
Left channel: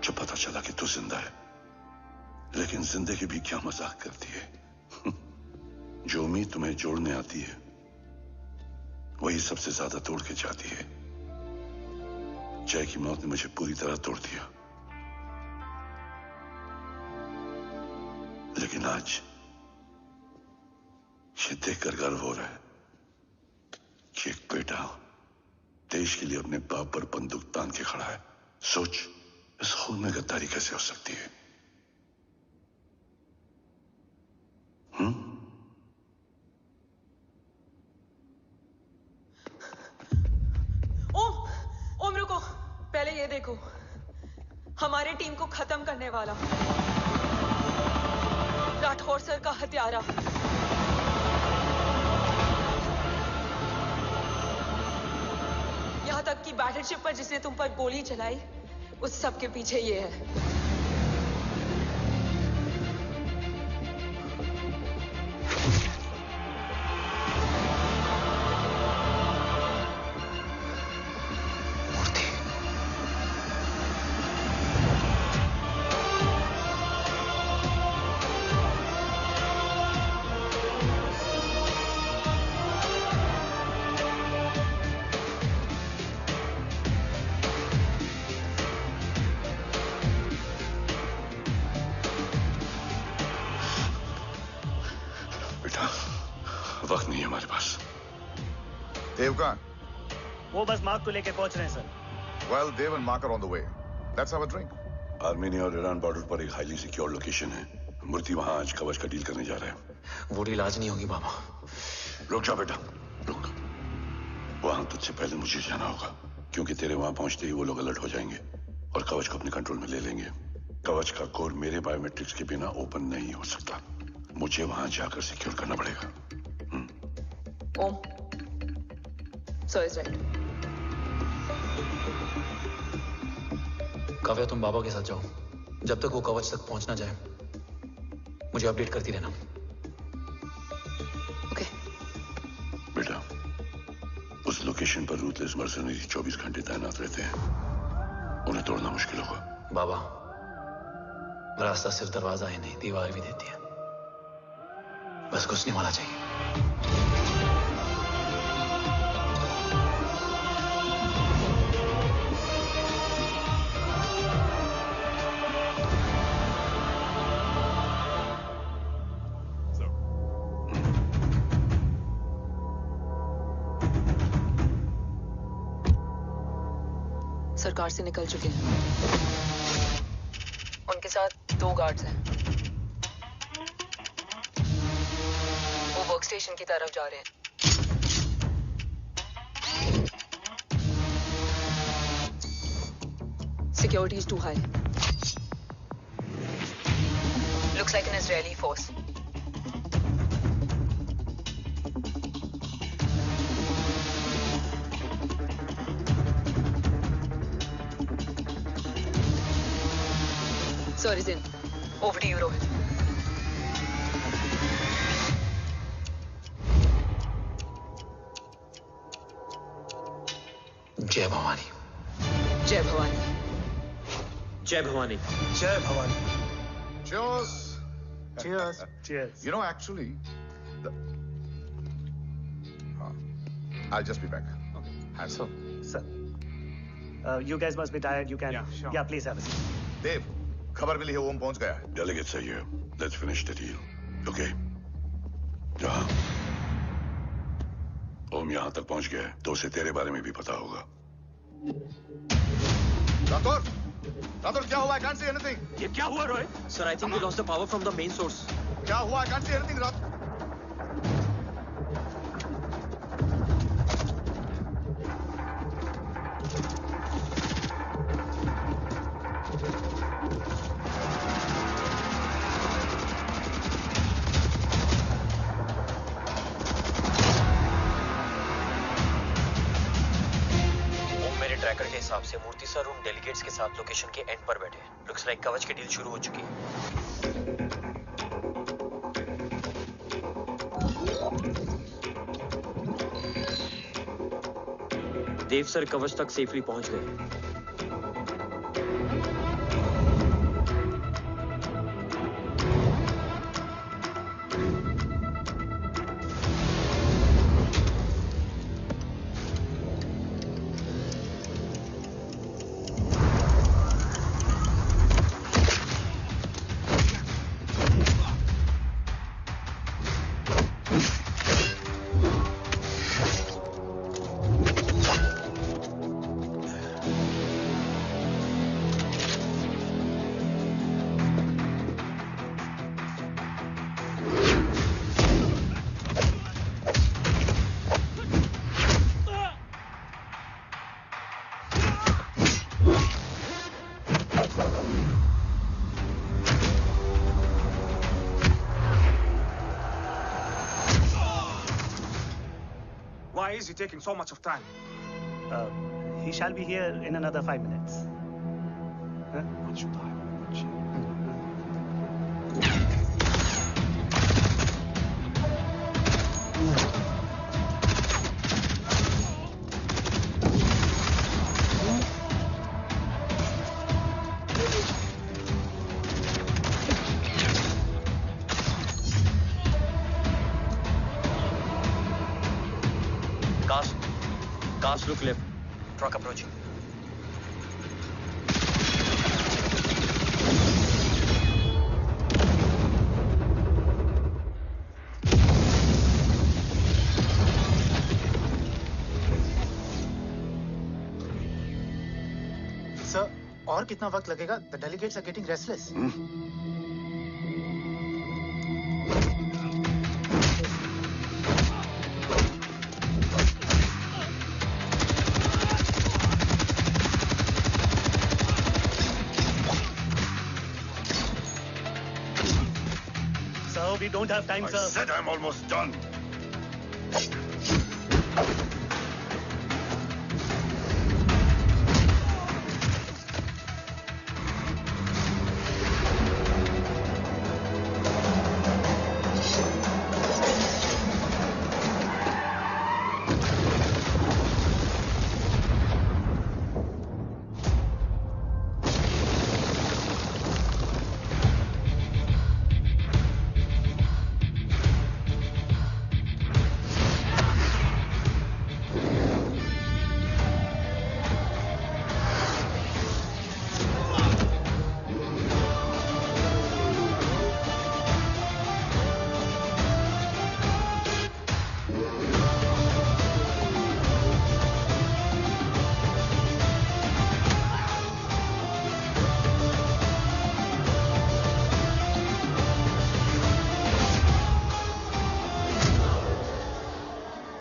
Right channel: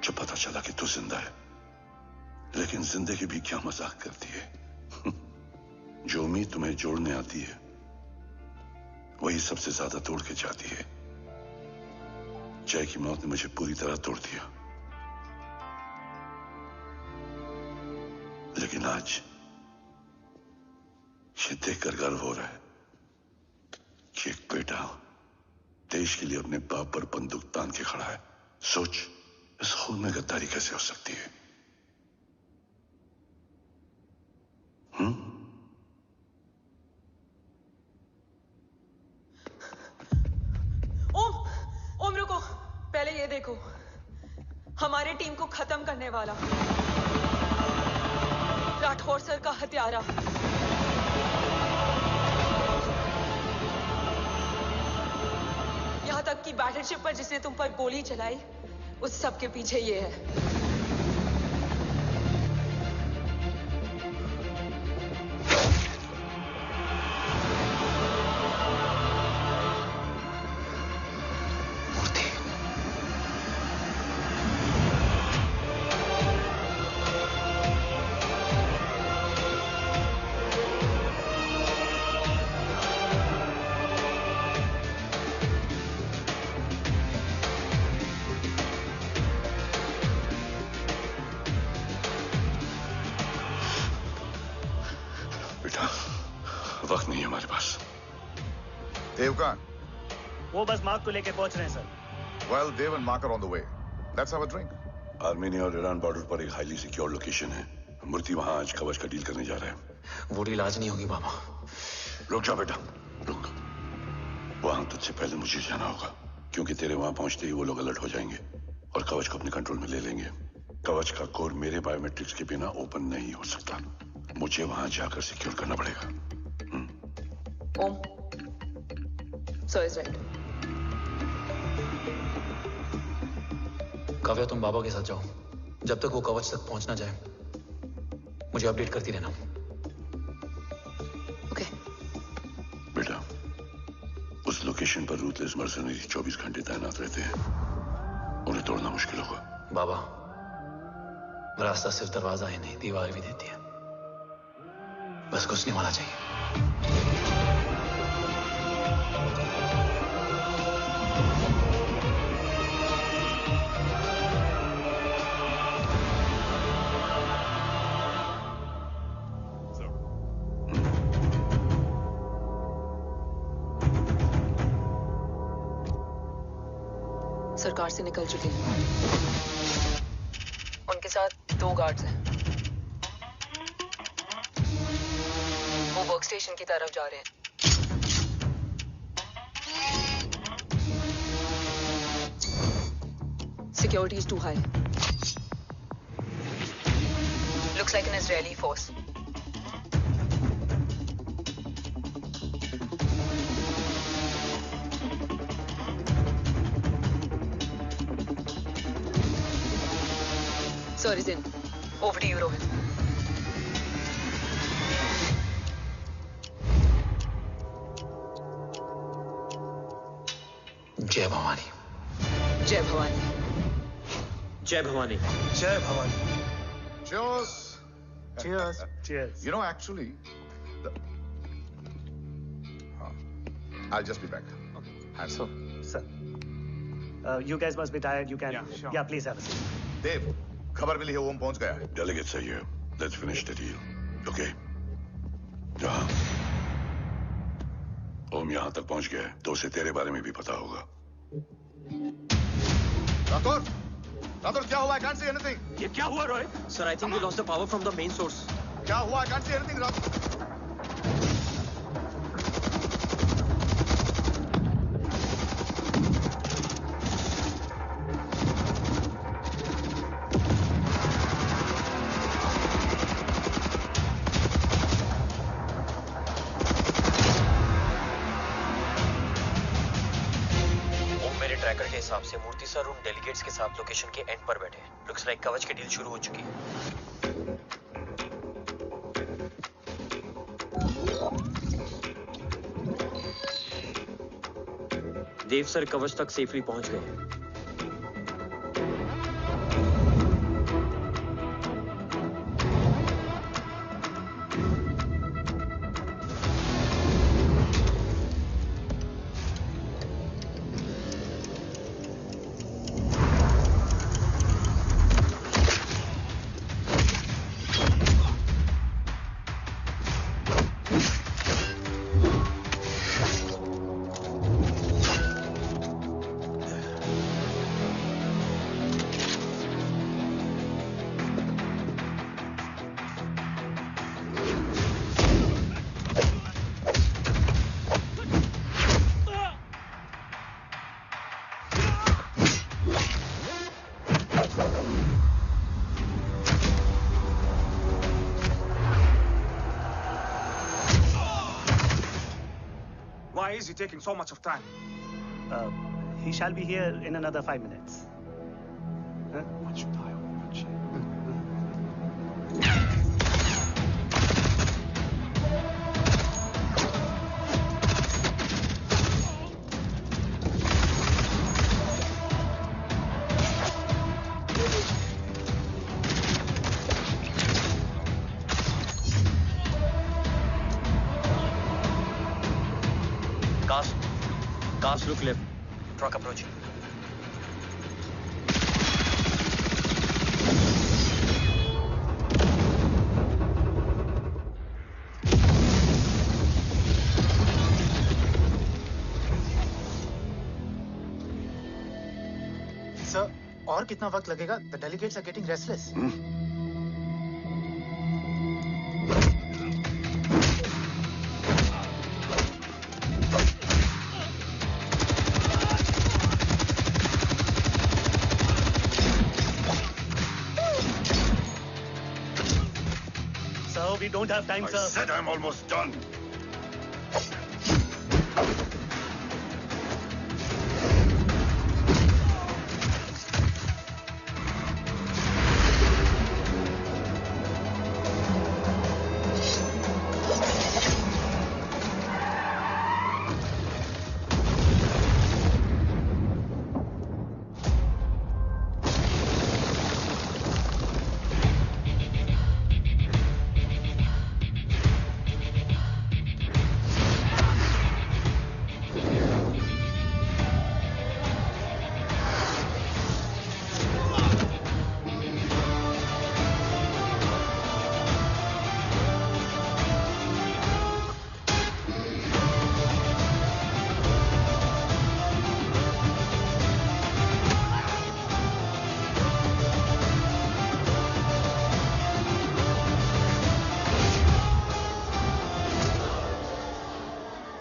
जब पता चला कि तू जिंदा है। लेकिन जिंदगी भी क्या मजाक करती है। जो उम्मीद तुम्हें जोड़ने आती है वही सबसे ज्यादा तोड़ के जाती है। जय की मौत ने मुझे पूरी तरह तोड़ दिया, लेकिन आज ये देखकर गर्व हो रहा है कि एक बेटा देश के लिए अपने बाप पर बंदूक तान के खड़ा है। सोच, इस खून में गद्दारी कैसे हो सकती है? ओम रुको, पहले ये देखो, हमारे टीम को खत्म करने वाला राठौर सर का हत्यारा। यहां तक कि बैटलशिप पर जिसने तुम पर गोली चलाई, उस सब के पीछे ये है। वक्त नहीं है हमारे पास। देव कहाँ? वो बस मार्क को लेके पहुंच रहे हैं sir. Well, Dev and Mark are on the way. Let's have a drink. Armenia और ईरान बॉर्डर पर एक हाईली सिक्योर लोकेशन है। मूर्ति वहां आज कवच का डील करने जा रहा है। वो डील आज नहीं होगी बाबा। रुक जा बेटा, रुक। वहां तुझसे पहले मुझे जाना होगा, क्योंकि तेरे वहां पहुंचते ही वो लोग अलर्ट हो जाएंगे और कवच को अपने कंट्रोल में ले लेंगे। कवच का कोड मेरे बायोमेट्रिक्स के बिना ओपन नहीं हो सकता। मुझे वहां जाकर सिक्योर करना पड़ेगा। ओम, सो इज राइट। काव्या, तुम बाबा के साथ जाओ। जब तक वो कवच तक पहुंच ना जाए मुझे अपडेट करती रहना। ओके। बेटा, उस लोकेशन पर रूथलेस मर्सनरी 24 घंटे तैनात रहते हैं। उन्हें तोड़ना मुश्किल होगा। बाबा, रास्ता सिर्फ दरवाजा ही नहीं, दीवार भी देती है। बस घुसने वाला चाहिए। सरकार से निकल चुके हैं। उनके साथ 2 गार्ड्स हैं। वो वर्क स्टेशन की तरफ जा रहे हैं। Security is too high. Looks like an Israeli force. Sir is in. Over to you, Rohit. जय भवानी। जय भवानी। जय भवानी। जय Bhavani. Cheers. Cheers. Cheers. You know, actually, I'll just be back. Okay. Hands up. Sir. You guys must be tired. You can. Yeah, sure. Yeah, please have a seat. देव, खबर मिली है ओम पहुंच गया है। Delegate सही है. Let's finish the deal. Okay. जहाँ ओम यहाँ तक पहुंच गया है, तो उसे तेरे बारे में भी पता होगा। राठौर, राठौर क्या हुआ? I can't see anything. ये क्या हुआ Rohit? Sir, I think we lost the power from the main source. क्या हुआ? I can't see anything, Rathore. Tracker के हिसाब से मूर्ति सर उन डेलीगेट्स के साथ लोकेशन के एंड पर बैठे हैं। लुक्स लाइक कवच की डील शुरू हो चुकी है। देव सर कवच तक सेफली पहुंच गए। Why is he taking so much of time? He shall be here in another 5 minutes. Huh? What should I watch? Cars look left. Truck approaching. Sir, और कितना वक्त लगेगा? The delegates are getting restless. We don't have time, sir. I said I'm almost done.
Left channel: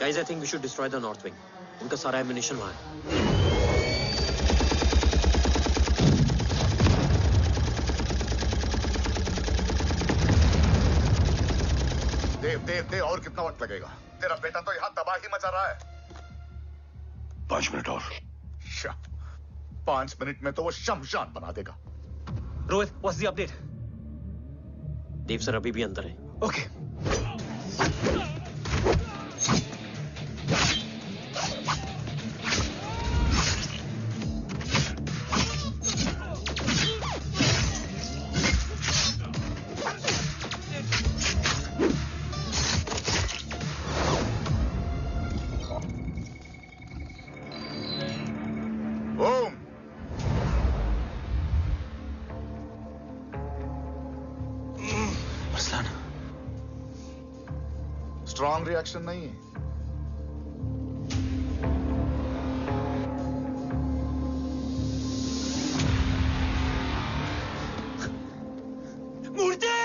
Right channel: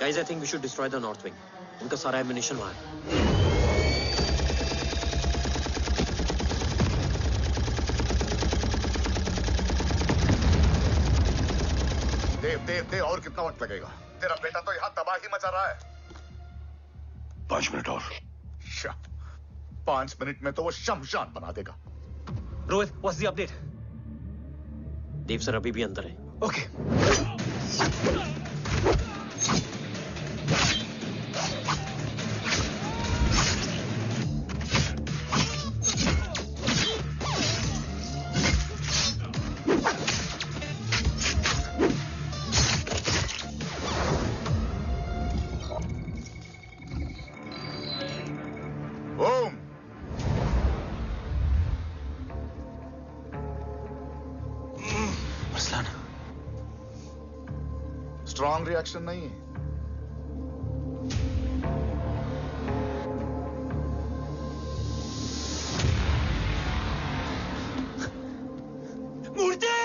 Guys, I think we should destroy the north wing. उनका सारा ammunition वहाँ है. देव और कितना वक्त लगेगा? तेरा बेटा तो यहाँ तबाही मचा रहा है. 5 मिनट और. 5 मिनट में तो वो शमशान बना देगा. Rohit, what's the update? Dev sir अभी भी अंदर है. Okay. स्ट्रॉन्ग रिएक्शन नहीं है. मूर्ति!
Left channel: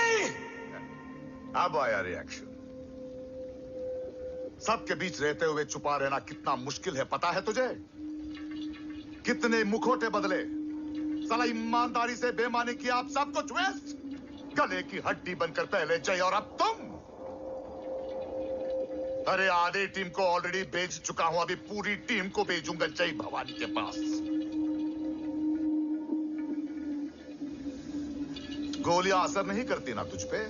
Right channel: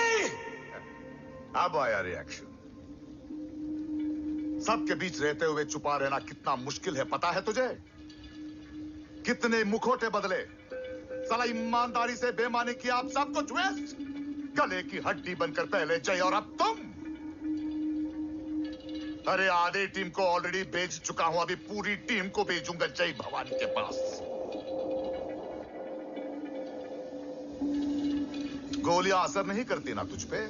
अब आया रिएक्शन. सबके बीच रहते हुए छुपा रहना कितना मुश्किल है पता है तुझे? कितने मुखौटे बदले. साला ईमानदारी से बेईमानी किया, आप सब कुछ वेस्ट. गले की हड्डी बनकर पहले जय और अब तुम. अरे आधे टीम को ऑलरेडी भेज चुका हूं, अभी पूरी टीम को भेजूंगा जय भवानी के पास. गोलियां असर नहीं करती ना तुझ पे.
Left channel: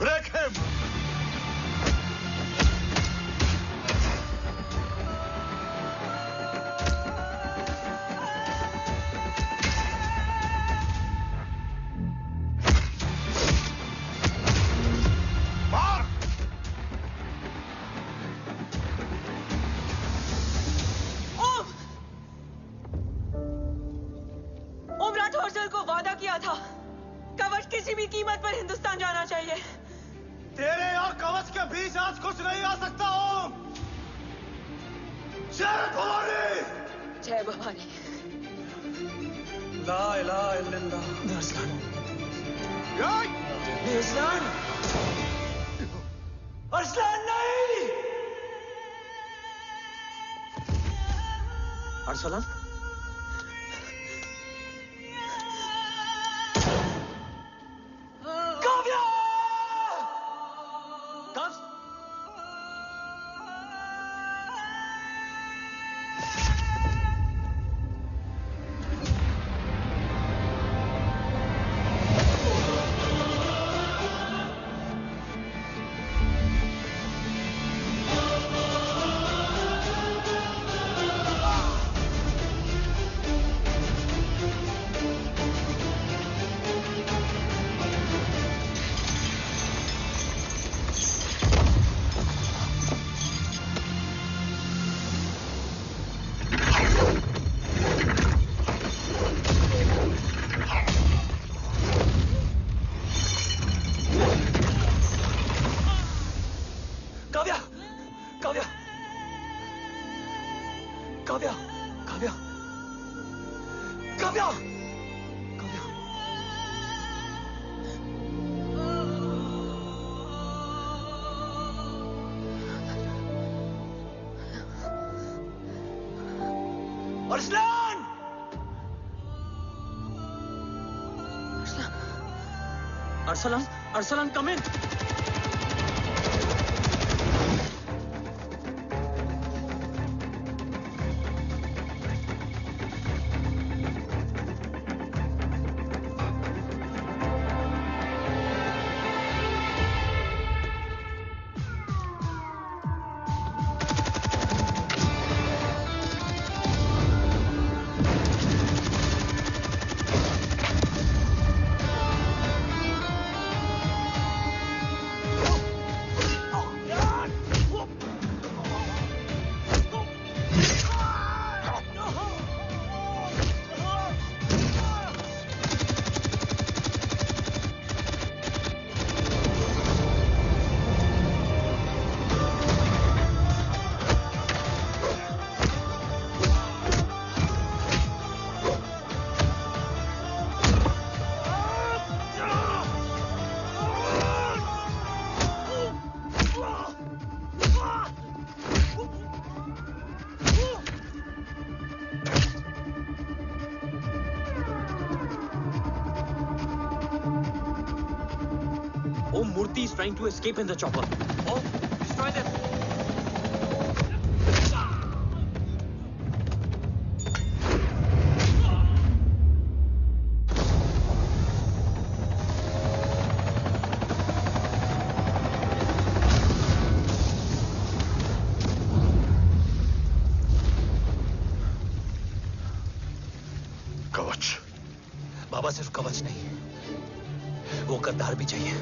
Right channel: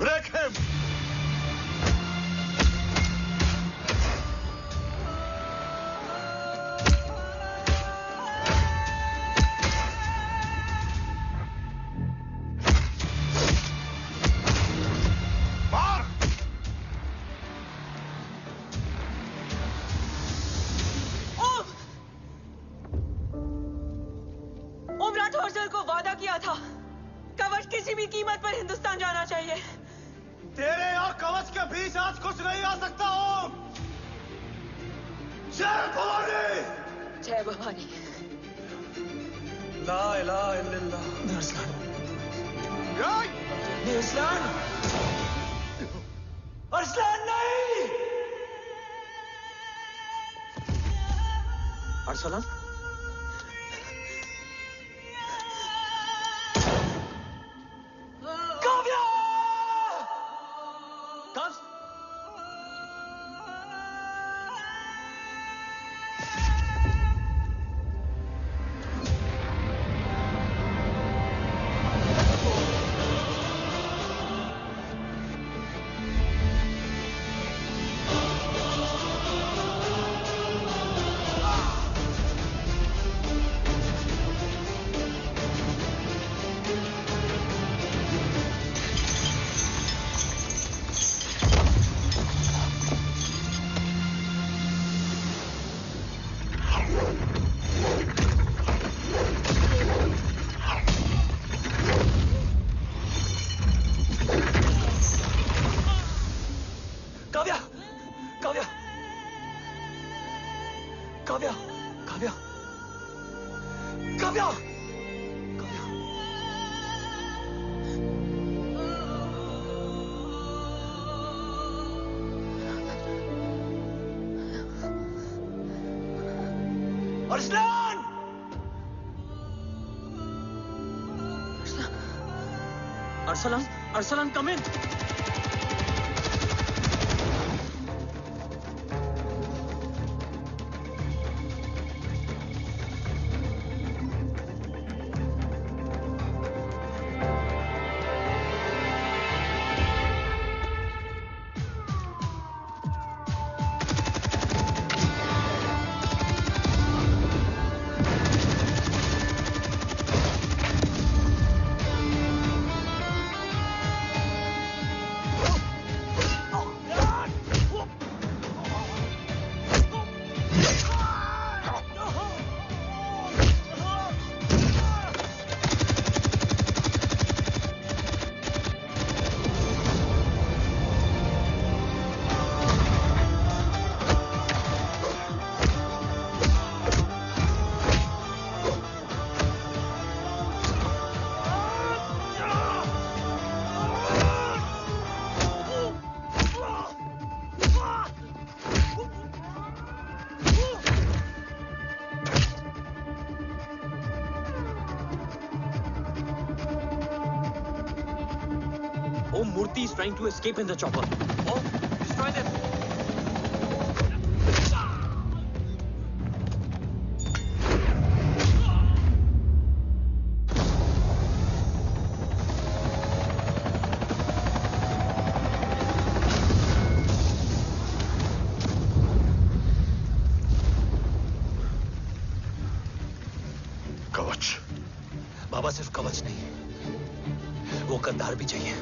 Break him. तेरे और कवच के बीच आज कुछ नहीं आ सकता ओम. जय भवानी. जय भवानी. ला इलाहा इल्लल्लाह. अरसलान. अरसलान. अरसलान नहीं. Arsalan. Arsalan! Arsalan, Arsalan, come in. Om Murthy is trying to escape in the chopper. Om, destroy them. कवच। बाबा सिर्फ कवच नहीं, वो गद्दार भी चाहिए।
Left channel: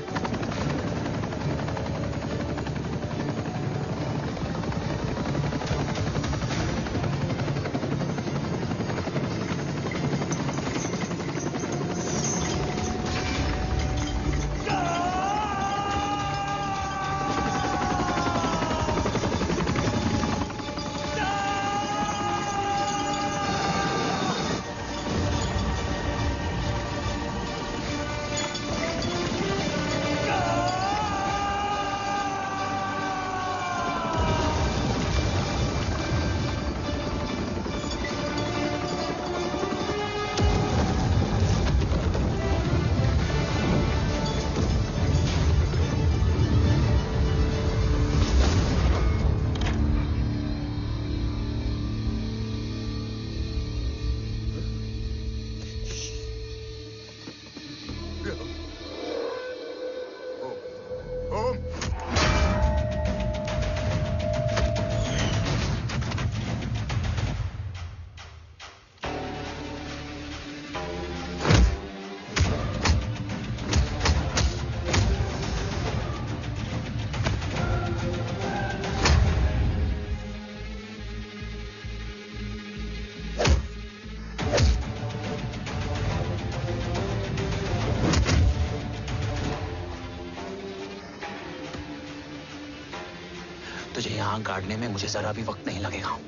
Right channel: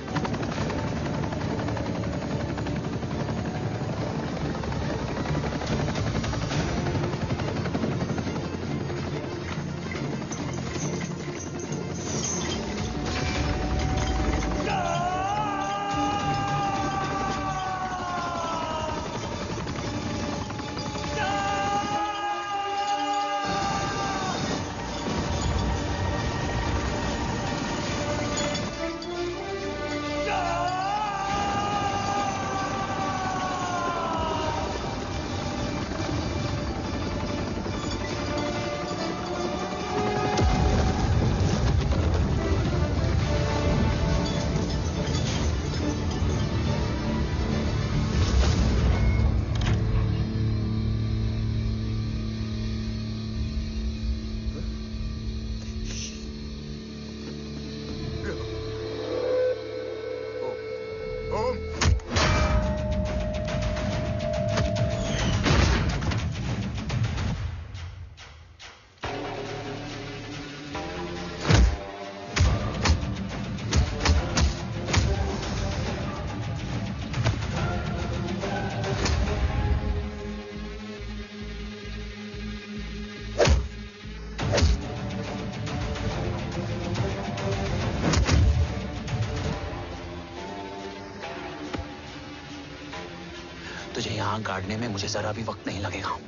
तुझे यहां गाड़ने में मुझे जरा भी वक्त नहीं लगेगा,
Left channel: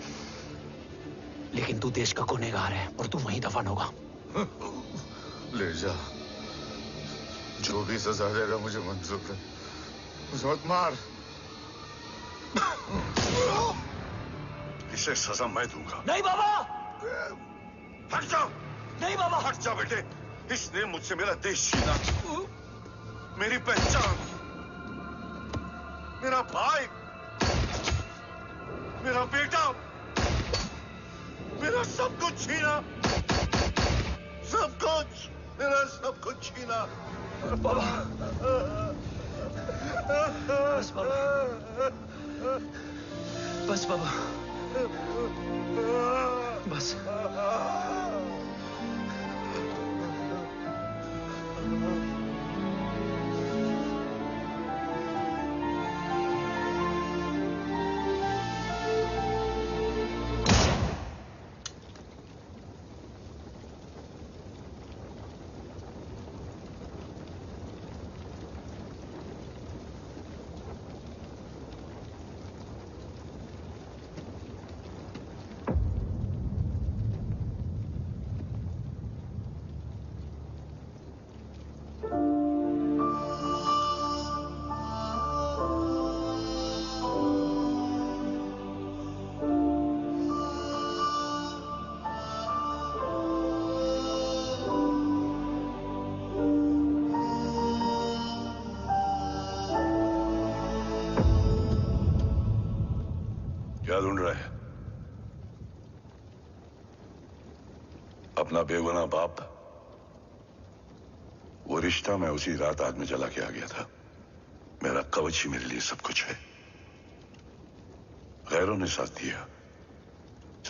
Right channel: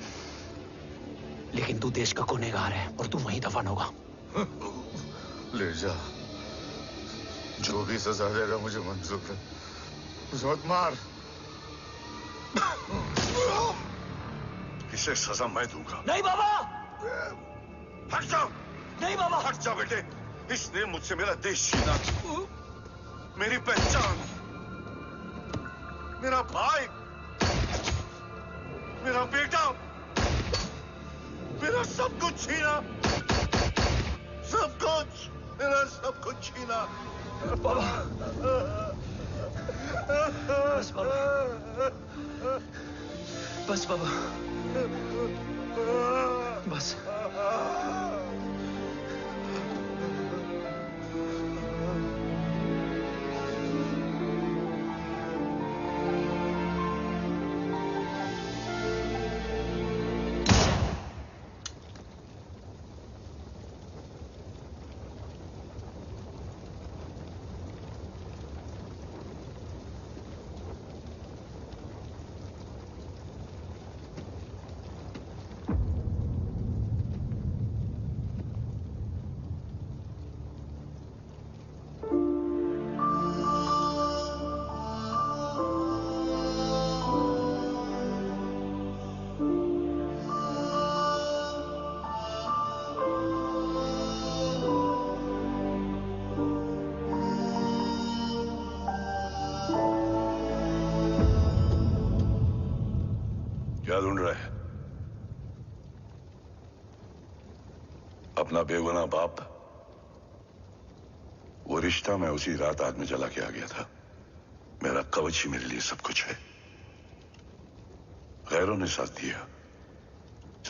लेकिन तू देश का गुनहगार है और तू वहीं दफन होगा। ले जा, जो भी सजा देगा मुझे मंजूर है, मुझे मत मार। इसे सजा मैं दूंगा। नहीं बाबा, हट जाओ। नहीं बाबा, हट जा बेटे। इसने मुझसे मेरा देश छीना, मेरी पहचान, मेरा भाई, मेरा बेटा, मेरा सब कुछ छीना, सब कुछ, मेरा सब कुछ छीना। बाबा, बस बाबा, बस बाबा, बस। क्या ढूंढ रहा है? अपना बेगुनाह बाप। वो रिश्ता मैं उसी रात आग में जला के आ गया था। मेरा कवच ही मेरे लिए सब कुछ है। गैरों ने साथ दिया,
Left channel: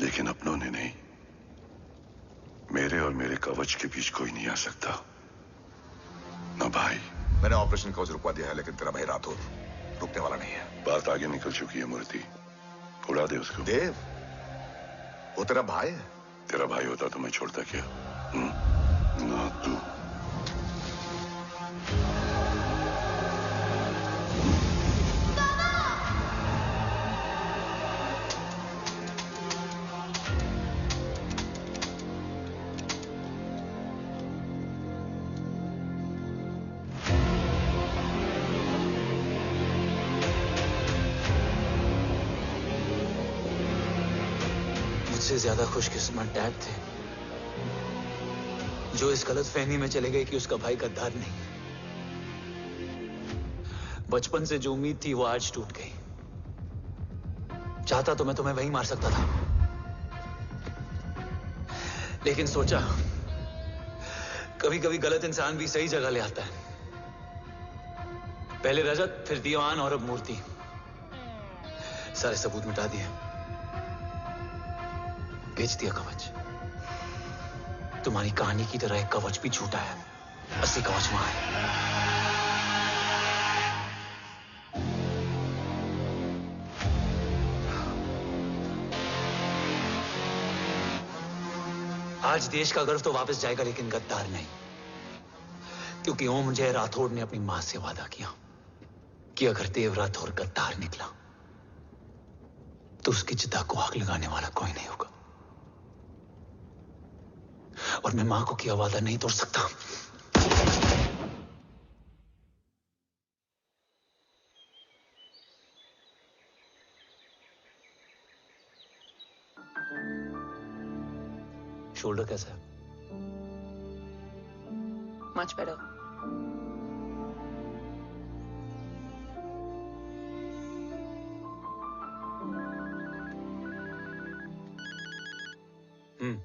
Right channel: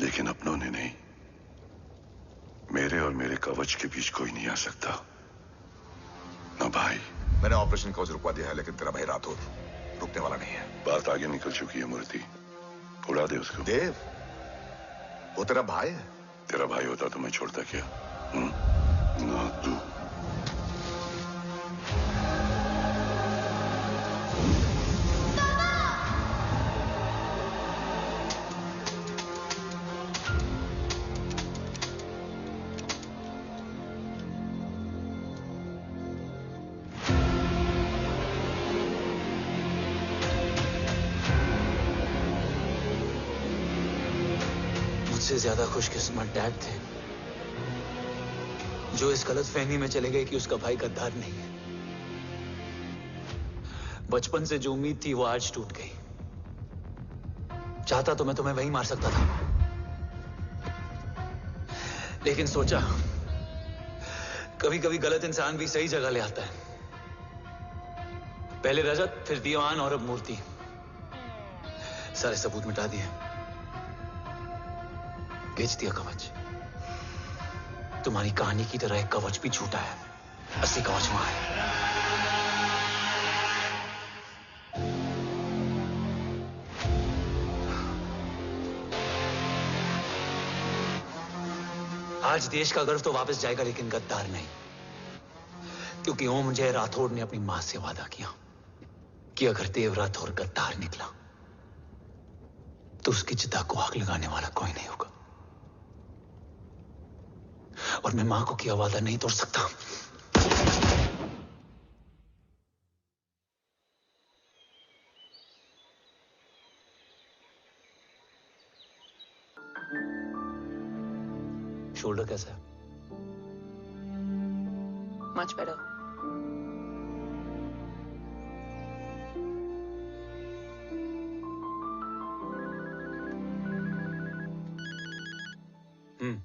लेकिन अपनों ने नहीं। मेरे और मेरे कवच के बीच कोई नहीं आ सकता, ना भाई। मैंने ऑपरेशन कवच रुकवा दिया है, लेकिन तेरा भाई राठौर रुकने वाला नहीं है। बात आगे निकल चुकी है मूर्ति, उड़ा दे उसको। देव, वो तेरा भाई है। तेरा भाई होता तो मैं छोड़ता क्या? ना तू। मुझसे ज्यादा खुशकिस्मत डैड थे, जो इस गलतफहमी में चले गए कि उसका भाई गद्दार नहीं है। बचपन से जो उम्मीद थी वो आज टूट गई। चाहता तो मैं तुम्हें वहीं मार सकता था, लेकिन सोचा कभी कभी गलत इंसान भी सही जगह ले आता है। पहले रजत, फिर दीवान और अब मूर्ति। सारे सबूत मिटा दिए, बेच दिया कवच। तुम्हारी कहानी की तरह एक कवच भी झूठा है, असली कवच वहां है। आज देश का गर्व तो वापस जाएगा, लेकिन गद्दार नहीं, क्योंकि ओम जय राठौड़ ने अपनी मां से वादा किया कि अगर देव राठौड़ गद्दार निकला तो उसकी चिता को आग लगाने वाला कोई नहीं होगा। और मैं मां को किया वादा नहीं तोड़ सकता। शोल्डर कैसा है? Much better. हम्म।